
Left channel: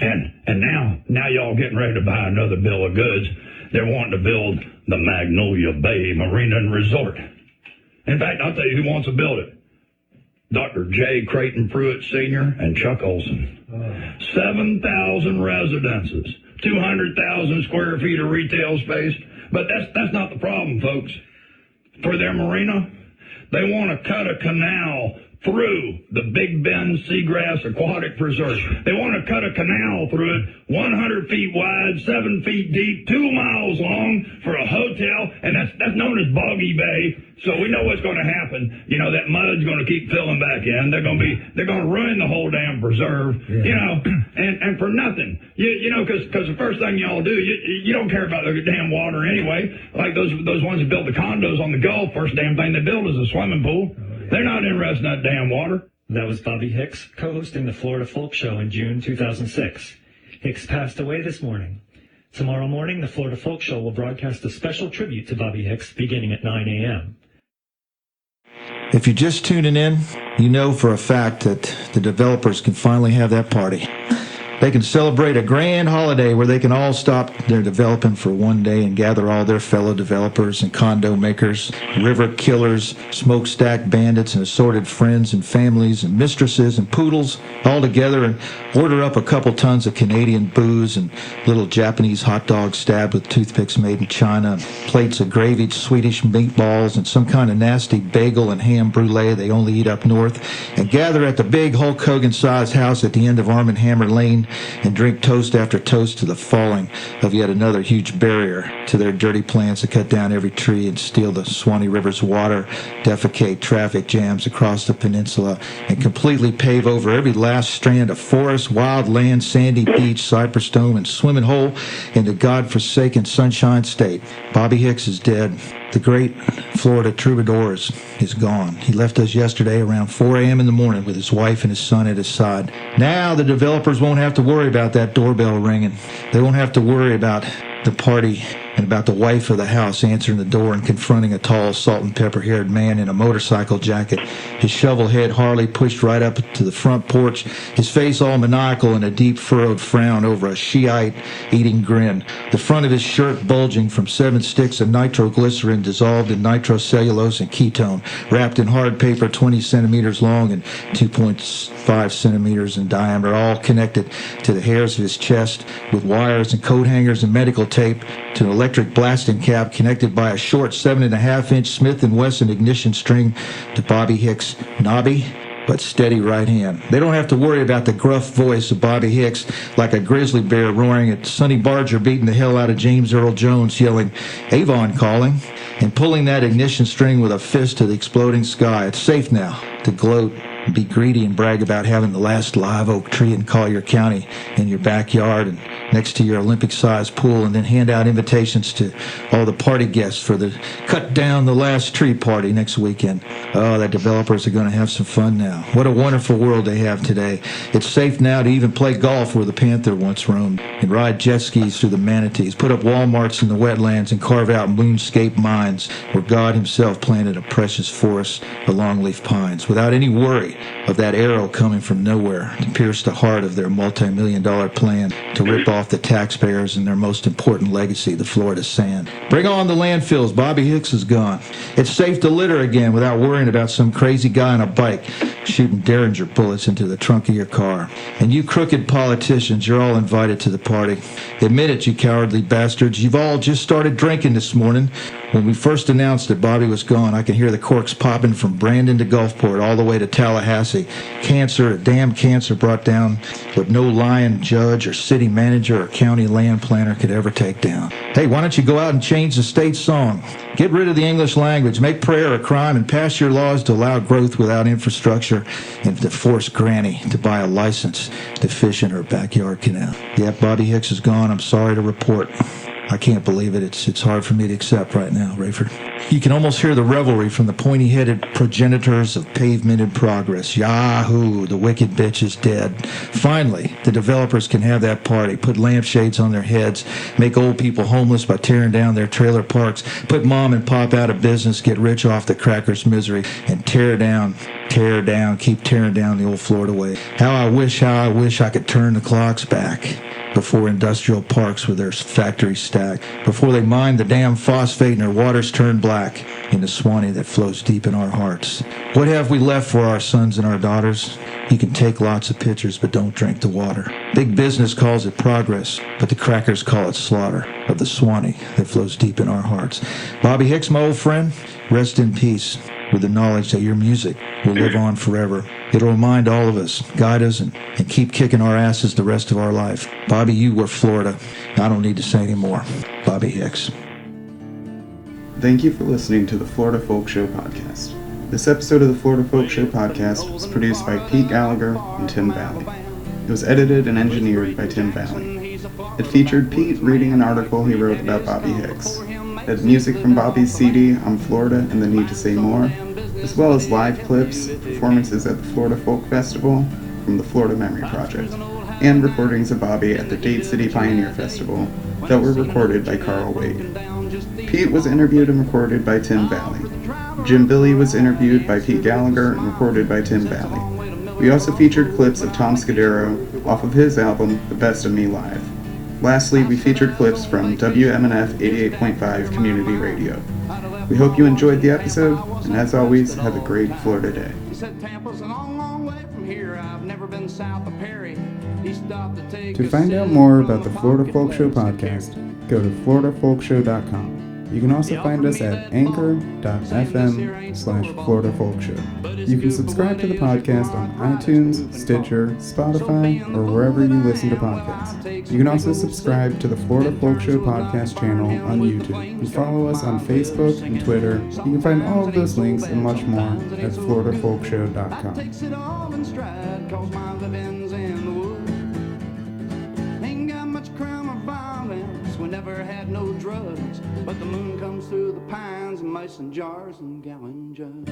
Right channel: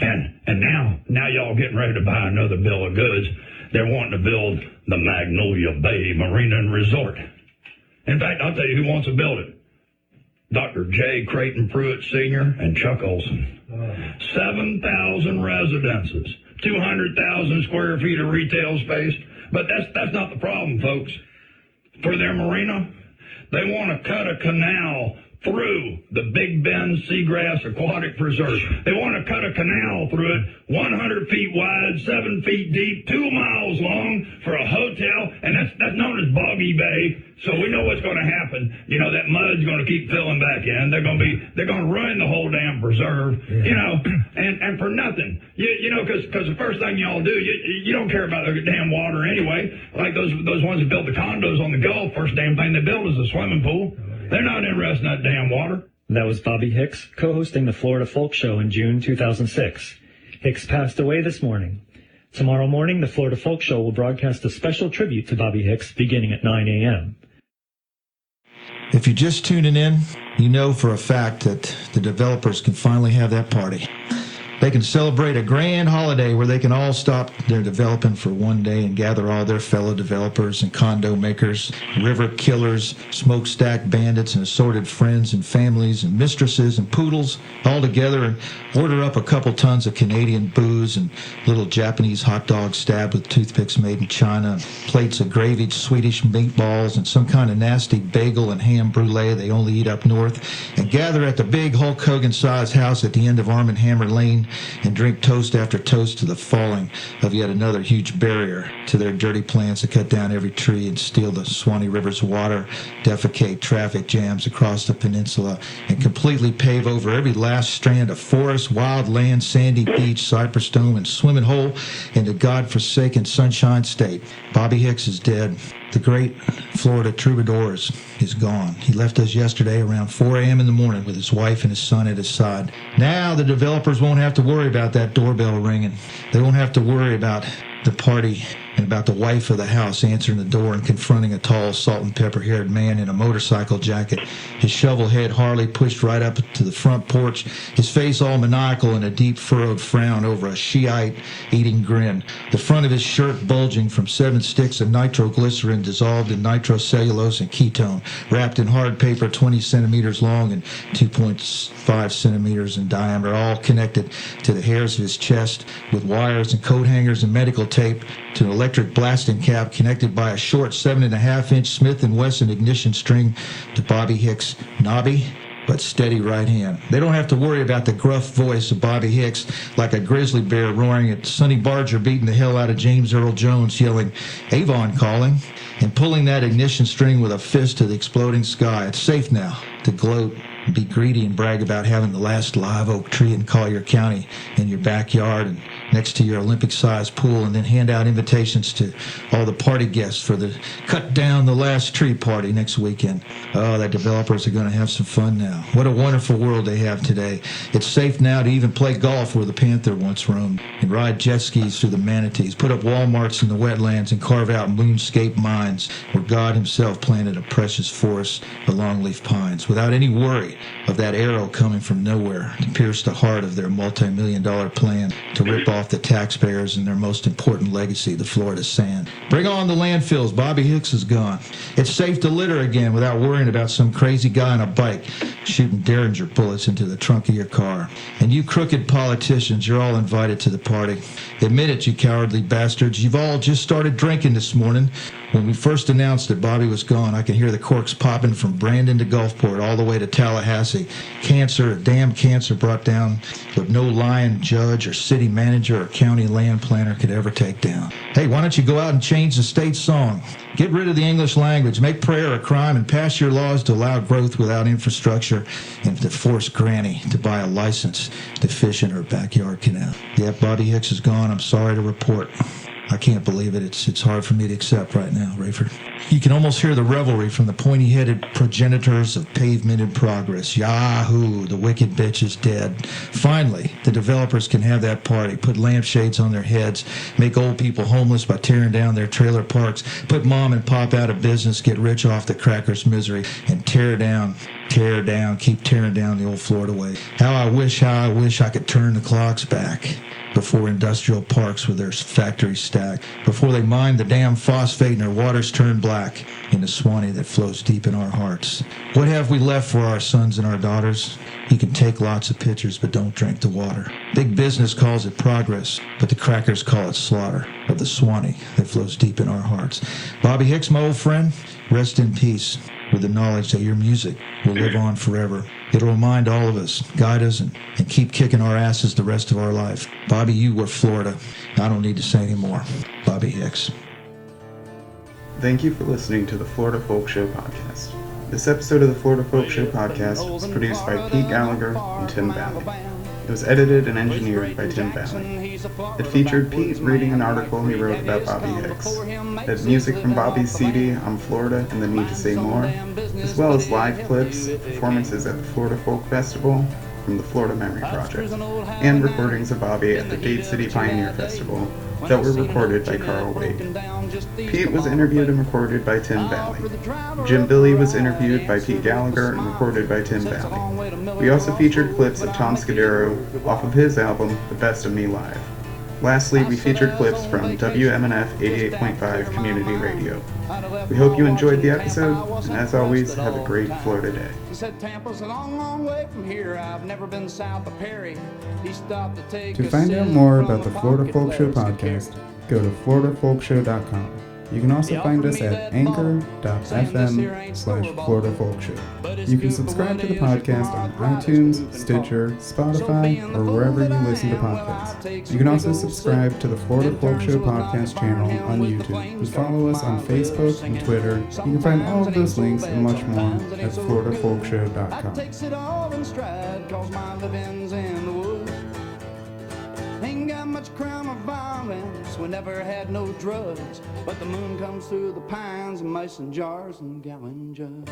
And now y'all getting ready to buy another bill of goods. They're wanting to build the Magnolia Bay Marina and Resort. In fact, I'll tell you who wants to build it. Dr. J. Creighton Pruitt Sr. and Chuck Olson. 7,000 residences, 200,000 square feet of retail space. But that's not the problem, folks. For their marina, they want to cut a canal through the Big Bend Seagrass Aquatic Preserve. They want to cut a canal through it, 100 feet wide, 7 feet deep, 2 miles long for a hotel, and that's known as Boggy Bay. So we know what's going to happen. You know, that mud's going to keep filling back in. They're going to ruin the whole damn preserve. Yeah. You know, and for nothing. You know, because the first thing y'all do, you don't care about the damn water anyway. Like those ones that built the condos on the Gulf, first damn thing they build is a swimming pool. They're not interested in that damn water. That was Bobby Hicks, co-hosting the Florida Folk Show in June 2006. Hicks passed away this morning. Tomorrow morning, the Florida Folk Show will broadcast a special tribute to Bobby Hicks beginning at 9 a.m. If you're just tuning in, you know for a fact that the developers can finally have that party. They can celebrate a grand holiday where they can all stop their developing for one day and gather all their fellow developers and condo makers, river killers, smokestack bandits, and assorted friends and families and mistresses and poodles all together and order up a couple tons of Canadian booze and little Japanese hot dogs stabbed with toothpicks made in China, and plates of gravy, Swedish meatballs, and some kind of nasty bagel and ham brulee they only eat up north, and gather at the big Hulk Hogan-sized house at the end of Arm & Hammer Lane and drink toast after toast to the falling of yet another huge barrier to their dirty plans to cut down every tree and steal the Swanee River's water, defecate traffic jams across the peninsula, and completely pave over every last strand of forest, wild land, sandy beach, cypress dome, and swimming hole in the godforsaken Sunshine State. Bobby Hicks is dead. The great Florida troubadour is gone. He left us yesterday around 4 a.m. in the morning with his wife and his son at his side. Now the developers won't have to worry about that doorbell ringing. They won't have to worry about the party and about the wife of the house answering the door and confronting a tall, salt and pepper-haired man in a motorcycle jacket, his shovel-head Harley pushed right up to the front porch, his face all maniacal and a deep furrowed frown over a Shiite-eating grin, the front of his shirt bulging from 7 sticks of nitroglycerin dissolved in nitrocellulose and ketone, wrapped in hard paper 20 centimeters long and 2.5 centimeters in diameter, all connected to the hairs of his chest with wires and coat hangers and medical tape, to an electric blasting cap connected by a short 7.5-inch Smith & Wesson ignition string to Bobby Hicks' knobby but steady right hand. They don't have to worry about the gruff voice of Bobby Hicks like a grizzly bear roaring at Sonny Barger beating the hell out of James Earl Jones yelling, "Avon calling," and pulling that ignition string with a fist to the exploding sky. It's safe now to gloat, be greedy, and brag about having the last live oak tree in Collier County in your backyard and next to your Olympic-sized pool, and then hand out invitations to all the party guests for the cut down the last tree party next weekend. Oh, the developers are going to have some fun now. What a wonderful world they have today. It's safe now to even play golf where the Panther once roamed, and ride jet skis through the manatees, put up Walmarts in the wetlands, and carve out moonscape mines where God himself planted a precious forest of longleaf pines without any worry of that arrow coming from nowhere to pierce the heart of their multi-million-dollar plan to rip off the taxpayers and their most important legacy, the Florida sand. Bring on the landfills. Bobby Hicks is gone. It's safe to litter again without worrying about some crazy guy on a bike shooting Derringer bullets into the trunk of your car. And you crooked politicians, you're all invited to the party. Admit it, you cowardly bastards. You've all just started drinking this morning. When we first announced that Bobby was gone, I could hear the corks popping from Brandon to Gulfport all the way to Tallahassee. Cancer, a damn cancer brought down what no lying judge or city manager or county land planner could ever take down. Hey, why don't you go out and change the state song? Get rid of the English language, make prayer a crime, and pass your laws to allow growth without infrastructure and to force Granny to buy a license to fish in her backyard canal. Yep, Bobby Hicks is gone. I'm sorry to report. I can't believe it. It's hard for me to accept right now, Rayford. You can almost hear the revelry from the pointy-headed progenitors of pavement in progress. Yahoo! The wicked bitch is dead. Finally, the developers can have that party, put lampshades on their heads, make old people homeless by tearing down their trailer parks, put mom and pop out of business, get rich off the crackers' misery, and tear down, keep tearing down the old Florida way. How I wish I could turn the clocks back before industrial parks with their factories stacked, before they mine the damn phosphate and their waters turn black in the Swanee that flows deep in our hearts. What have we left for our sons and our daughters? You can take lots of pictures, but don't drink the water. Big business calls it progress, but the crackers call it slaughter of the Swanee that flows deep in our hearts. Bobby Hicks, my old friend, rest in peace. with the knowledge that your music will live on forever. It'll remind all of us, guide us, and keep kicking our asses the rest of our life. Bobby, you were Florida. I don't need to say anymore. Bobby Hicks. Thank you for listening to the Florida Folk Show podcast. This episode of the Florida Folk Show podcast was produced by Pete Gallagher and Tim Valley. It was edited and engineered by Tim Valley. It featured Pete reading an article he wrote about Bobby Hicks. It had music from Bobby's CD, I'm Florida and the Need to Say More, as well as live clips, performances at the Florida Folk Festival from the Florida Memory Project, and recordings of Bobby at the Dade City Pioneer Festival that were recorded by Carl Wade. Pete was interviewed and recorded by Tim Valley. Jim Billy was interviewed by Pete Gallagher and recorded by Tim Valley. We also featured clips of Tom Scudero off of his album, The Best of Me Live. Lastly, we featured clips from WMNF 88.5 Community Radio. We hope you enjoyed the episode, and as always, have a great Florida day. To find out more about the Florida Folk Show podcast, go to floridafolkshow.com. You can also find us at anchor.fm/Florida Folk Show. You can subscribe to the podcast on iTunes, Stitcher, Spotify, or wherever you listen to podcasts. You can also subscribe to the Florida Folk Show podcast channel on YouTube and follow us on Facebook and Twitter. You can find all of those links and much more at floridafolkshow.com. Ain't got much crime or violence, we never had no drugs, but the moon comes through the pines and mason jars and gallon jugs.